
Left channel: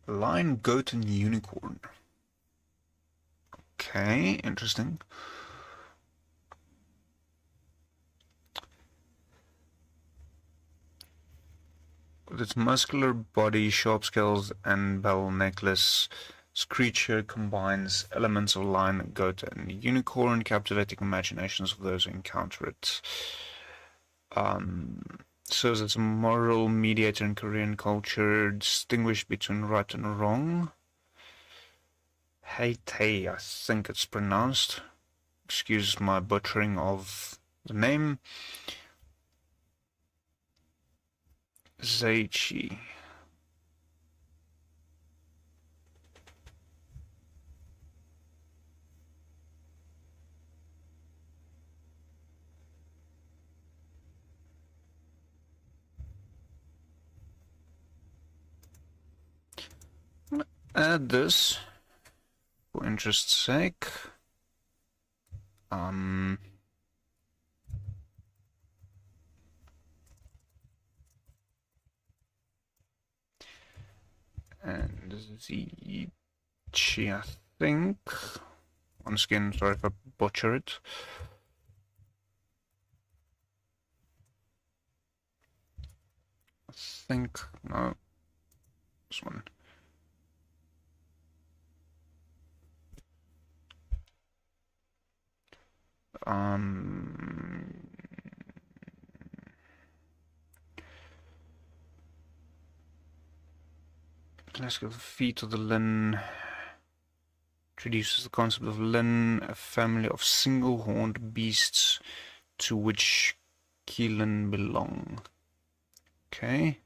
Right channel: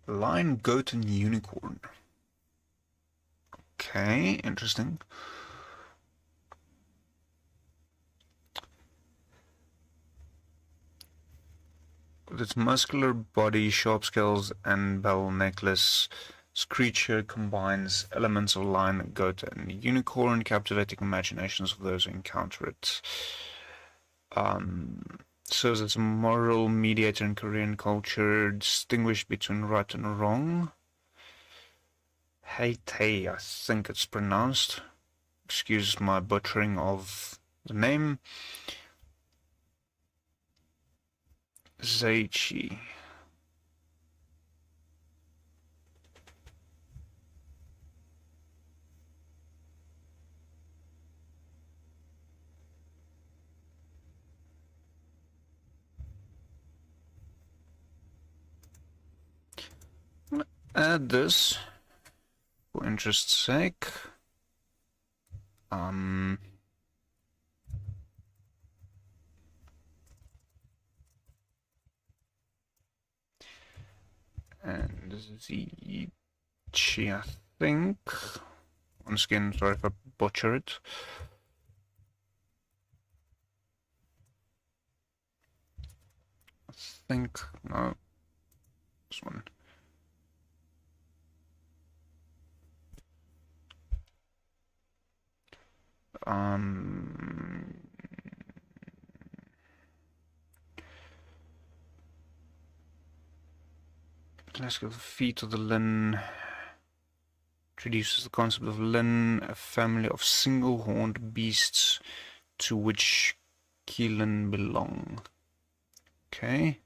Lion, goat, and unicorn. Okay, interesting. With its muscular body, sharp scales, and bell necklace, this creature combines elements of lion, goat, and unicorn, captivating imaginations of those who encounter it. Serves as a moral mediator in Korean culture, distinguished between right and wrong. Haitei, I think it's pronounced. Excuse my butchering of the name. Zeichi. Add this for interest's sake. And Zeichi, I think. Once again, sorry if I butcher it. I think, no, this one. Let's go. The feet of the Lin introduces the concept of Lin, a family of single-horned beasts to which Keelan belong. Okay.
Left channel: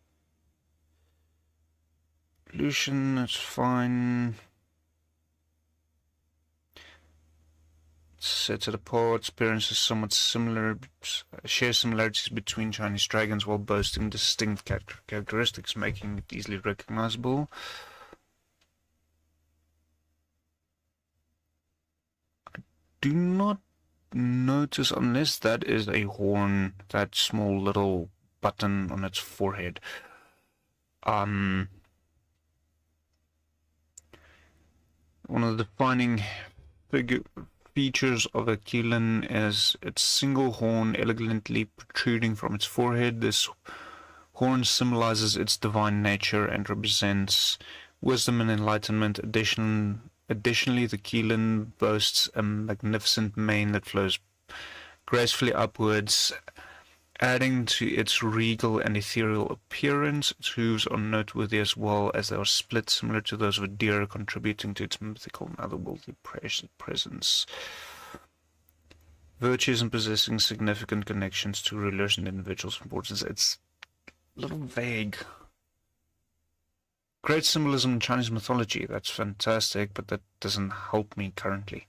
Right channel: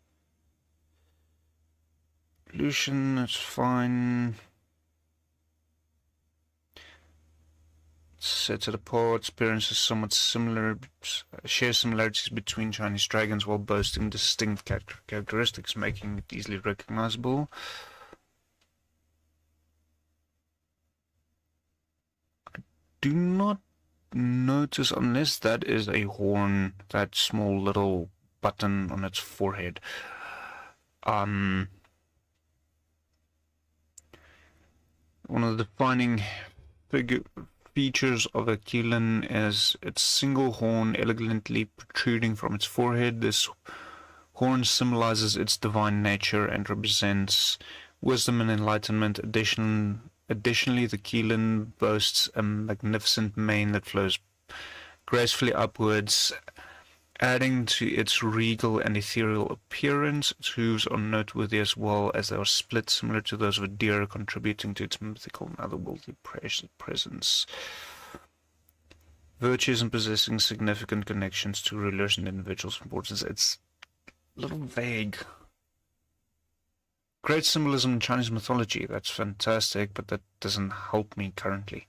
Evolution, that's fine. Sets it apart. Appearance is somewhat similar, shares similarities between Chinese dragons while boasting distinct characteristics, making it easily recognizable. I do not notice, unless that is a horn, that small little button on its forehead. One of the defining features of a Keelan is its single horn elegantly protruding from its forehead. This horn symbolizes its divine nature and represents wisdom and enlightenment. Additionally, the Keelan boasts a magnificent mane that flows gracefully upwards, adding to its regal and ethereal appearance. Its hooves are noteworthy as well, as they are split similar to those of a deer, contributing to its mythical and otherworldly presence. Virtues and possessing significant connections to rulers and individuals of importance. It's a little vague. Great symbolism in Chinese mythology, that's fantastic, but that doesn't help me currently.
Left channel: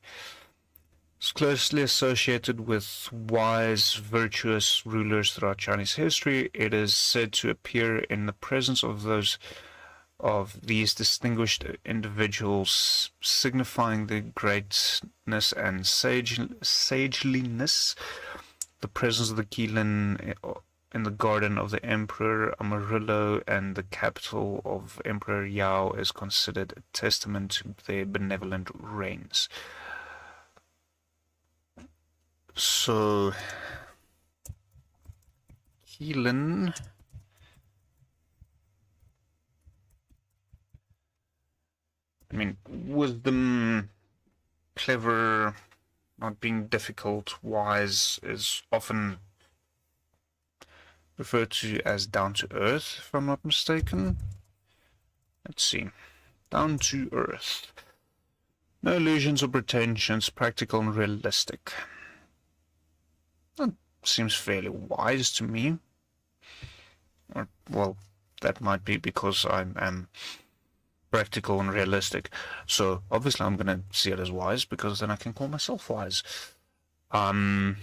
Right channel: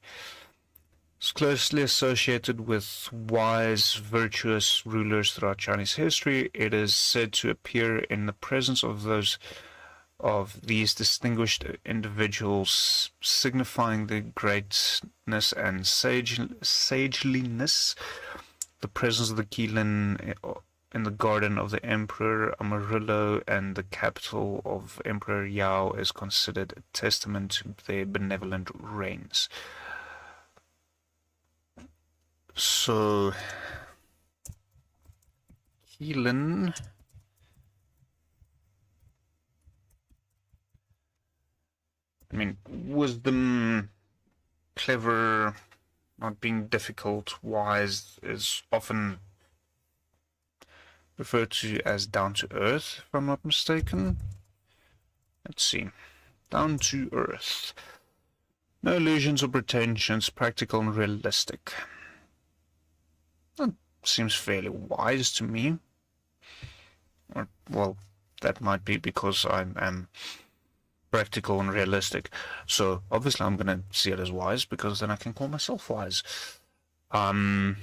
It's closely associated with wise, virtuous rulers throughout Chinese history. It is said to appear in the presence of these distinguished individuals, signifying the greatness and sageliness. The presence of the Keelan in the garden of the Emperor Amarillo and the capital of Emperor Yao is considered a testament to their benevolent reigns. So, Keelan wisdom, clever, not being difficult, wise is often referred to as down to earth, if I'm not mistaken. Let's see. Down to earth. No illusions or pretensions, practical and realistic. That seems fairly wise to me. Well, that might be because I am practical and realistic. So, obviously I'm going to see it as wise, because then I can call myself wise. Let's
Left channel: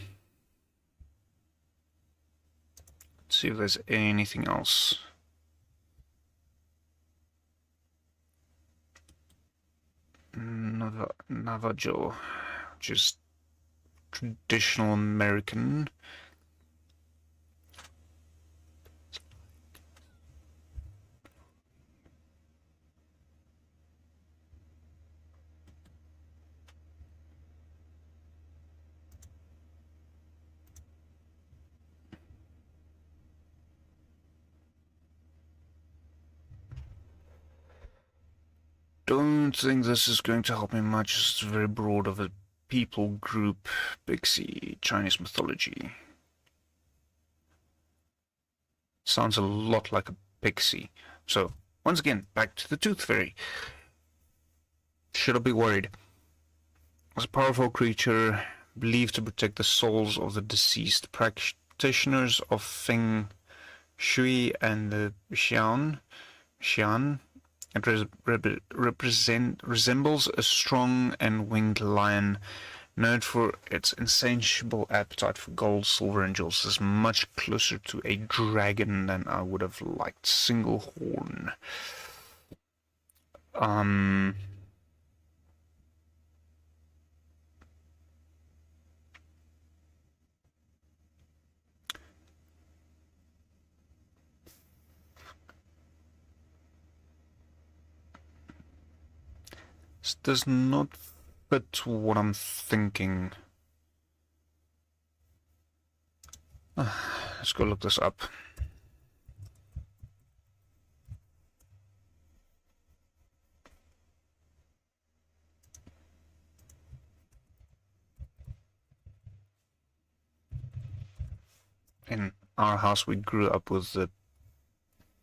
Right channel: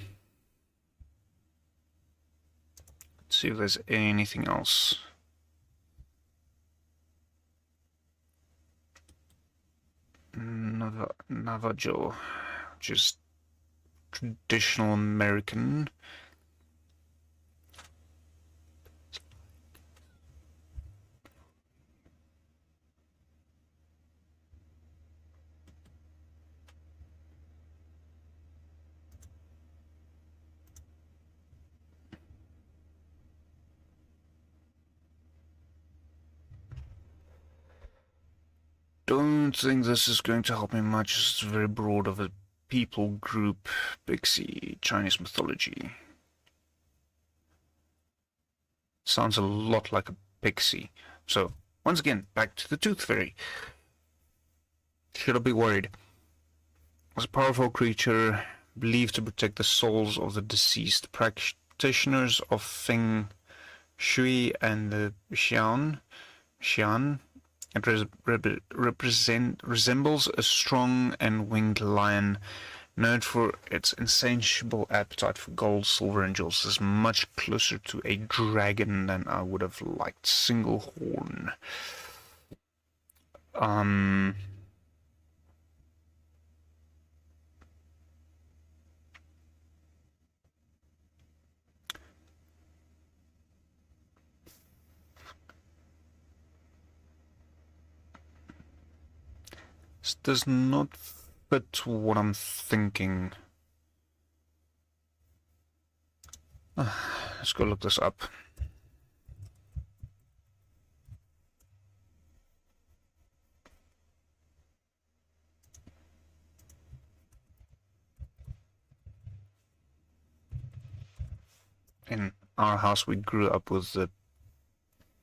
see if there's anything else. Navajo, which is traditional American. Don't think this is going to help me much. It's very broad of a people group. Pixie, Chinese mythology. Sounds a lot like a pixie. So, once again, back to the Tooth Fairy. Should I be worried? It's a powerful creature believed to protect the souls of the deceased. Practitioners of Feng Shui and the Xian. It resembles a strong and winged lion, known for its insatiable appetite for gold, silver, and jewels. Is much closer to a dragon than I would have liked. Single horn. This does not fit what I'm thinking. Let's go look this up. In our house, we grew up with the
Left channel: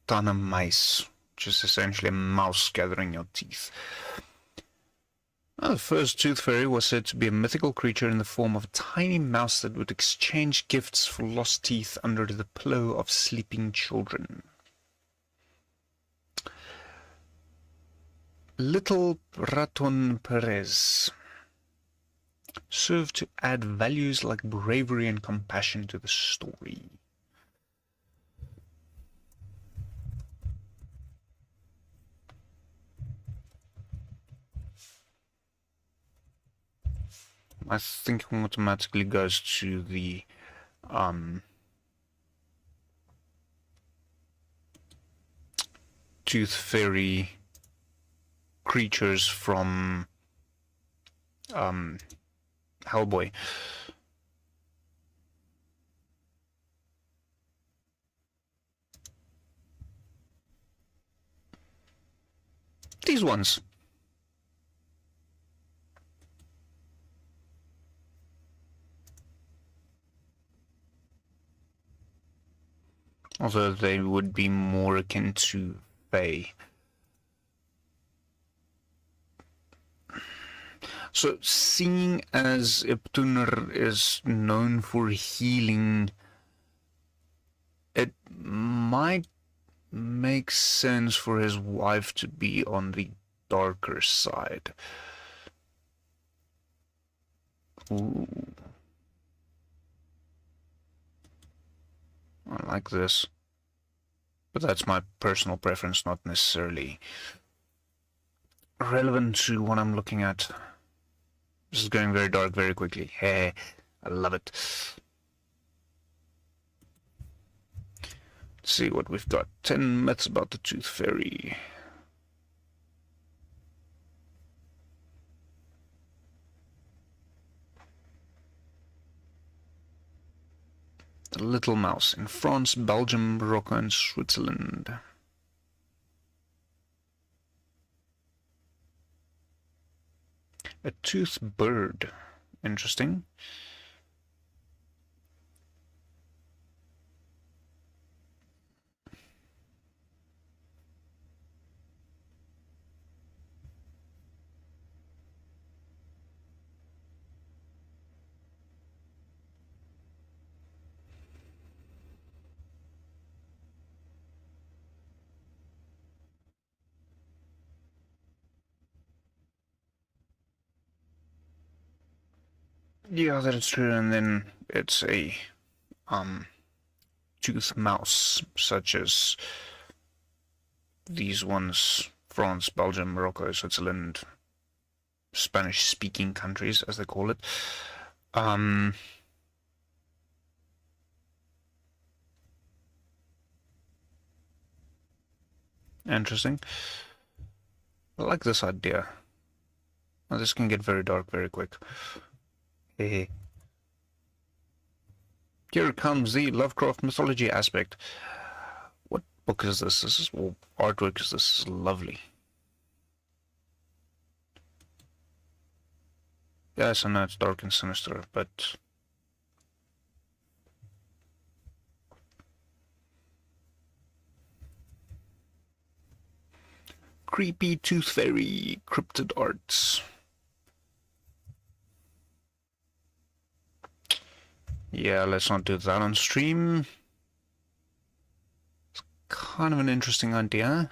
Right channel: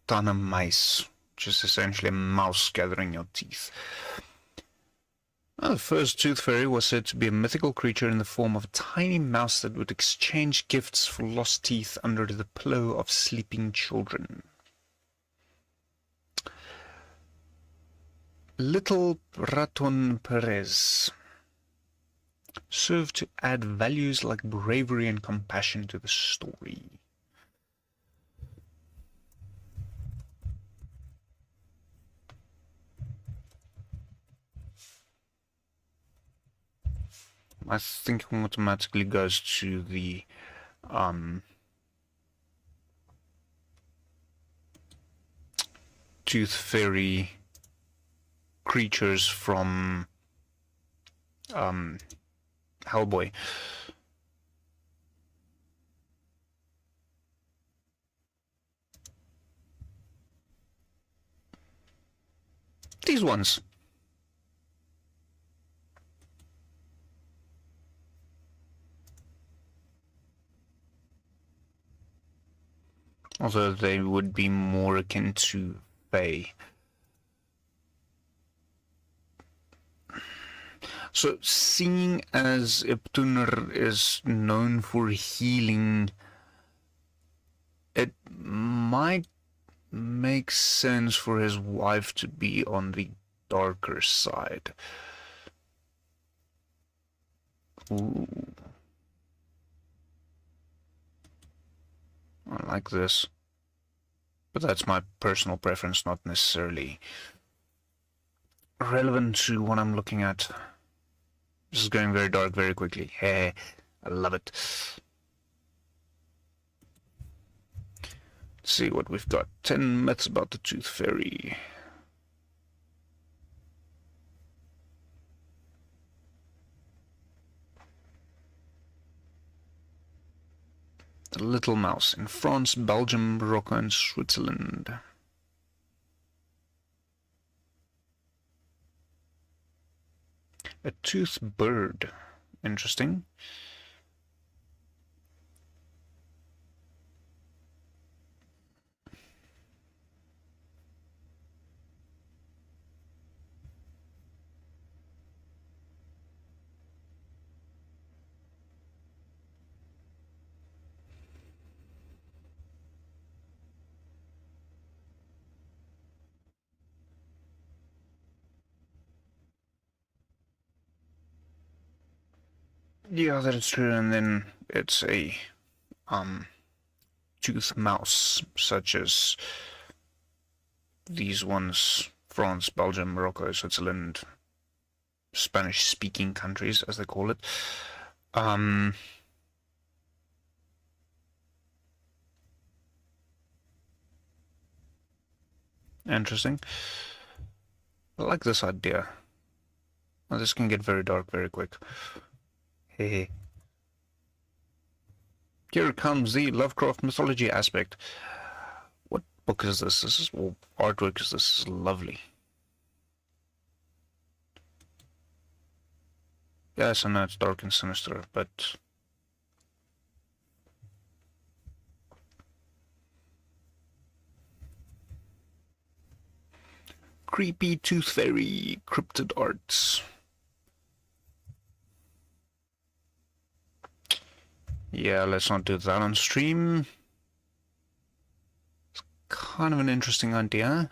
Tana mice, which is essentially a mouse gathering your teeth. The first Tooth Fairy was said to be a mythical creature in the form of a tiny mouse that would exchange gifts for lost teeth under the pillow of sleeping children. Little Raton Perez served to add values like bravery and compassion to the story. My thinking automatically goes to the Tooth Fairy creatures from Hellboy. These ones. Although they would be more akin to Fae. So, seeing as Iptunr is known for healing, it might make sense for his wife to be on the darker side. Ooh. I like this. But that's my personal preference, not necessarily relevant to what I'm looking at. This is going very dark very quickly. Hey, I love it. Let's see what we've got. 10 myths about the Tooth Fairy. The Little Mouse in France, Belgium, Morocco, and Switzerland. A tooth bird. Interesting. Yeah, that is true, and then it's a tooth mouse, such as these ones, France, Belgium, Morocco, Switzerland, Spanish-speaking countries, as they call it. Interesting. I like this idea. Well, this can get very dark very quick. Hey. Here comes the Lovecraft mythology aspect. What book is this? This is, well, artwork is this is lovely. Yes, I know it's dark and sinister, but creepy Tooth Fairy cryptid arts. Yeah, let's not do that on stream. It's kind of an interesting idea.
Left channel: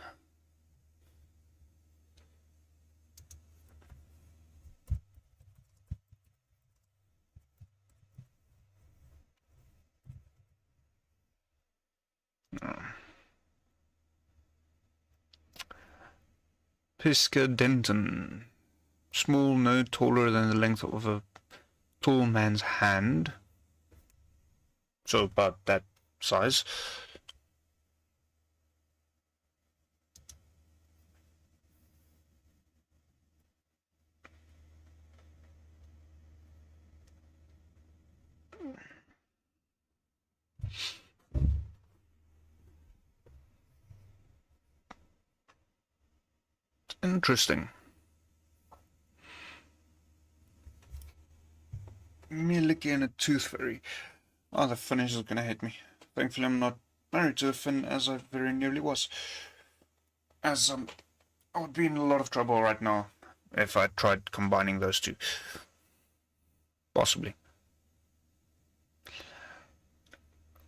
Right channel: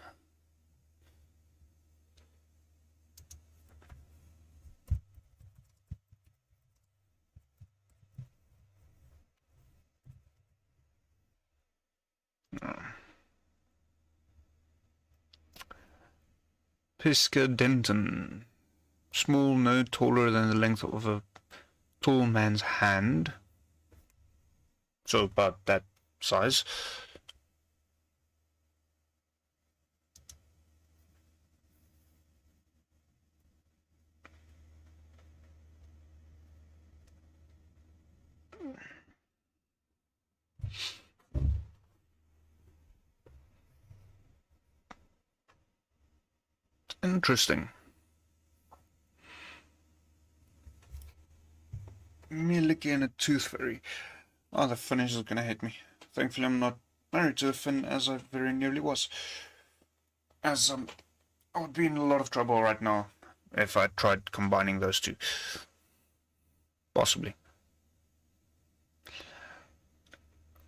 Pisca Denton. Small, no taller than the length of a tall man's hand. So about that size. Interesting. Milky and a Tooth Fairy. Oh, the Finnish is gonna hate me. Thankfully I'm not married to a Finn, as I very nearly was. As I would be in a lot of trouble right now if I tried combining those two. Possibly.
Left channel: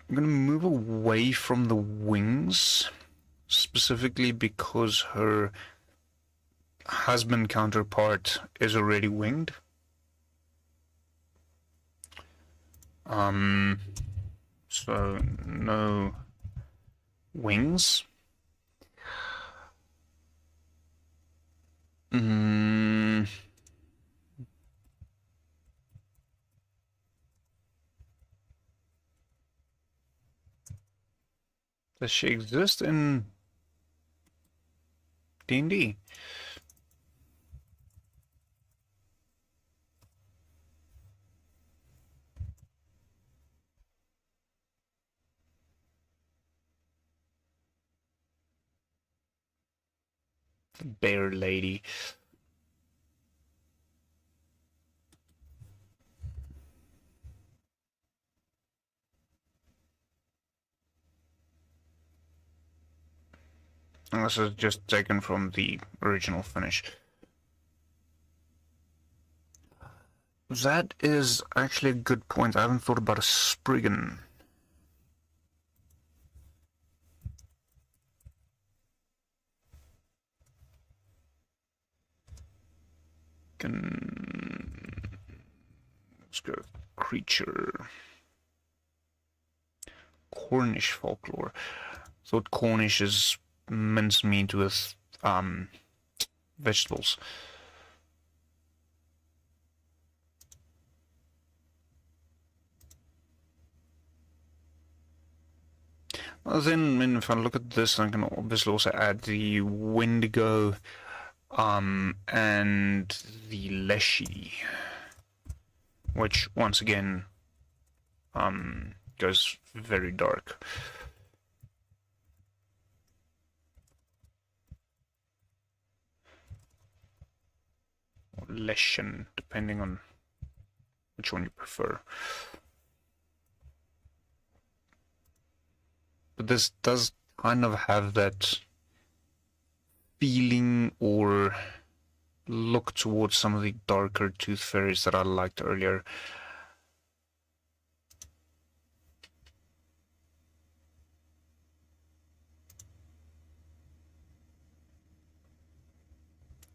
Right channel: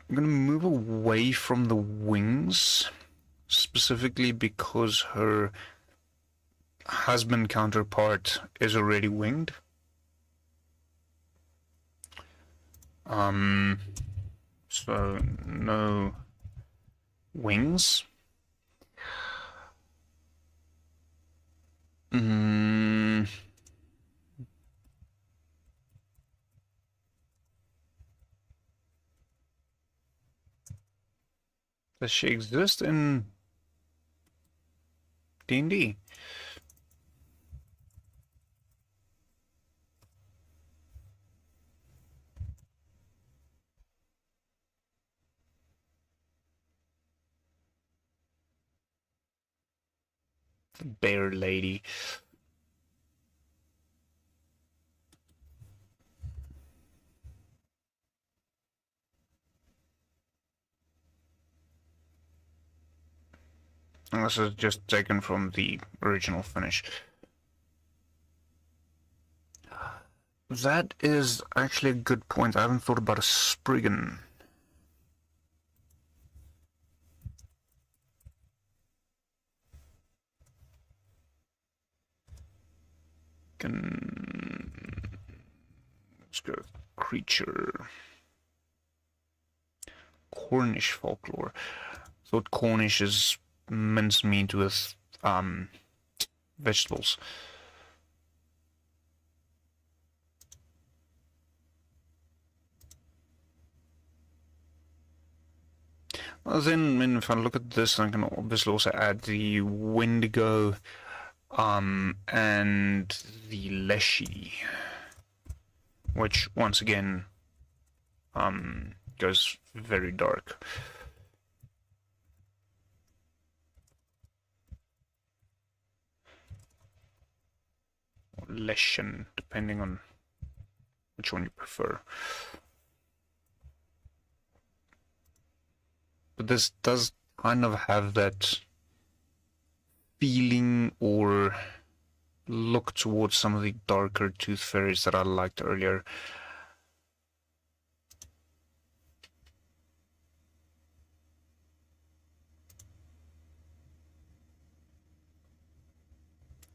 I'm gonna move away from the wings, specifically because her husband counterpart is already winged. So no wings. Does she exist in D&D? the bear lady. And this is just taken from the original finish. That is actually a good point. I haven't thought about a Spriggan. Let's go creature. Cornish folklore. Thought Cornish is mincemeat with vegetables. Well, then if I look at this, I can obviously also add the Wendigo and the Leshy, which once again goes very dark. Leshen, depending on which one you prefer. But this does kind of have that feeling or look towards some of the darker tooth fairies that I liked earlier.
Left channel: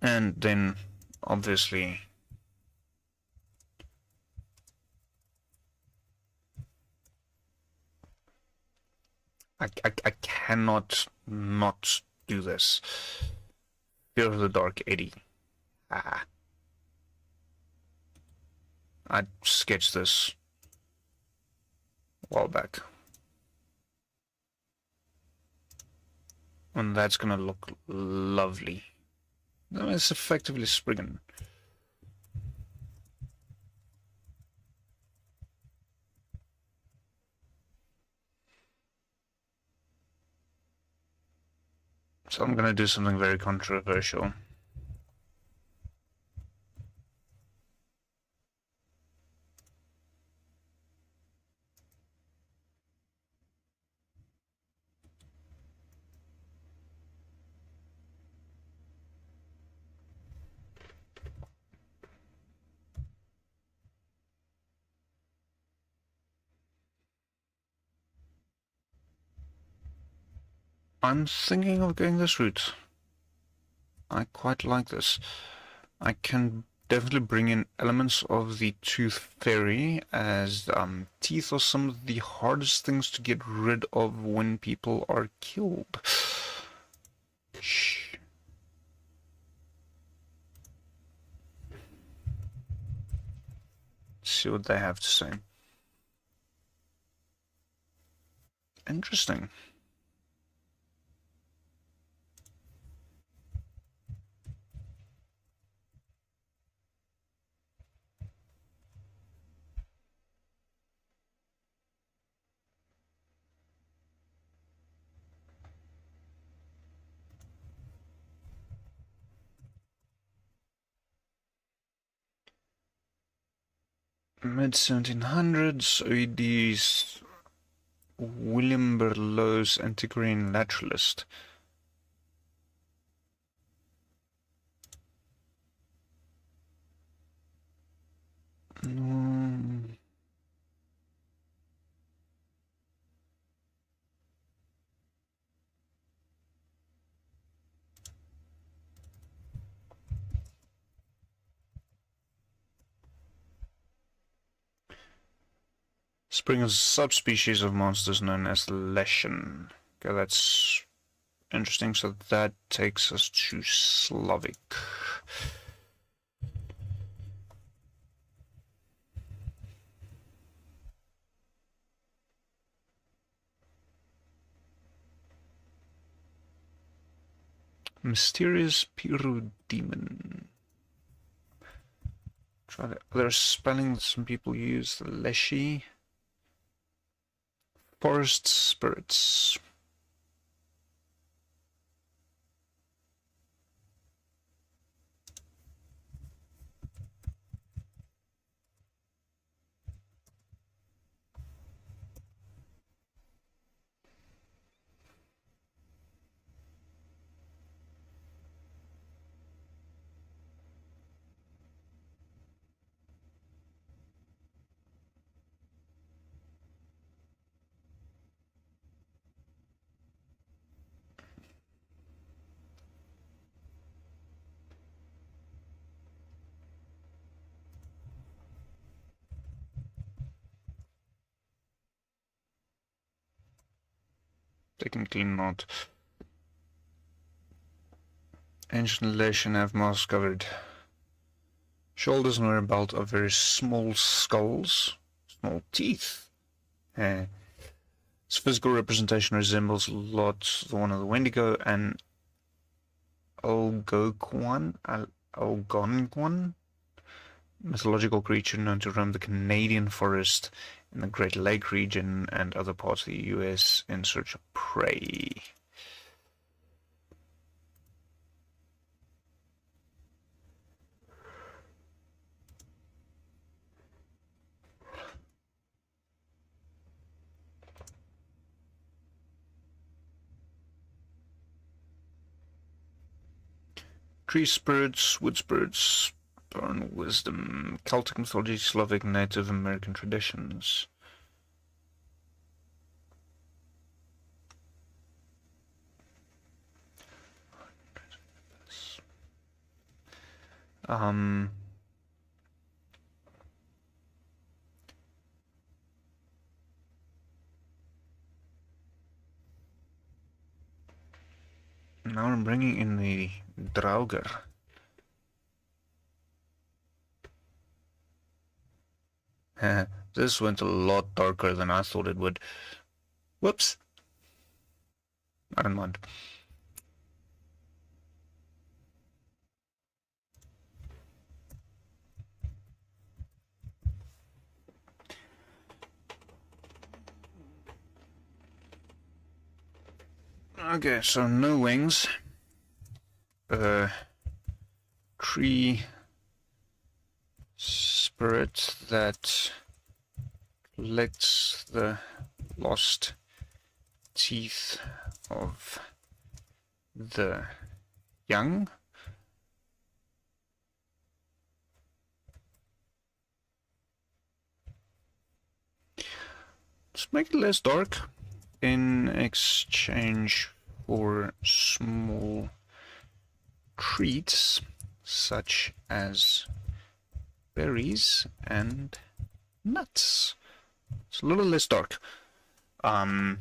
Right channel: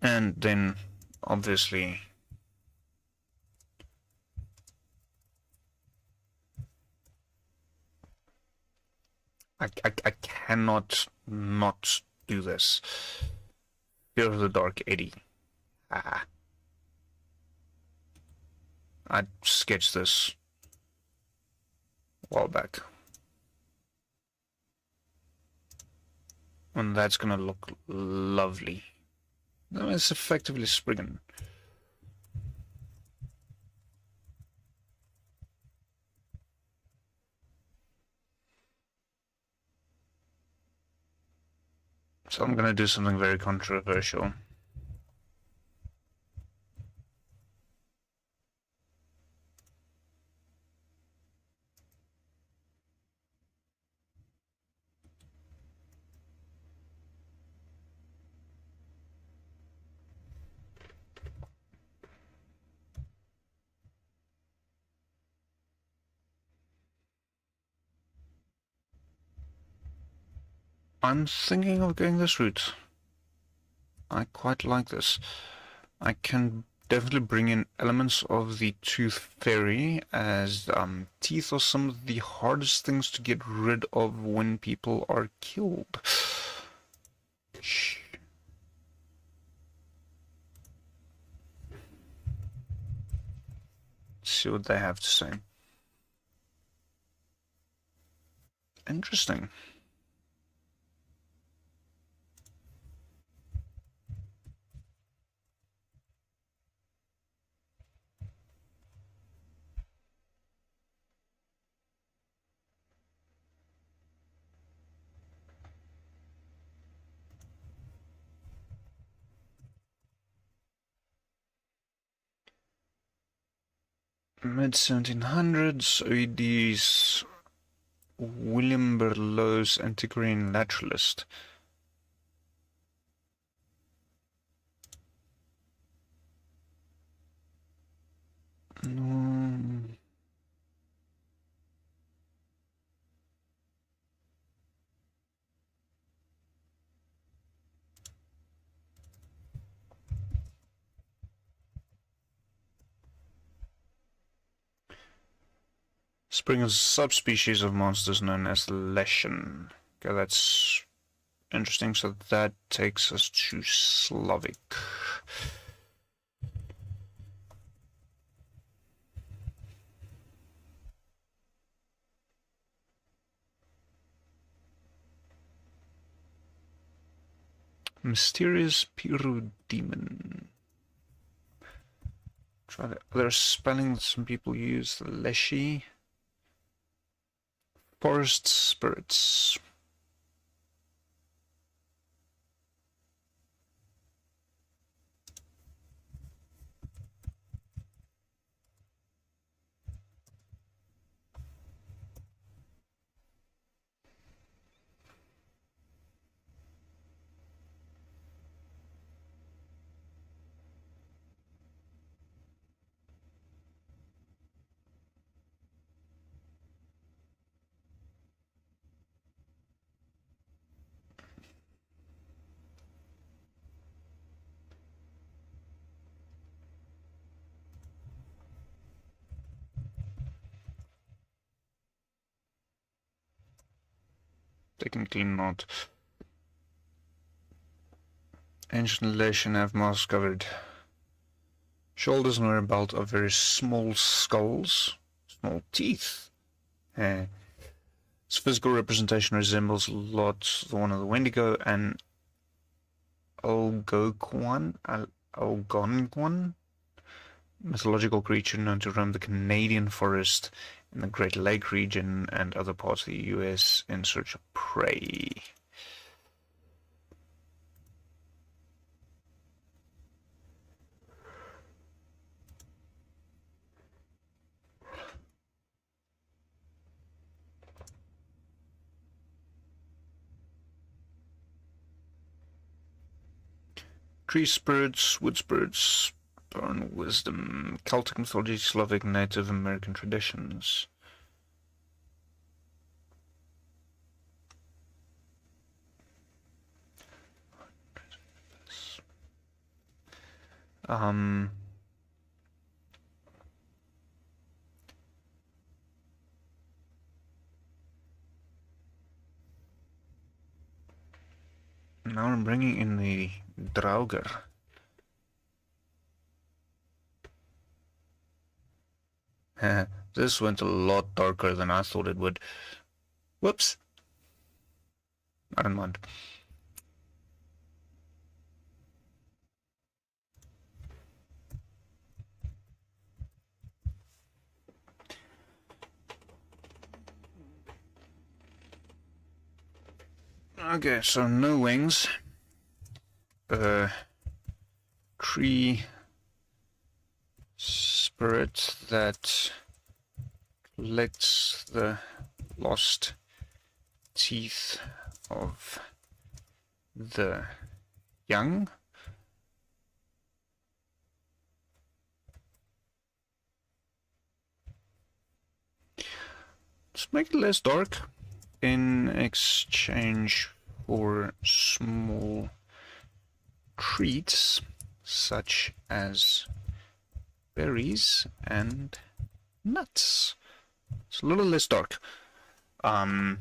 And then obviously I cannot not do this. Fear of the Dark Eddy. I sketched this a while back. And that's gonna look lovely. No, it's effectively Spriggan. So I'm gonna do something very controversial. I'm thinking of going this route. I quite like this. I can definitely bring in elements of the Tooth Fairy, as teeth are some of the hardest things to get rid of when people are killed. Shh. See what they have to say. Interesting. Mid-1700s, OED's William Berlow's Antiquarian Naturalist. Spring is a subspecies of monsters known as Leshen. Okay, that's interesting. So that takes us to Slavic. Mysterious Pyrodemon. Try the other spelling that some people use. Leshy. Forest spirits. technically not. Ancient Latian have moss-covered shoulders and wear a belt of very small skulls, small teeth. Its physical representation resembles a lot the one of the Wendigo and Algonquin, mythological creature known to roam the Canadian forest in the Great Lake region and other parts of the US in search of prey. Tree spirits, wood spirits, bone wisdom, Celtic mythology, Slavic, Native American traditions. Now I'm bringing in the Draugr. This went a lot darker than I thought it would. Whoops. I don't mind. Okay, so no wings. Tree spirit that collects the lost teeth of the young. Let's make it less dark in exchange for small treats such as berries and nuts. It's a little less dark. I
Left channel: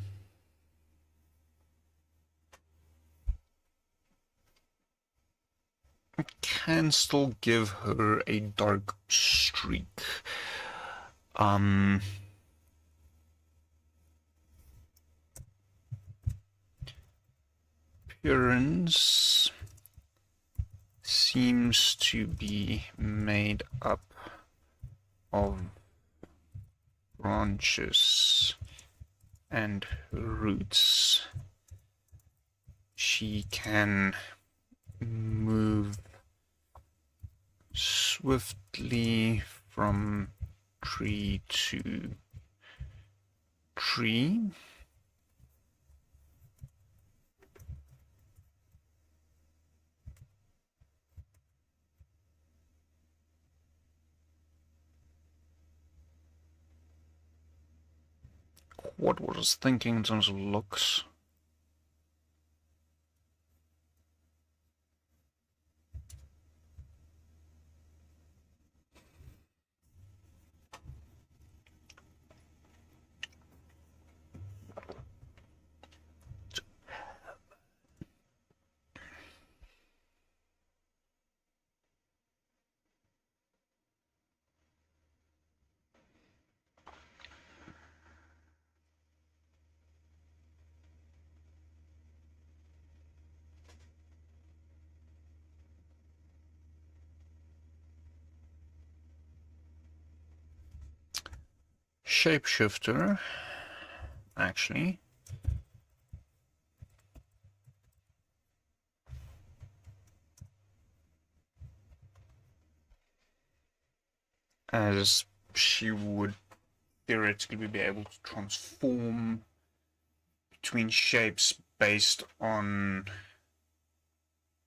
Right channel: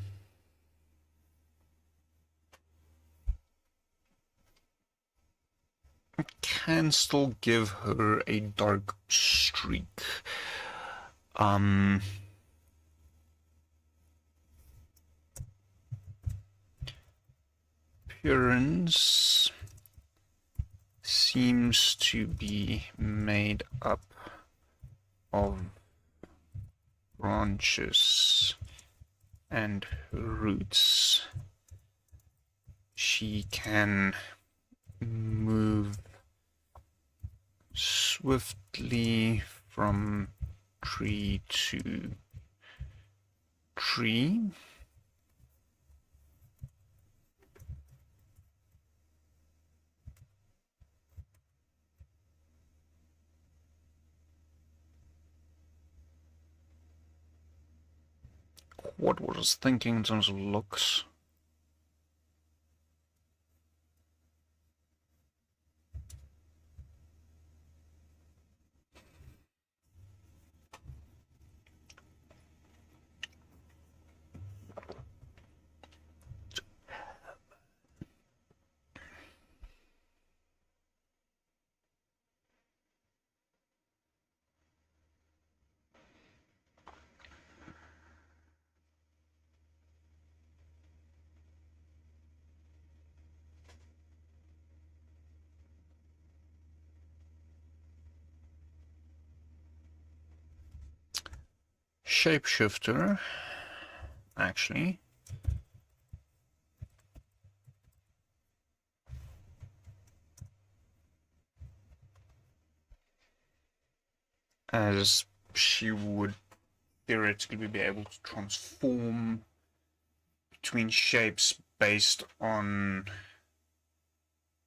can still give her a dark streak. Appearance seems to be made up of branches and roots. She can move swiftly from tree to tree. What was I thinking in terms of looks? Shapeshifter, actually. As she would theoretically be able to transform between shapes based on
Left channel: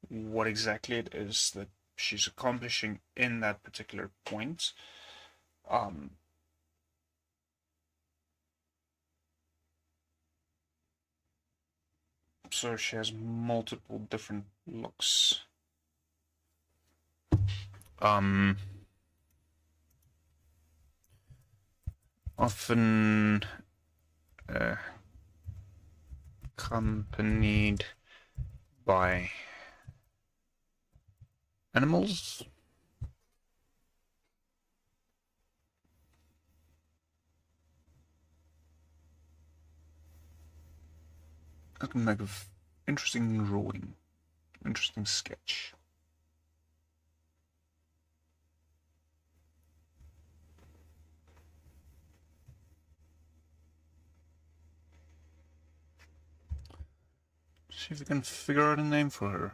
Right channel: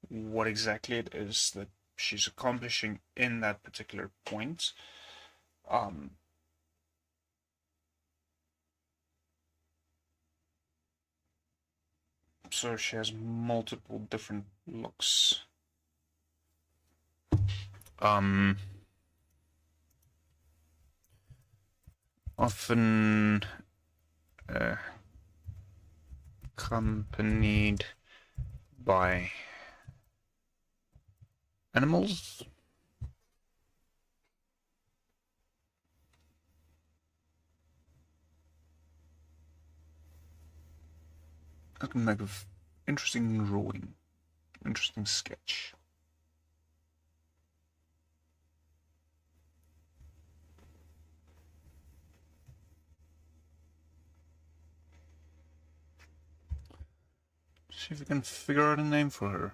what exactly it is that she's accomplishing in that particular point. So she has multiple different looks. Often accompanied by animals. I can make an interesting drawing, interesting sketch. See if we can figure out a name for her.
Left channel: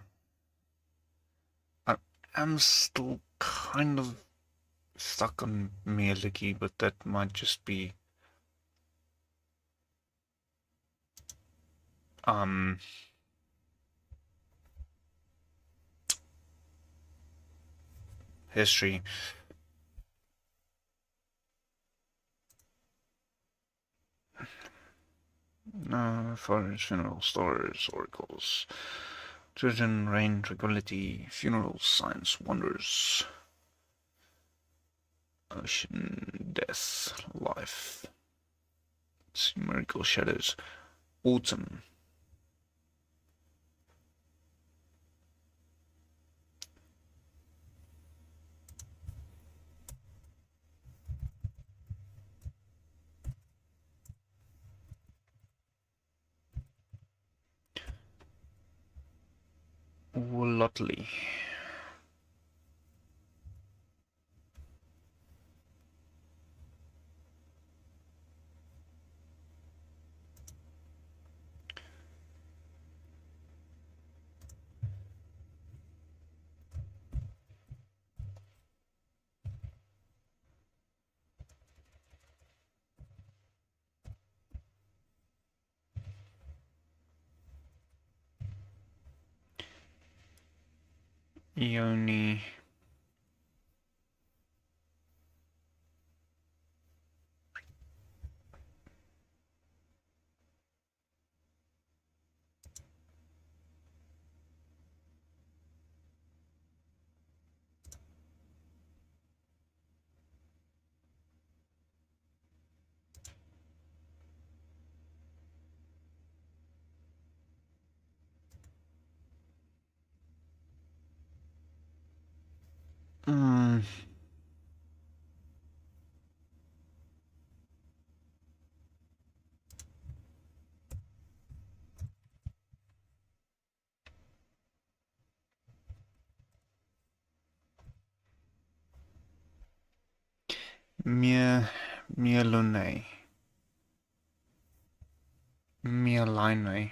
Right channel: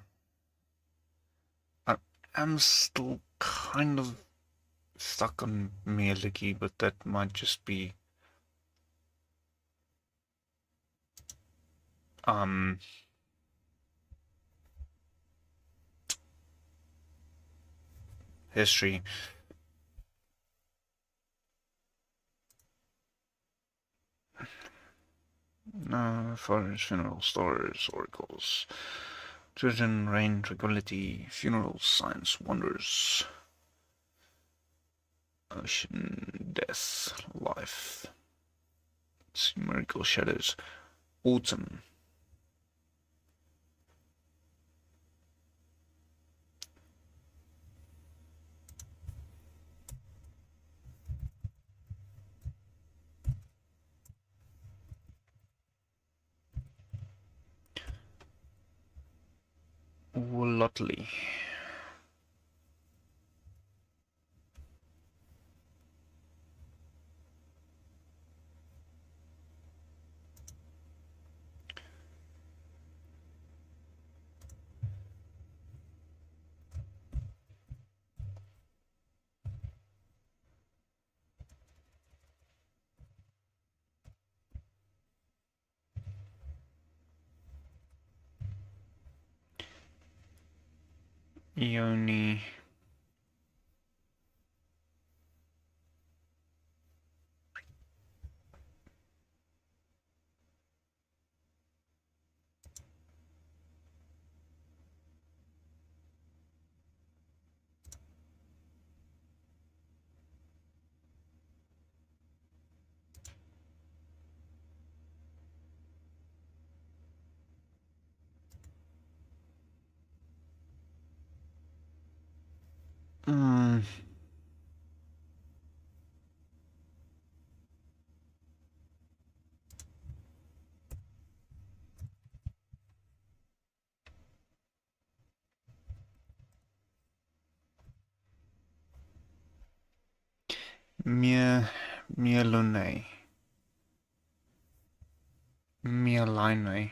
I am still kind of stuck on Mieliki, but that might just be history. Fathers, funeral stories, oracles, children, rain, tranquility, funerals, science, wonders, ocean, death, life, miracle, shadows, autumn. Wolotly. E01. Mielone. Mieline.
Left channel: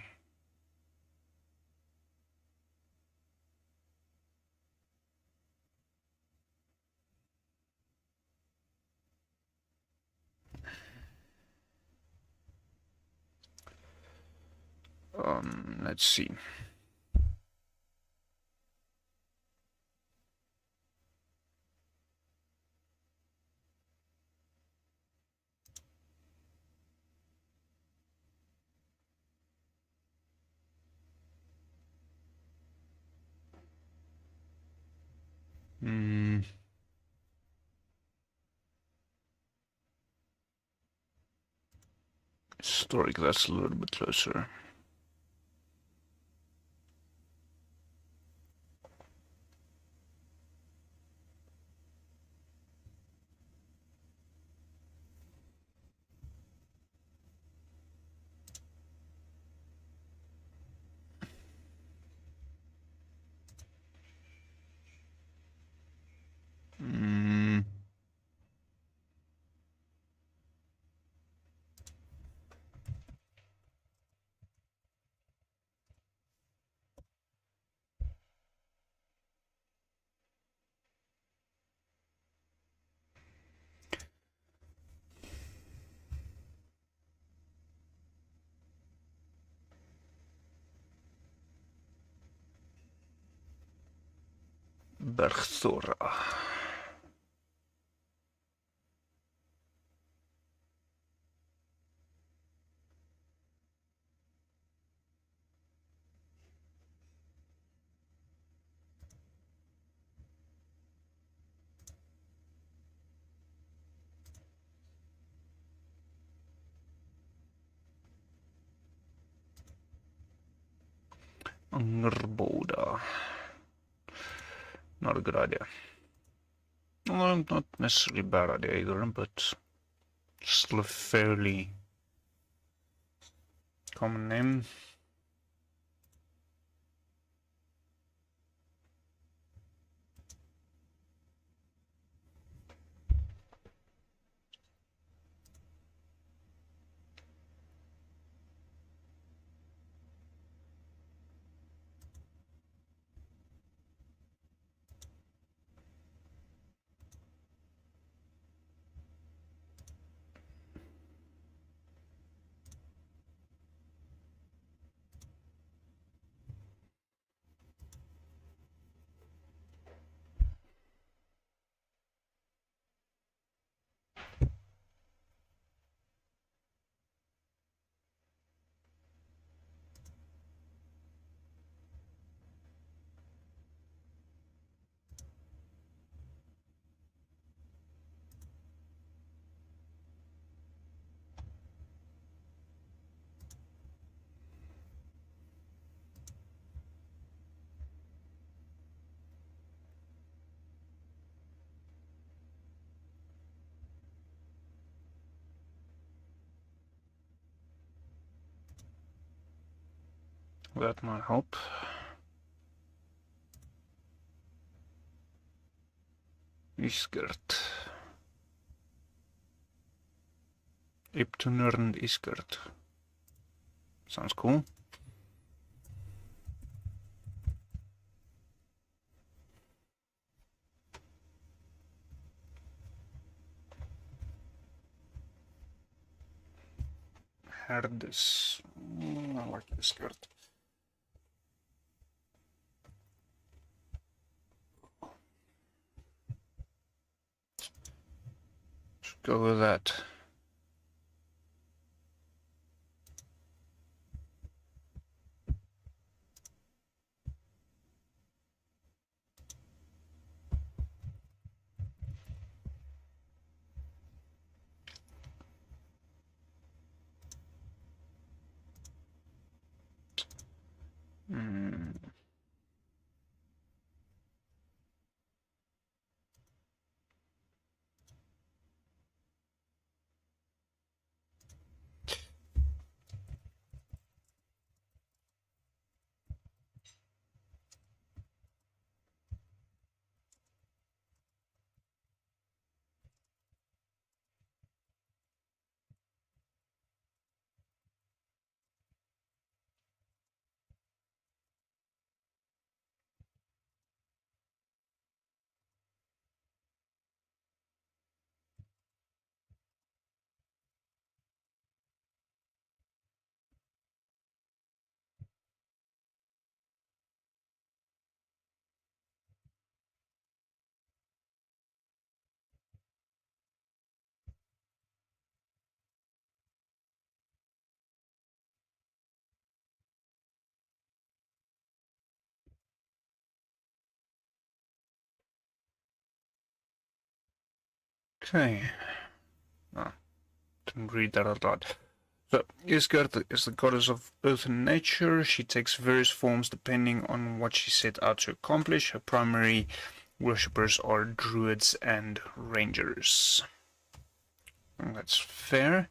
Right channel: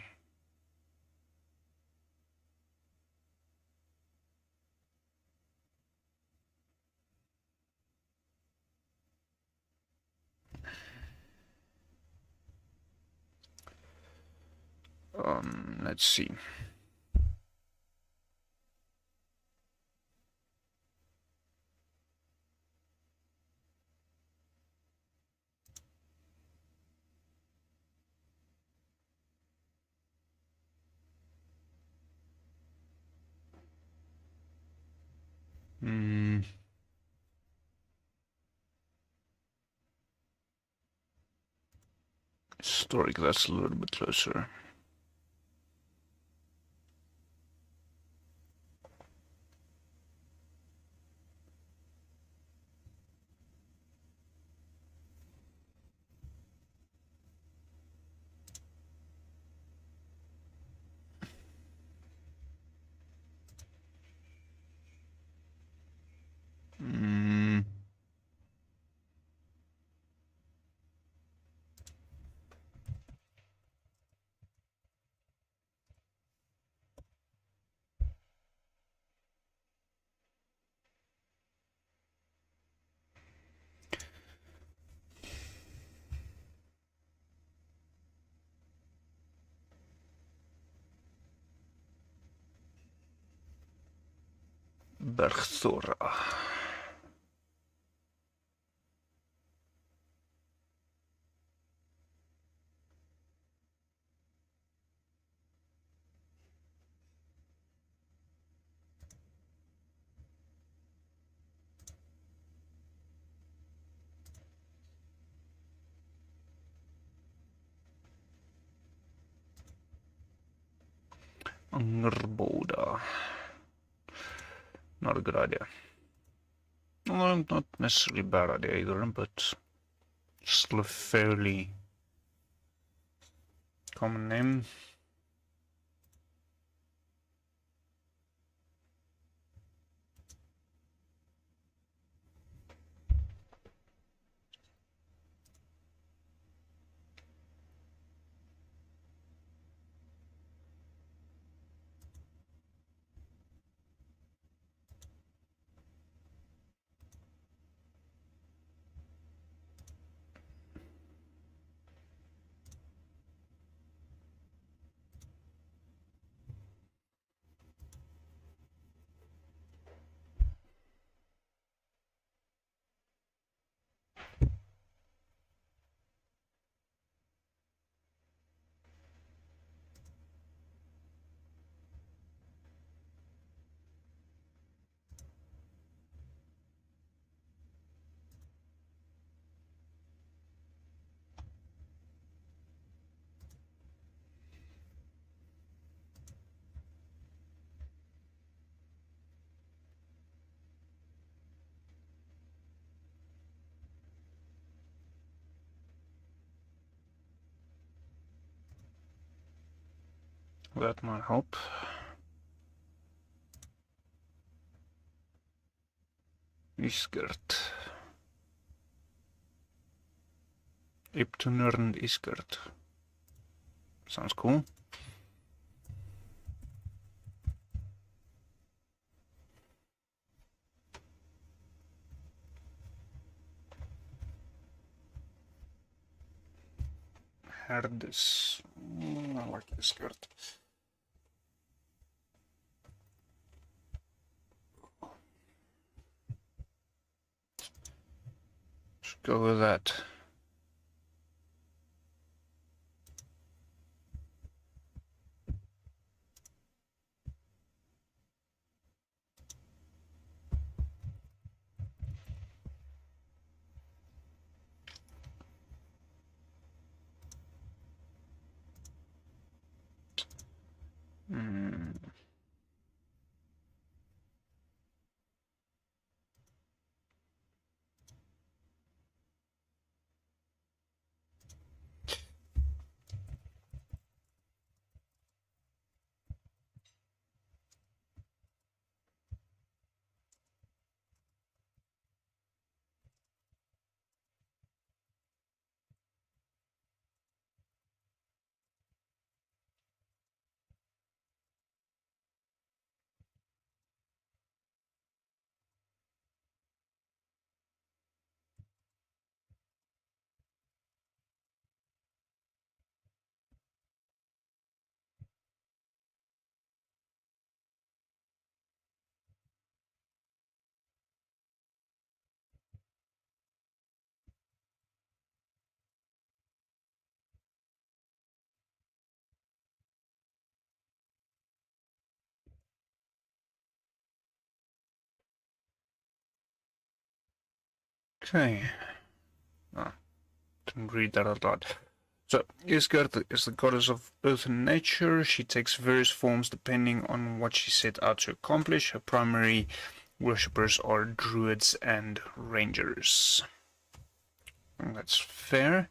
Let's see. Historic, that's a little bit closer. Bergthora. Angerboda. Not a good idea. Well, not necessarily a bad idea either, but still a fairly common name. That might help. Iskert. Iptunurnd Iskert. Sounds cool. Herdis. I like Iskert. Let's go with that. Okay. No, didn't read that out loud. So, Isgard is the goddess of earth and nature. She takes various forms depending on what she set out to accomplish. Her primary worshippers are druids and rangers. And that's fair.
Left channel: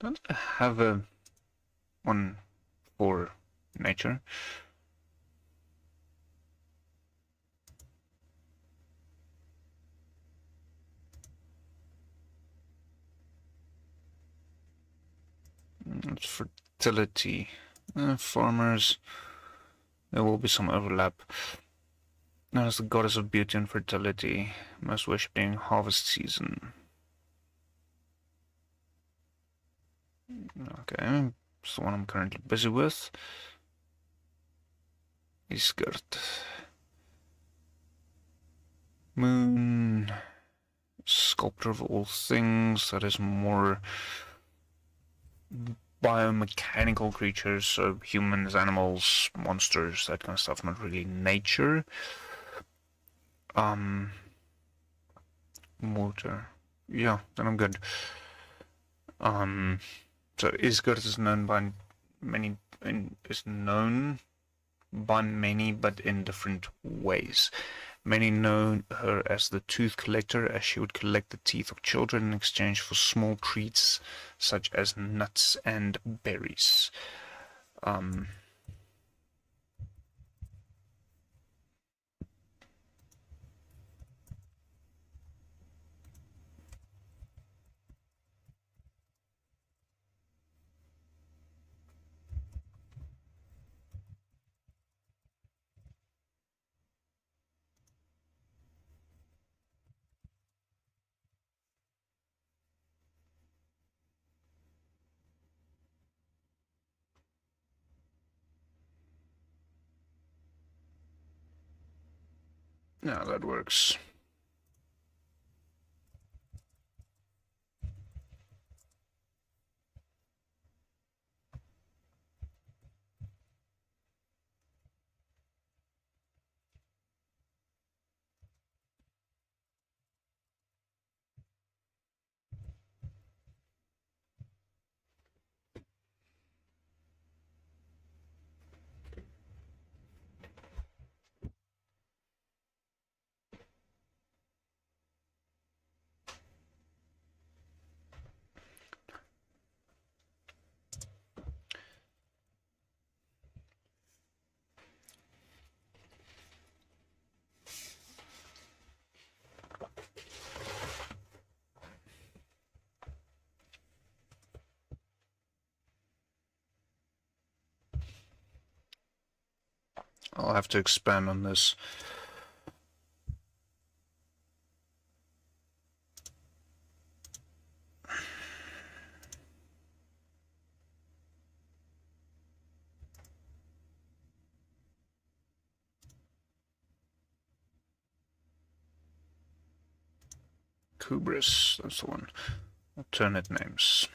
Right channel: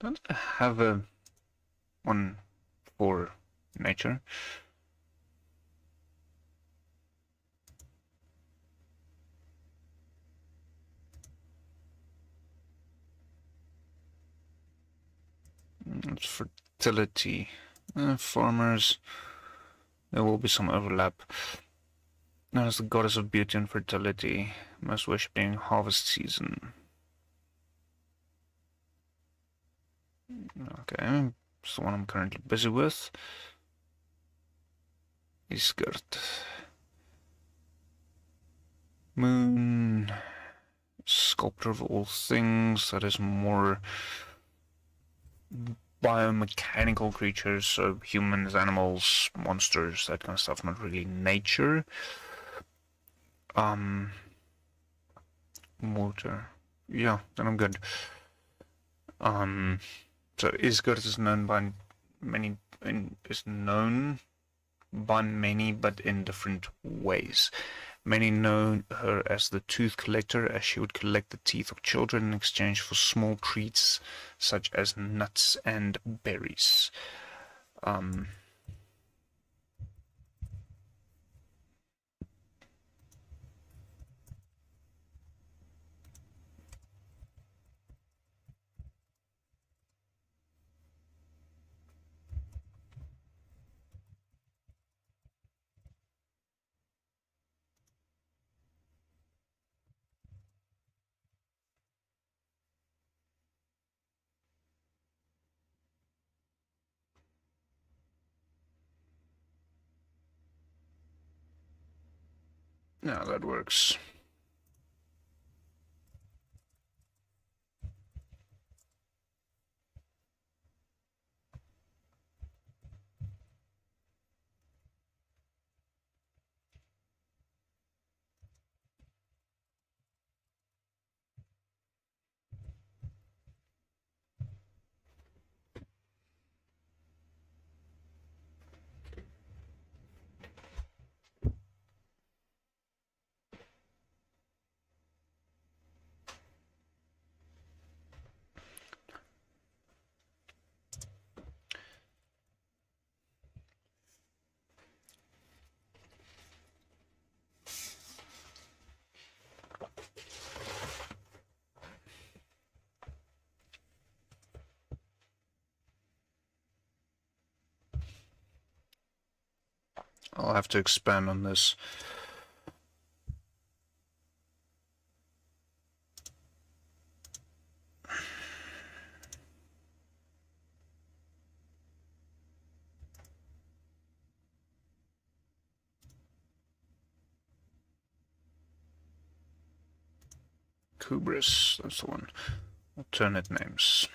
Don't I have a one for nature? It's fertility. Farmers, there will be some overlap. Now is the goddess of beauty and fertility, most wish being harvest season. Okay, it's the one I'm currently busy with. Iskert. Moon. Sculptor of all things, that is more biomechanical creatures, so humans, animals, monsters, that kind of stuff, not really nature. Water. Yeah, then I'm good. So Isgard is known by many, but in different ways. Many know her as the tooth collector, as she would collect the teeth of children in exchange for small treats such as nuts and berries. Yeah, that works. I'll have to expand on this. Kubris, that's the one. Alternate names.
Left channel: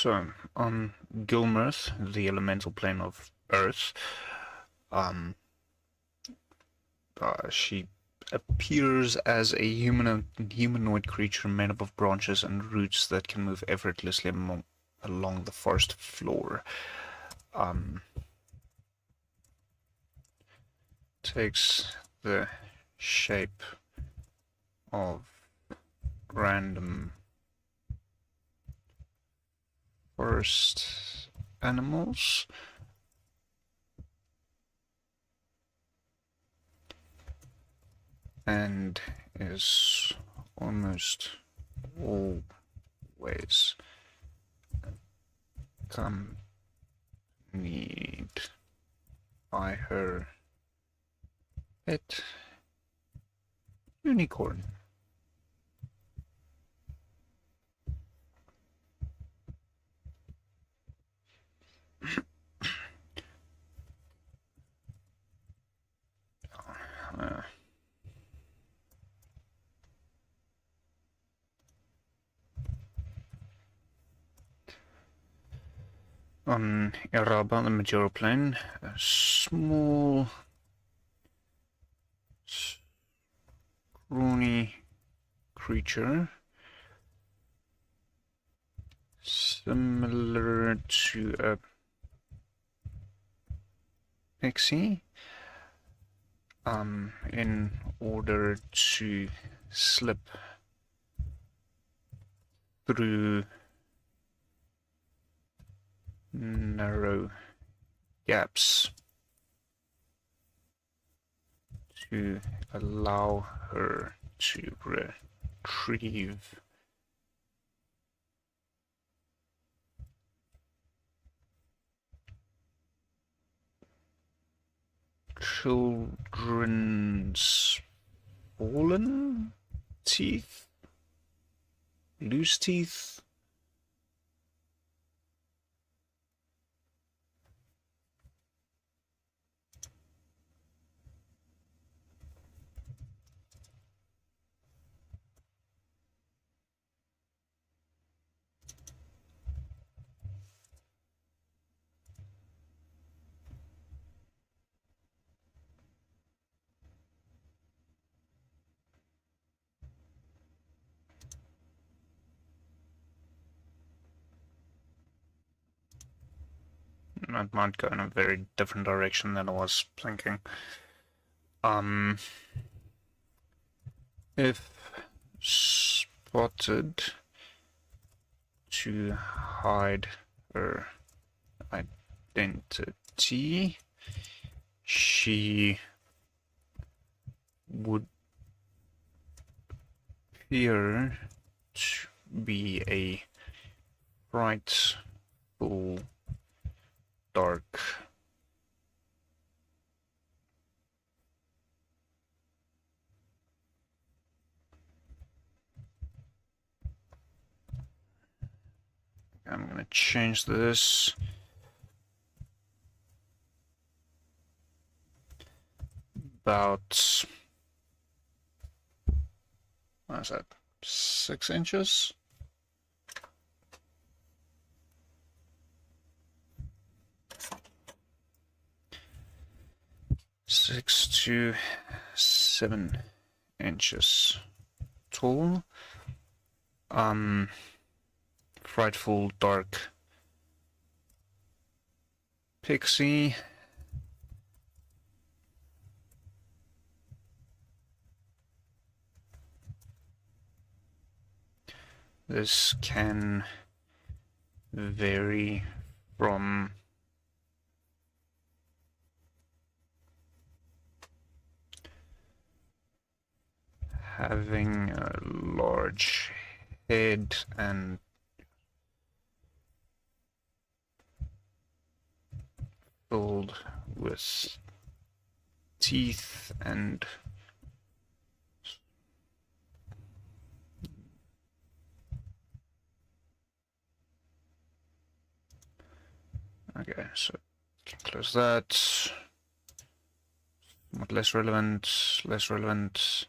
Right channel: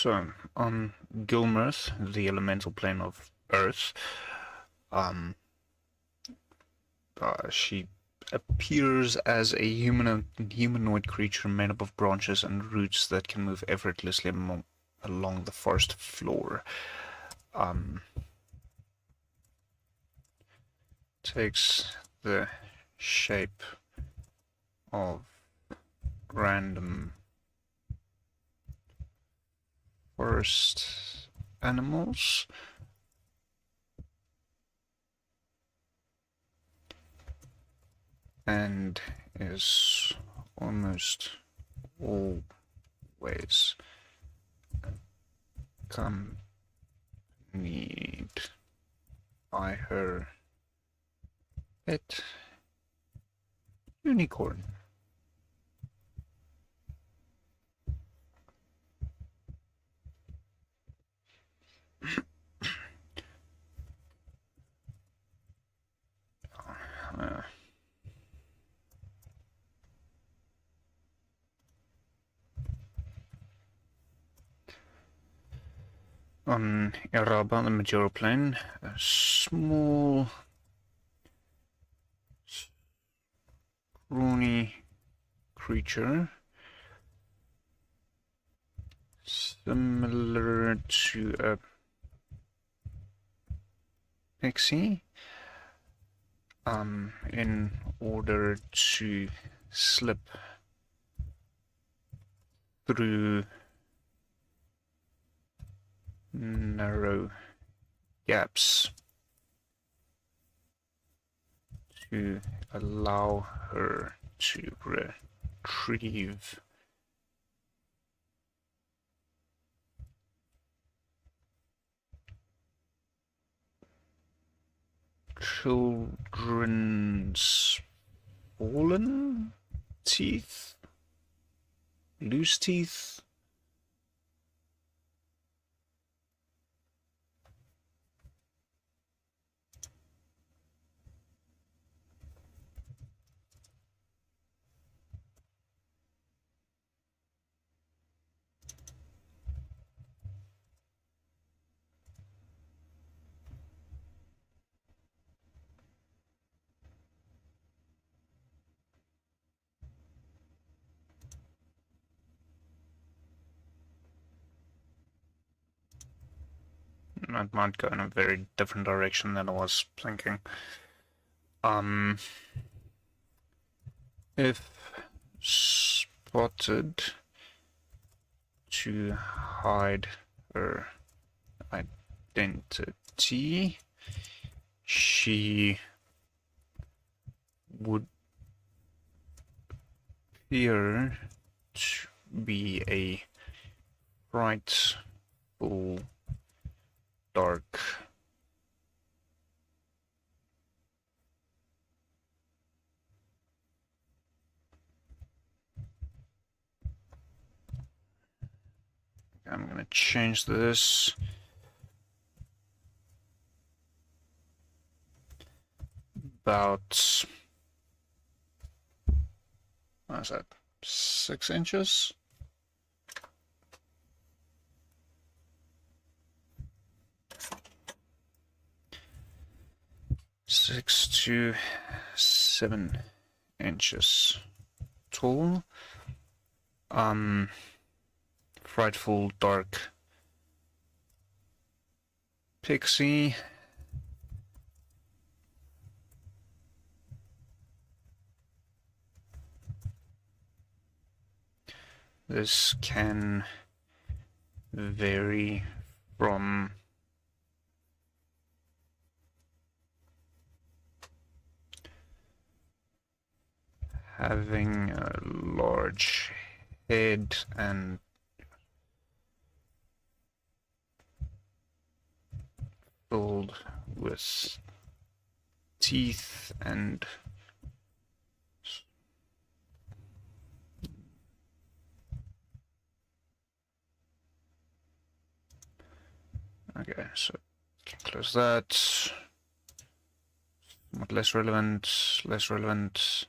So, on Gilmirth, the elemental plane of Earth, she appears as a humanoid creature made up of branches and roots that can move effortlessly along the forest floor. Takes the shape of random forest animals. And is almost always accompanied by her pet unicorn. On Iraba, the Majora plane, a small, scrawny creature, similar to a pixie, in order to slip through narrow gaps to allow her to retrieve children's fallen teeth, loose teeth. I might go in a very different direction than I was thinking. If spotted, to hide her identity, she would appear to be a frightful dark I'm going to change this about, what is that, 6 inches? Six to 7 inches tall. Frightful dark pixie. This can vary from having a large head and filled with teeth and okay, so can close that. Somewhat less relevant, less relevant.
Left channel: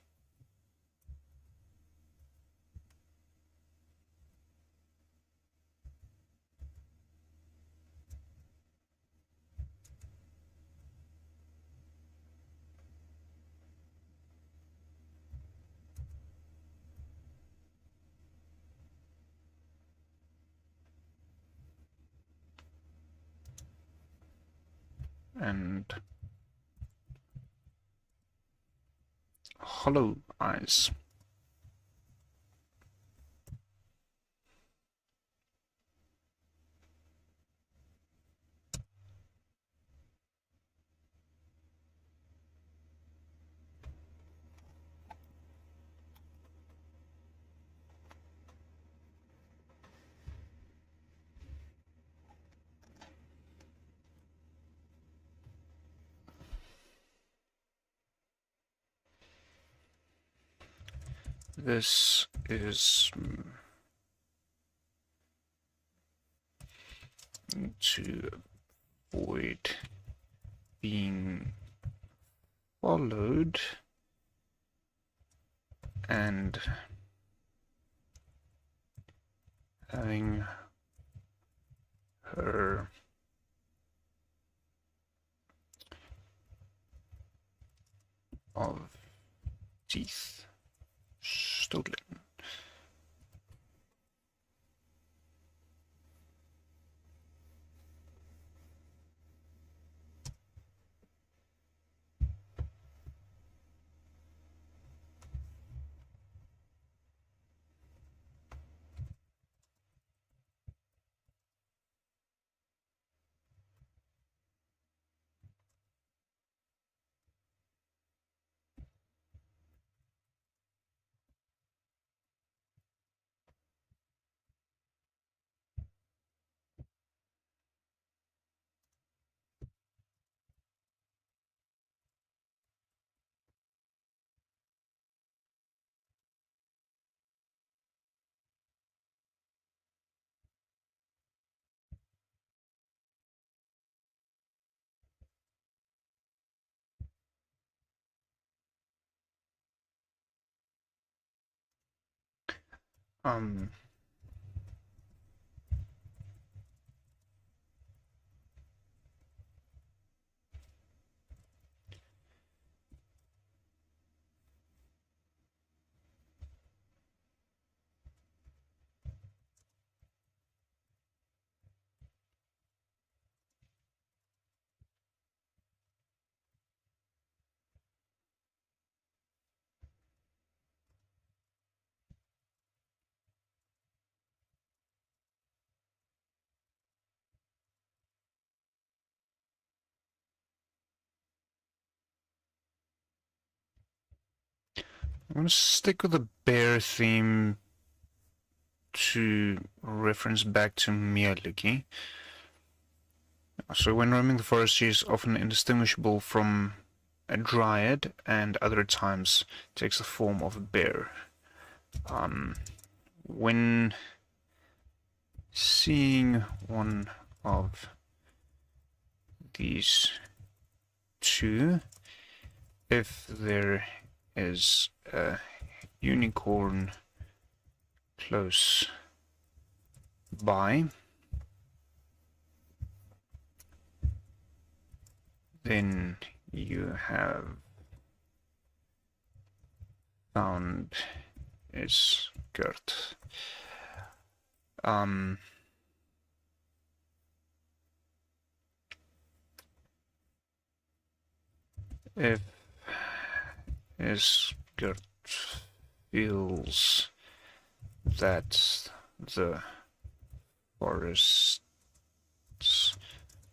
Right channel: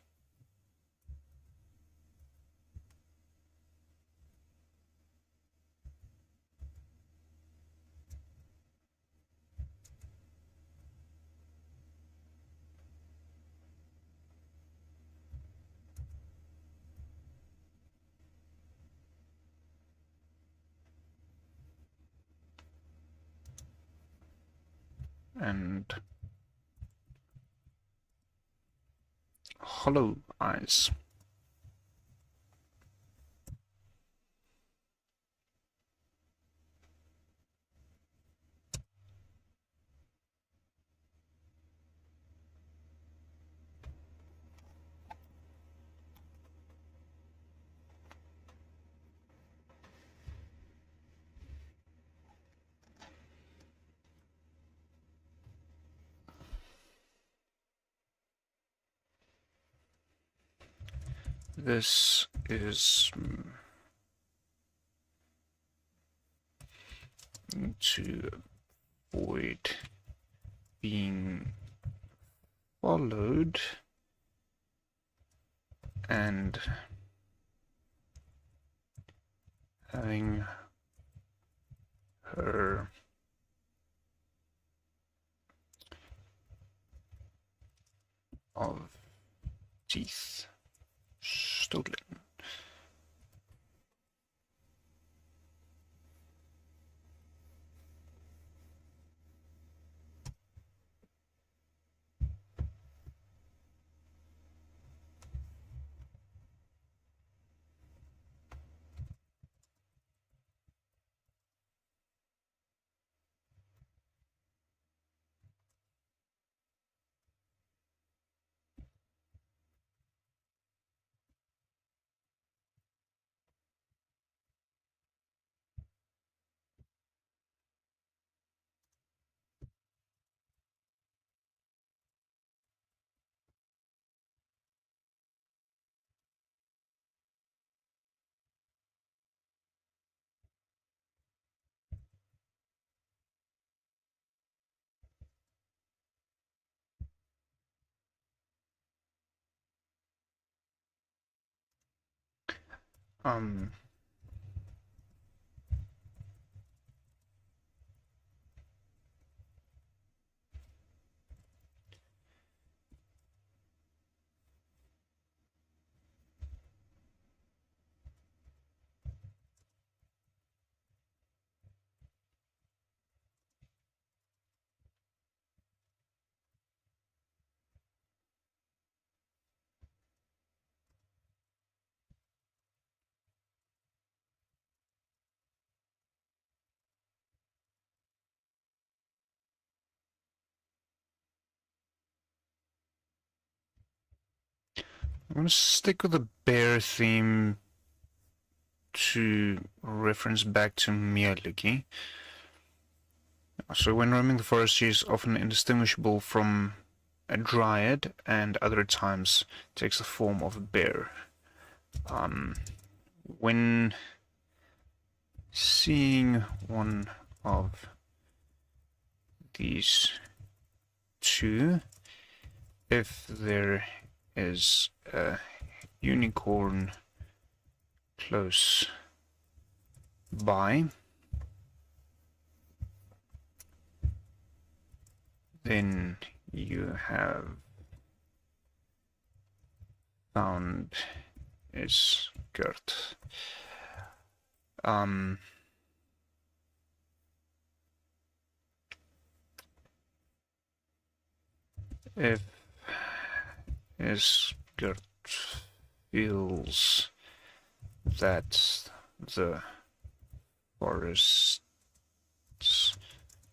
and hollow eyes. This is to avoid being followed and having her of teeth stolen. I'm going to stick with the bear theme to reference back to Miyagi. So when roaming the forest, she is often indistinguishable from a dryad, and other times takes the form of a bear. When seeing one of these two, if there is a unicorn close by, then you have found its skirt. If his skirt feels that the forests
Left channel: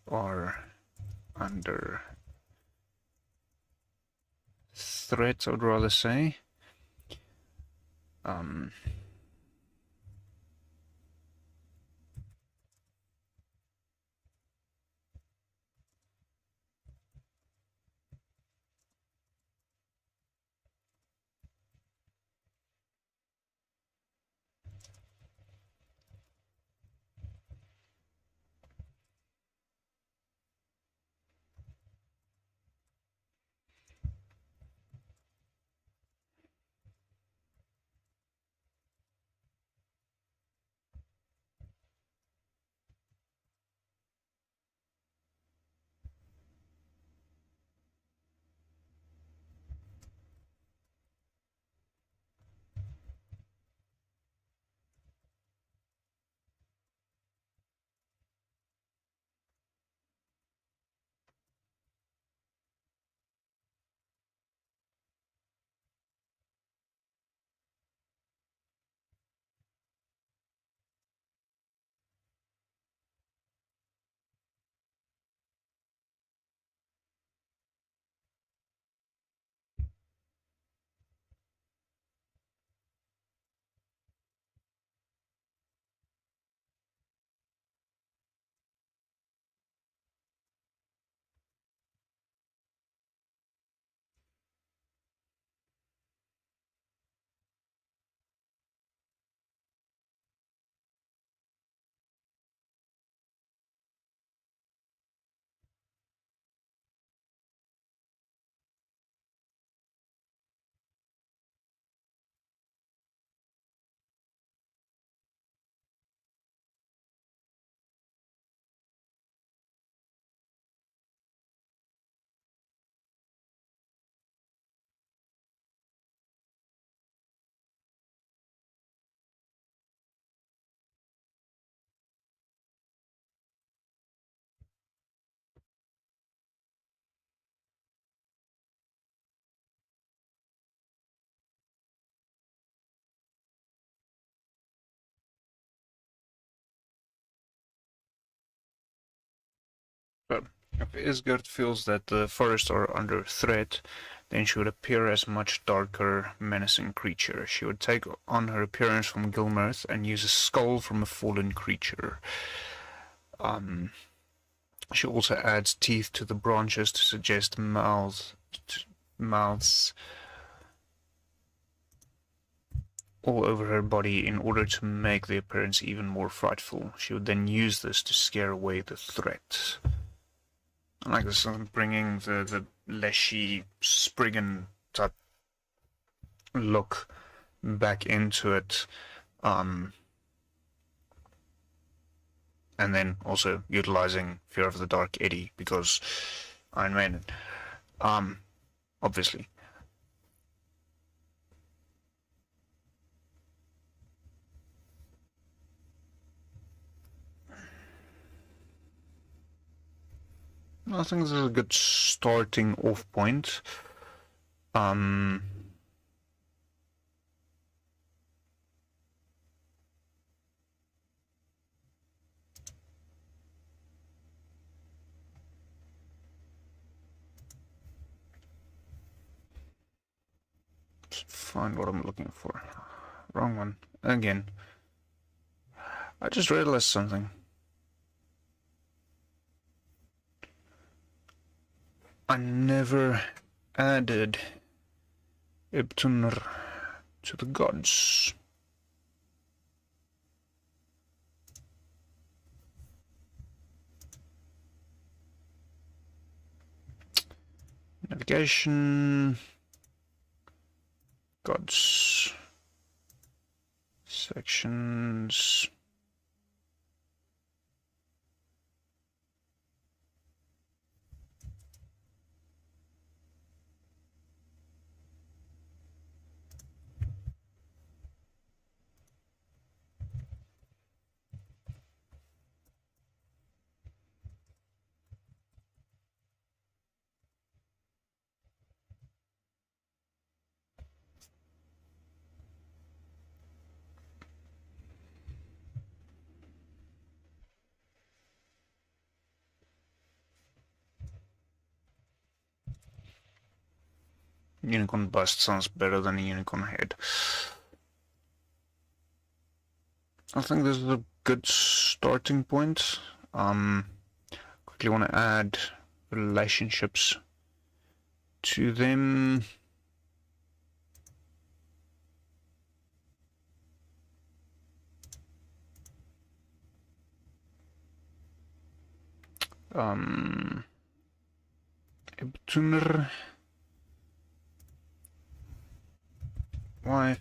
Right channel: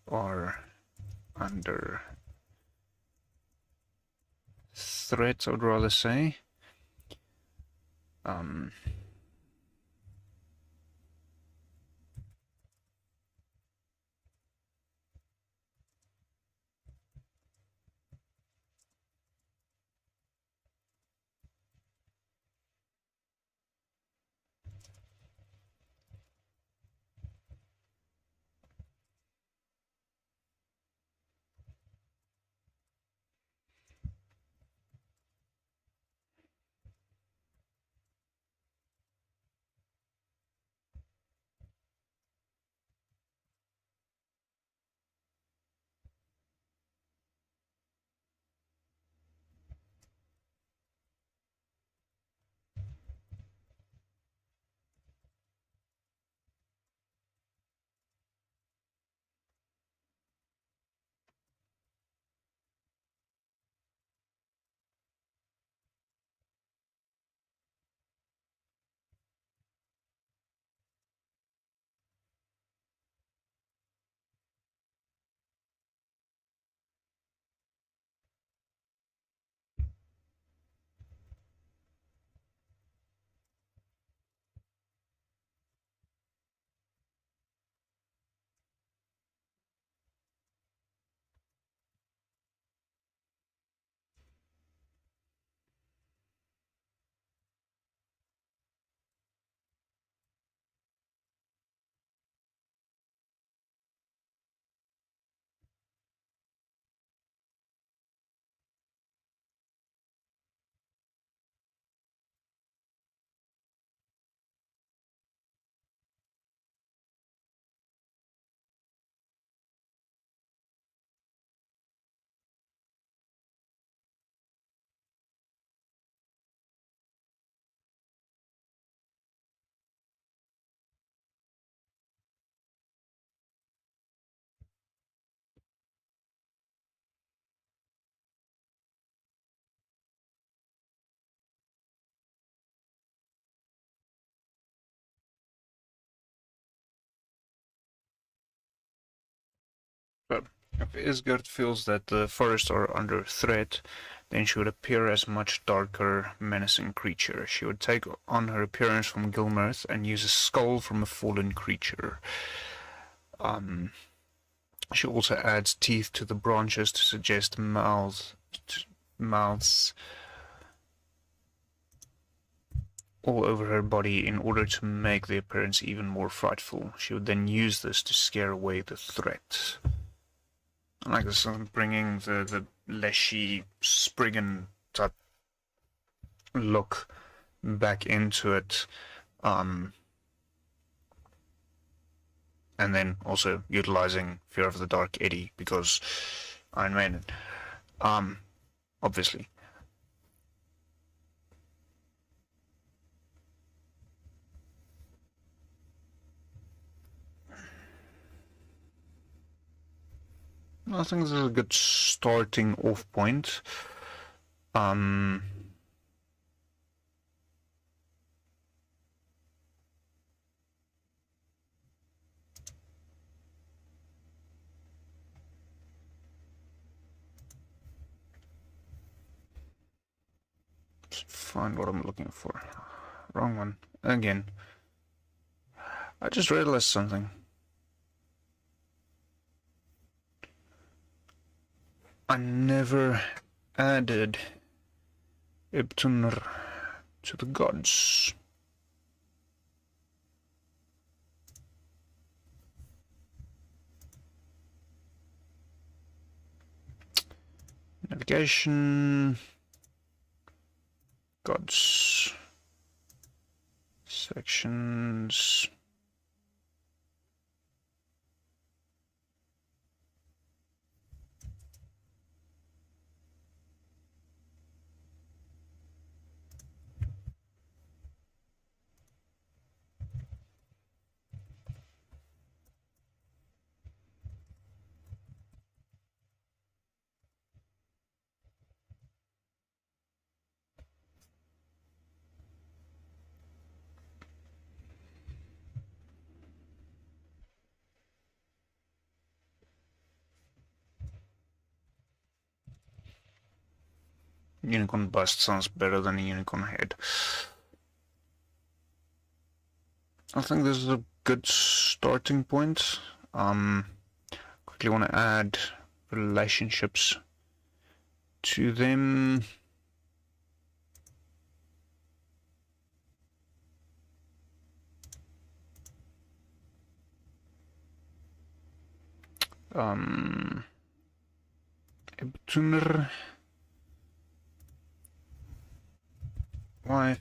are under threat, I would rather say. If Isgard feels that the forests are under threat, then she would appear as a much darker, menacing creature. She would take on her appearance from Gilmirth and use a skull from a fallen creature. She also adds teeth to the branches to suggest mouths all over her body in order to make the appearance even more frightful. She would then use this to scare away the threat. I like this, bringing the leshy, Spriggan type look back into it. And then also utilizing Fear of the Dark Eddie, because Iron Maiden. Obviously. I think this is a good starting off point. Find what I'm looking for. Wrong one. Again. I just realized something. I never added Ibtunr to the gods. Navigation, gods, sections. Unicorn bust sounds better than a unicorn head. I think this is a good starting point. Quickly want to add relationships to them. Ibtunr, wife,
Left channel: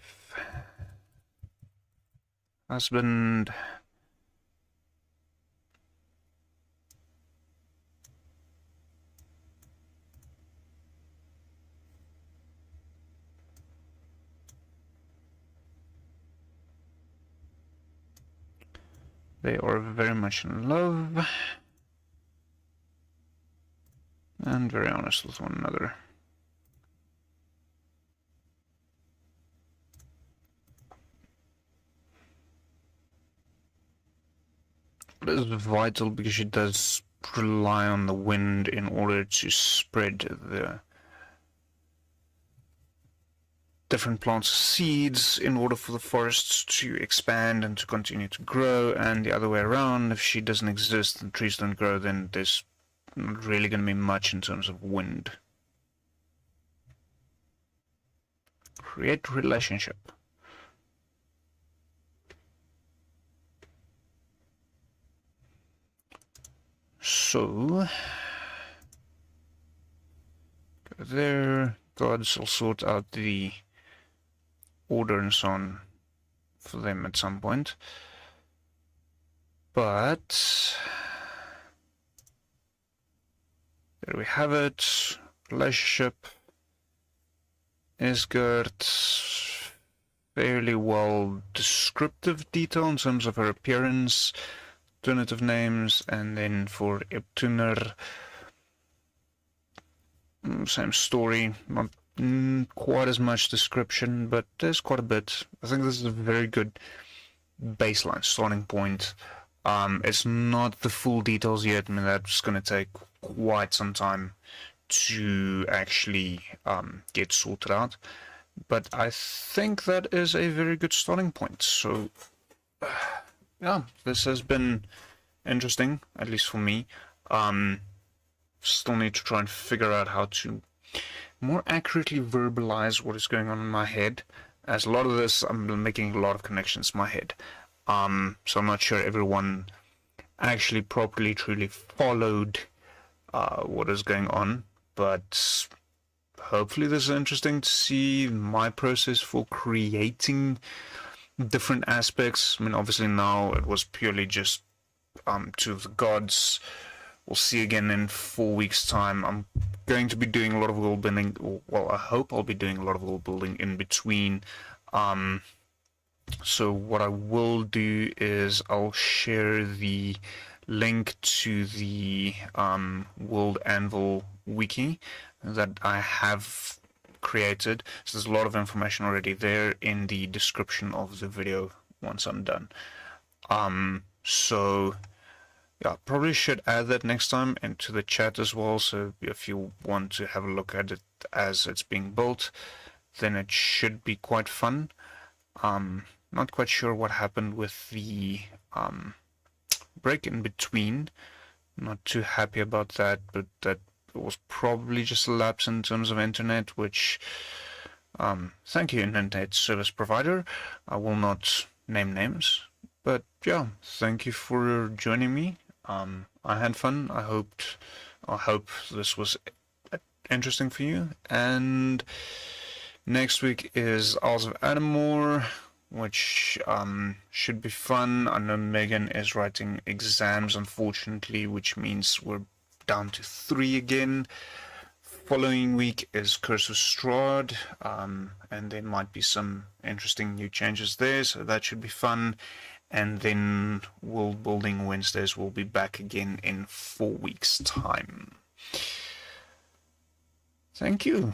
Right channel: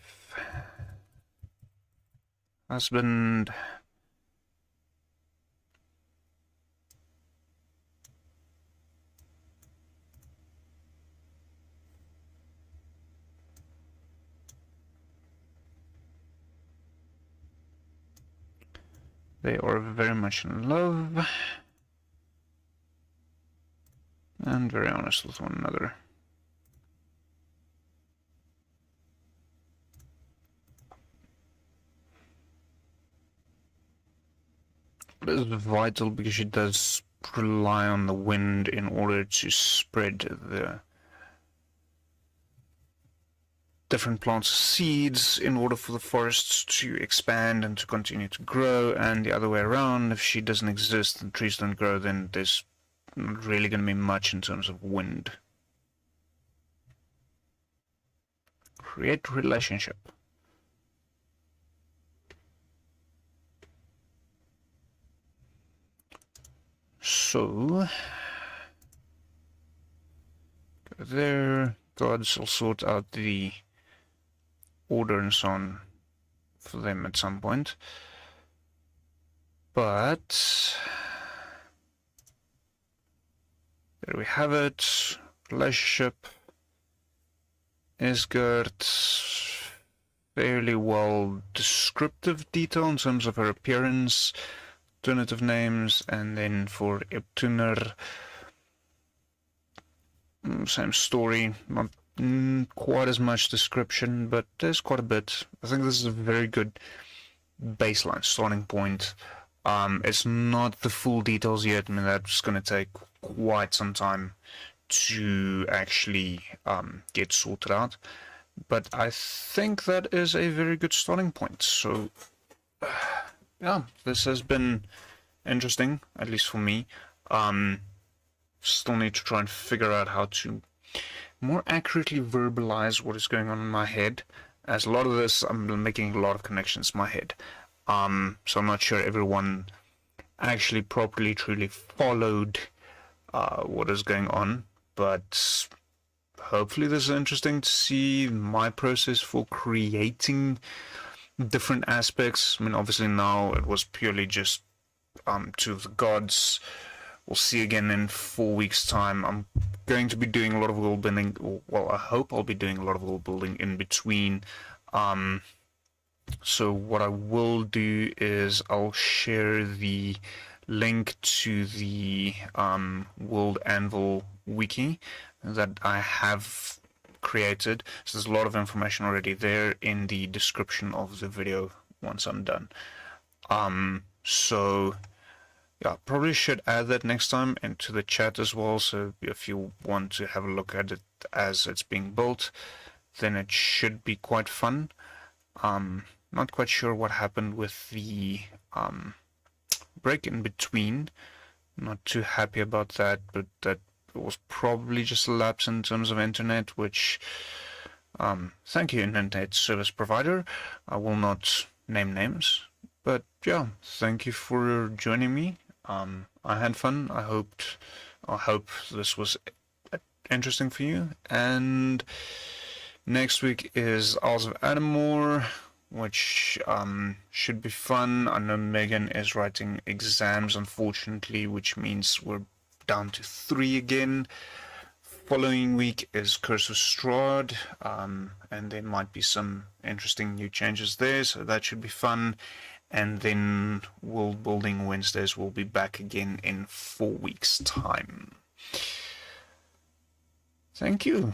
husband, they are very much in love and very honest with one another. It is vital because she does rely on the wind in order to spread the different plants' seeds in order for the forests to expand and to continue to grow, and the other way around. If she doesn't exist and trees don't grow, then there's not really going to be much in terms of wind. Create relationship. So, there, gods will sort out the order and so on for them at some point. But, there we have it. Relationship. Isgard, fairly well descriptive detail in terms of her appearance. Alternative names, and then for Ibtunr, same story, not quite as much description, but there's quite a bit. I think this is a very good baseline starting point. It's not the full details yet. I mean, that's going to take quite some time to actually get sorted out. But I think that is a very good starting point. So, yeah, this has been interesting, at least for me. Still need to try and figure out how to more accurately verbalize what is going on in my head, as a lot of this, I'm making a lot of connections in my head. So I'm not sure everyone actually properly, truly followed what is going on, but hopefully this is interesting to see my process for creating different aspects. I mean, obviously now it was purely just to the gods. We'll see again in 4 weeks' time. I'm going to be doing a lot of world building. Well, I hope I'll be doing a lot of world building in between. So what I will do is I'll share the link to the World Anvil wiki that I have created. So there's a lot of information already there in the description of the video once I'm done. So yeah, probably should add that next time into the chat as well, so if you want to have a look at it as it's being built, then it should be quite fun. Not quite sure what happened with the break in between. Not too happy about that, but that was probably just a lapse in terms of internet, which thank you, internet service provider. I will not name names, but yeah, thank you for joining me. I had fun. I hope this was interesting for you. And next week is Isles of Adamore, which should be fun. I know Megan is writing exams, unfortunately, which means we're down to 3 again. Following week is Curse of Strahd, and there might be some interesting new changes there, so that should be fun. And then World Building Wednesdays will be back again in 4 weeks' time. Thank you.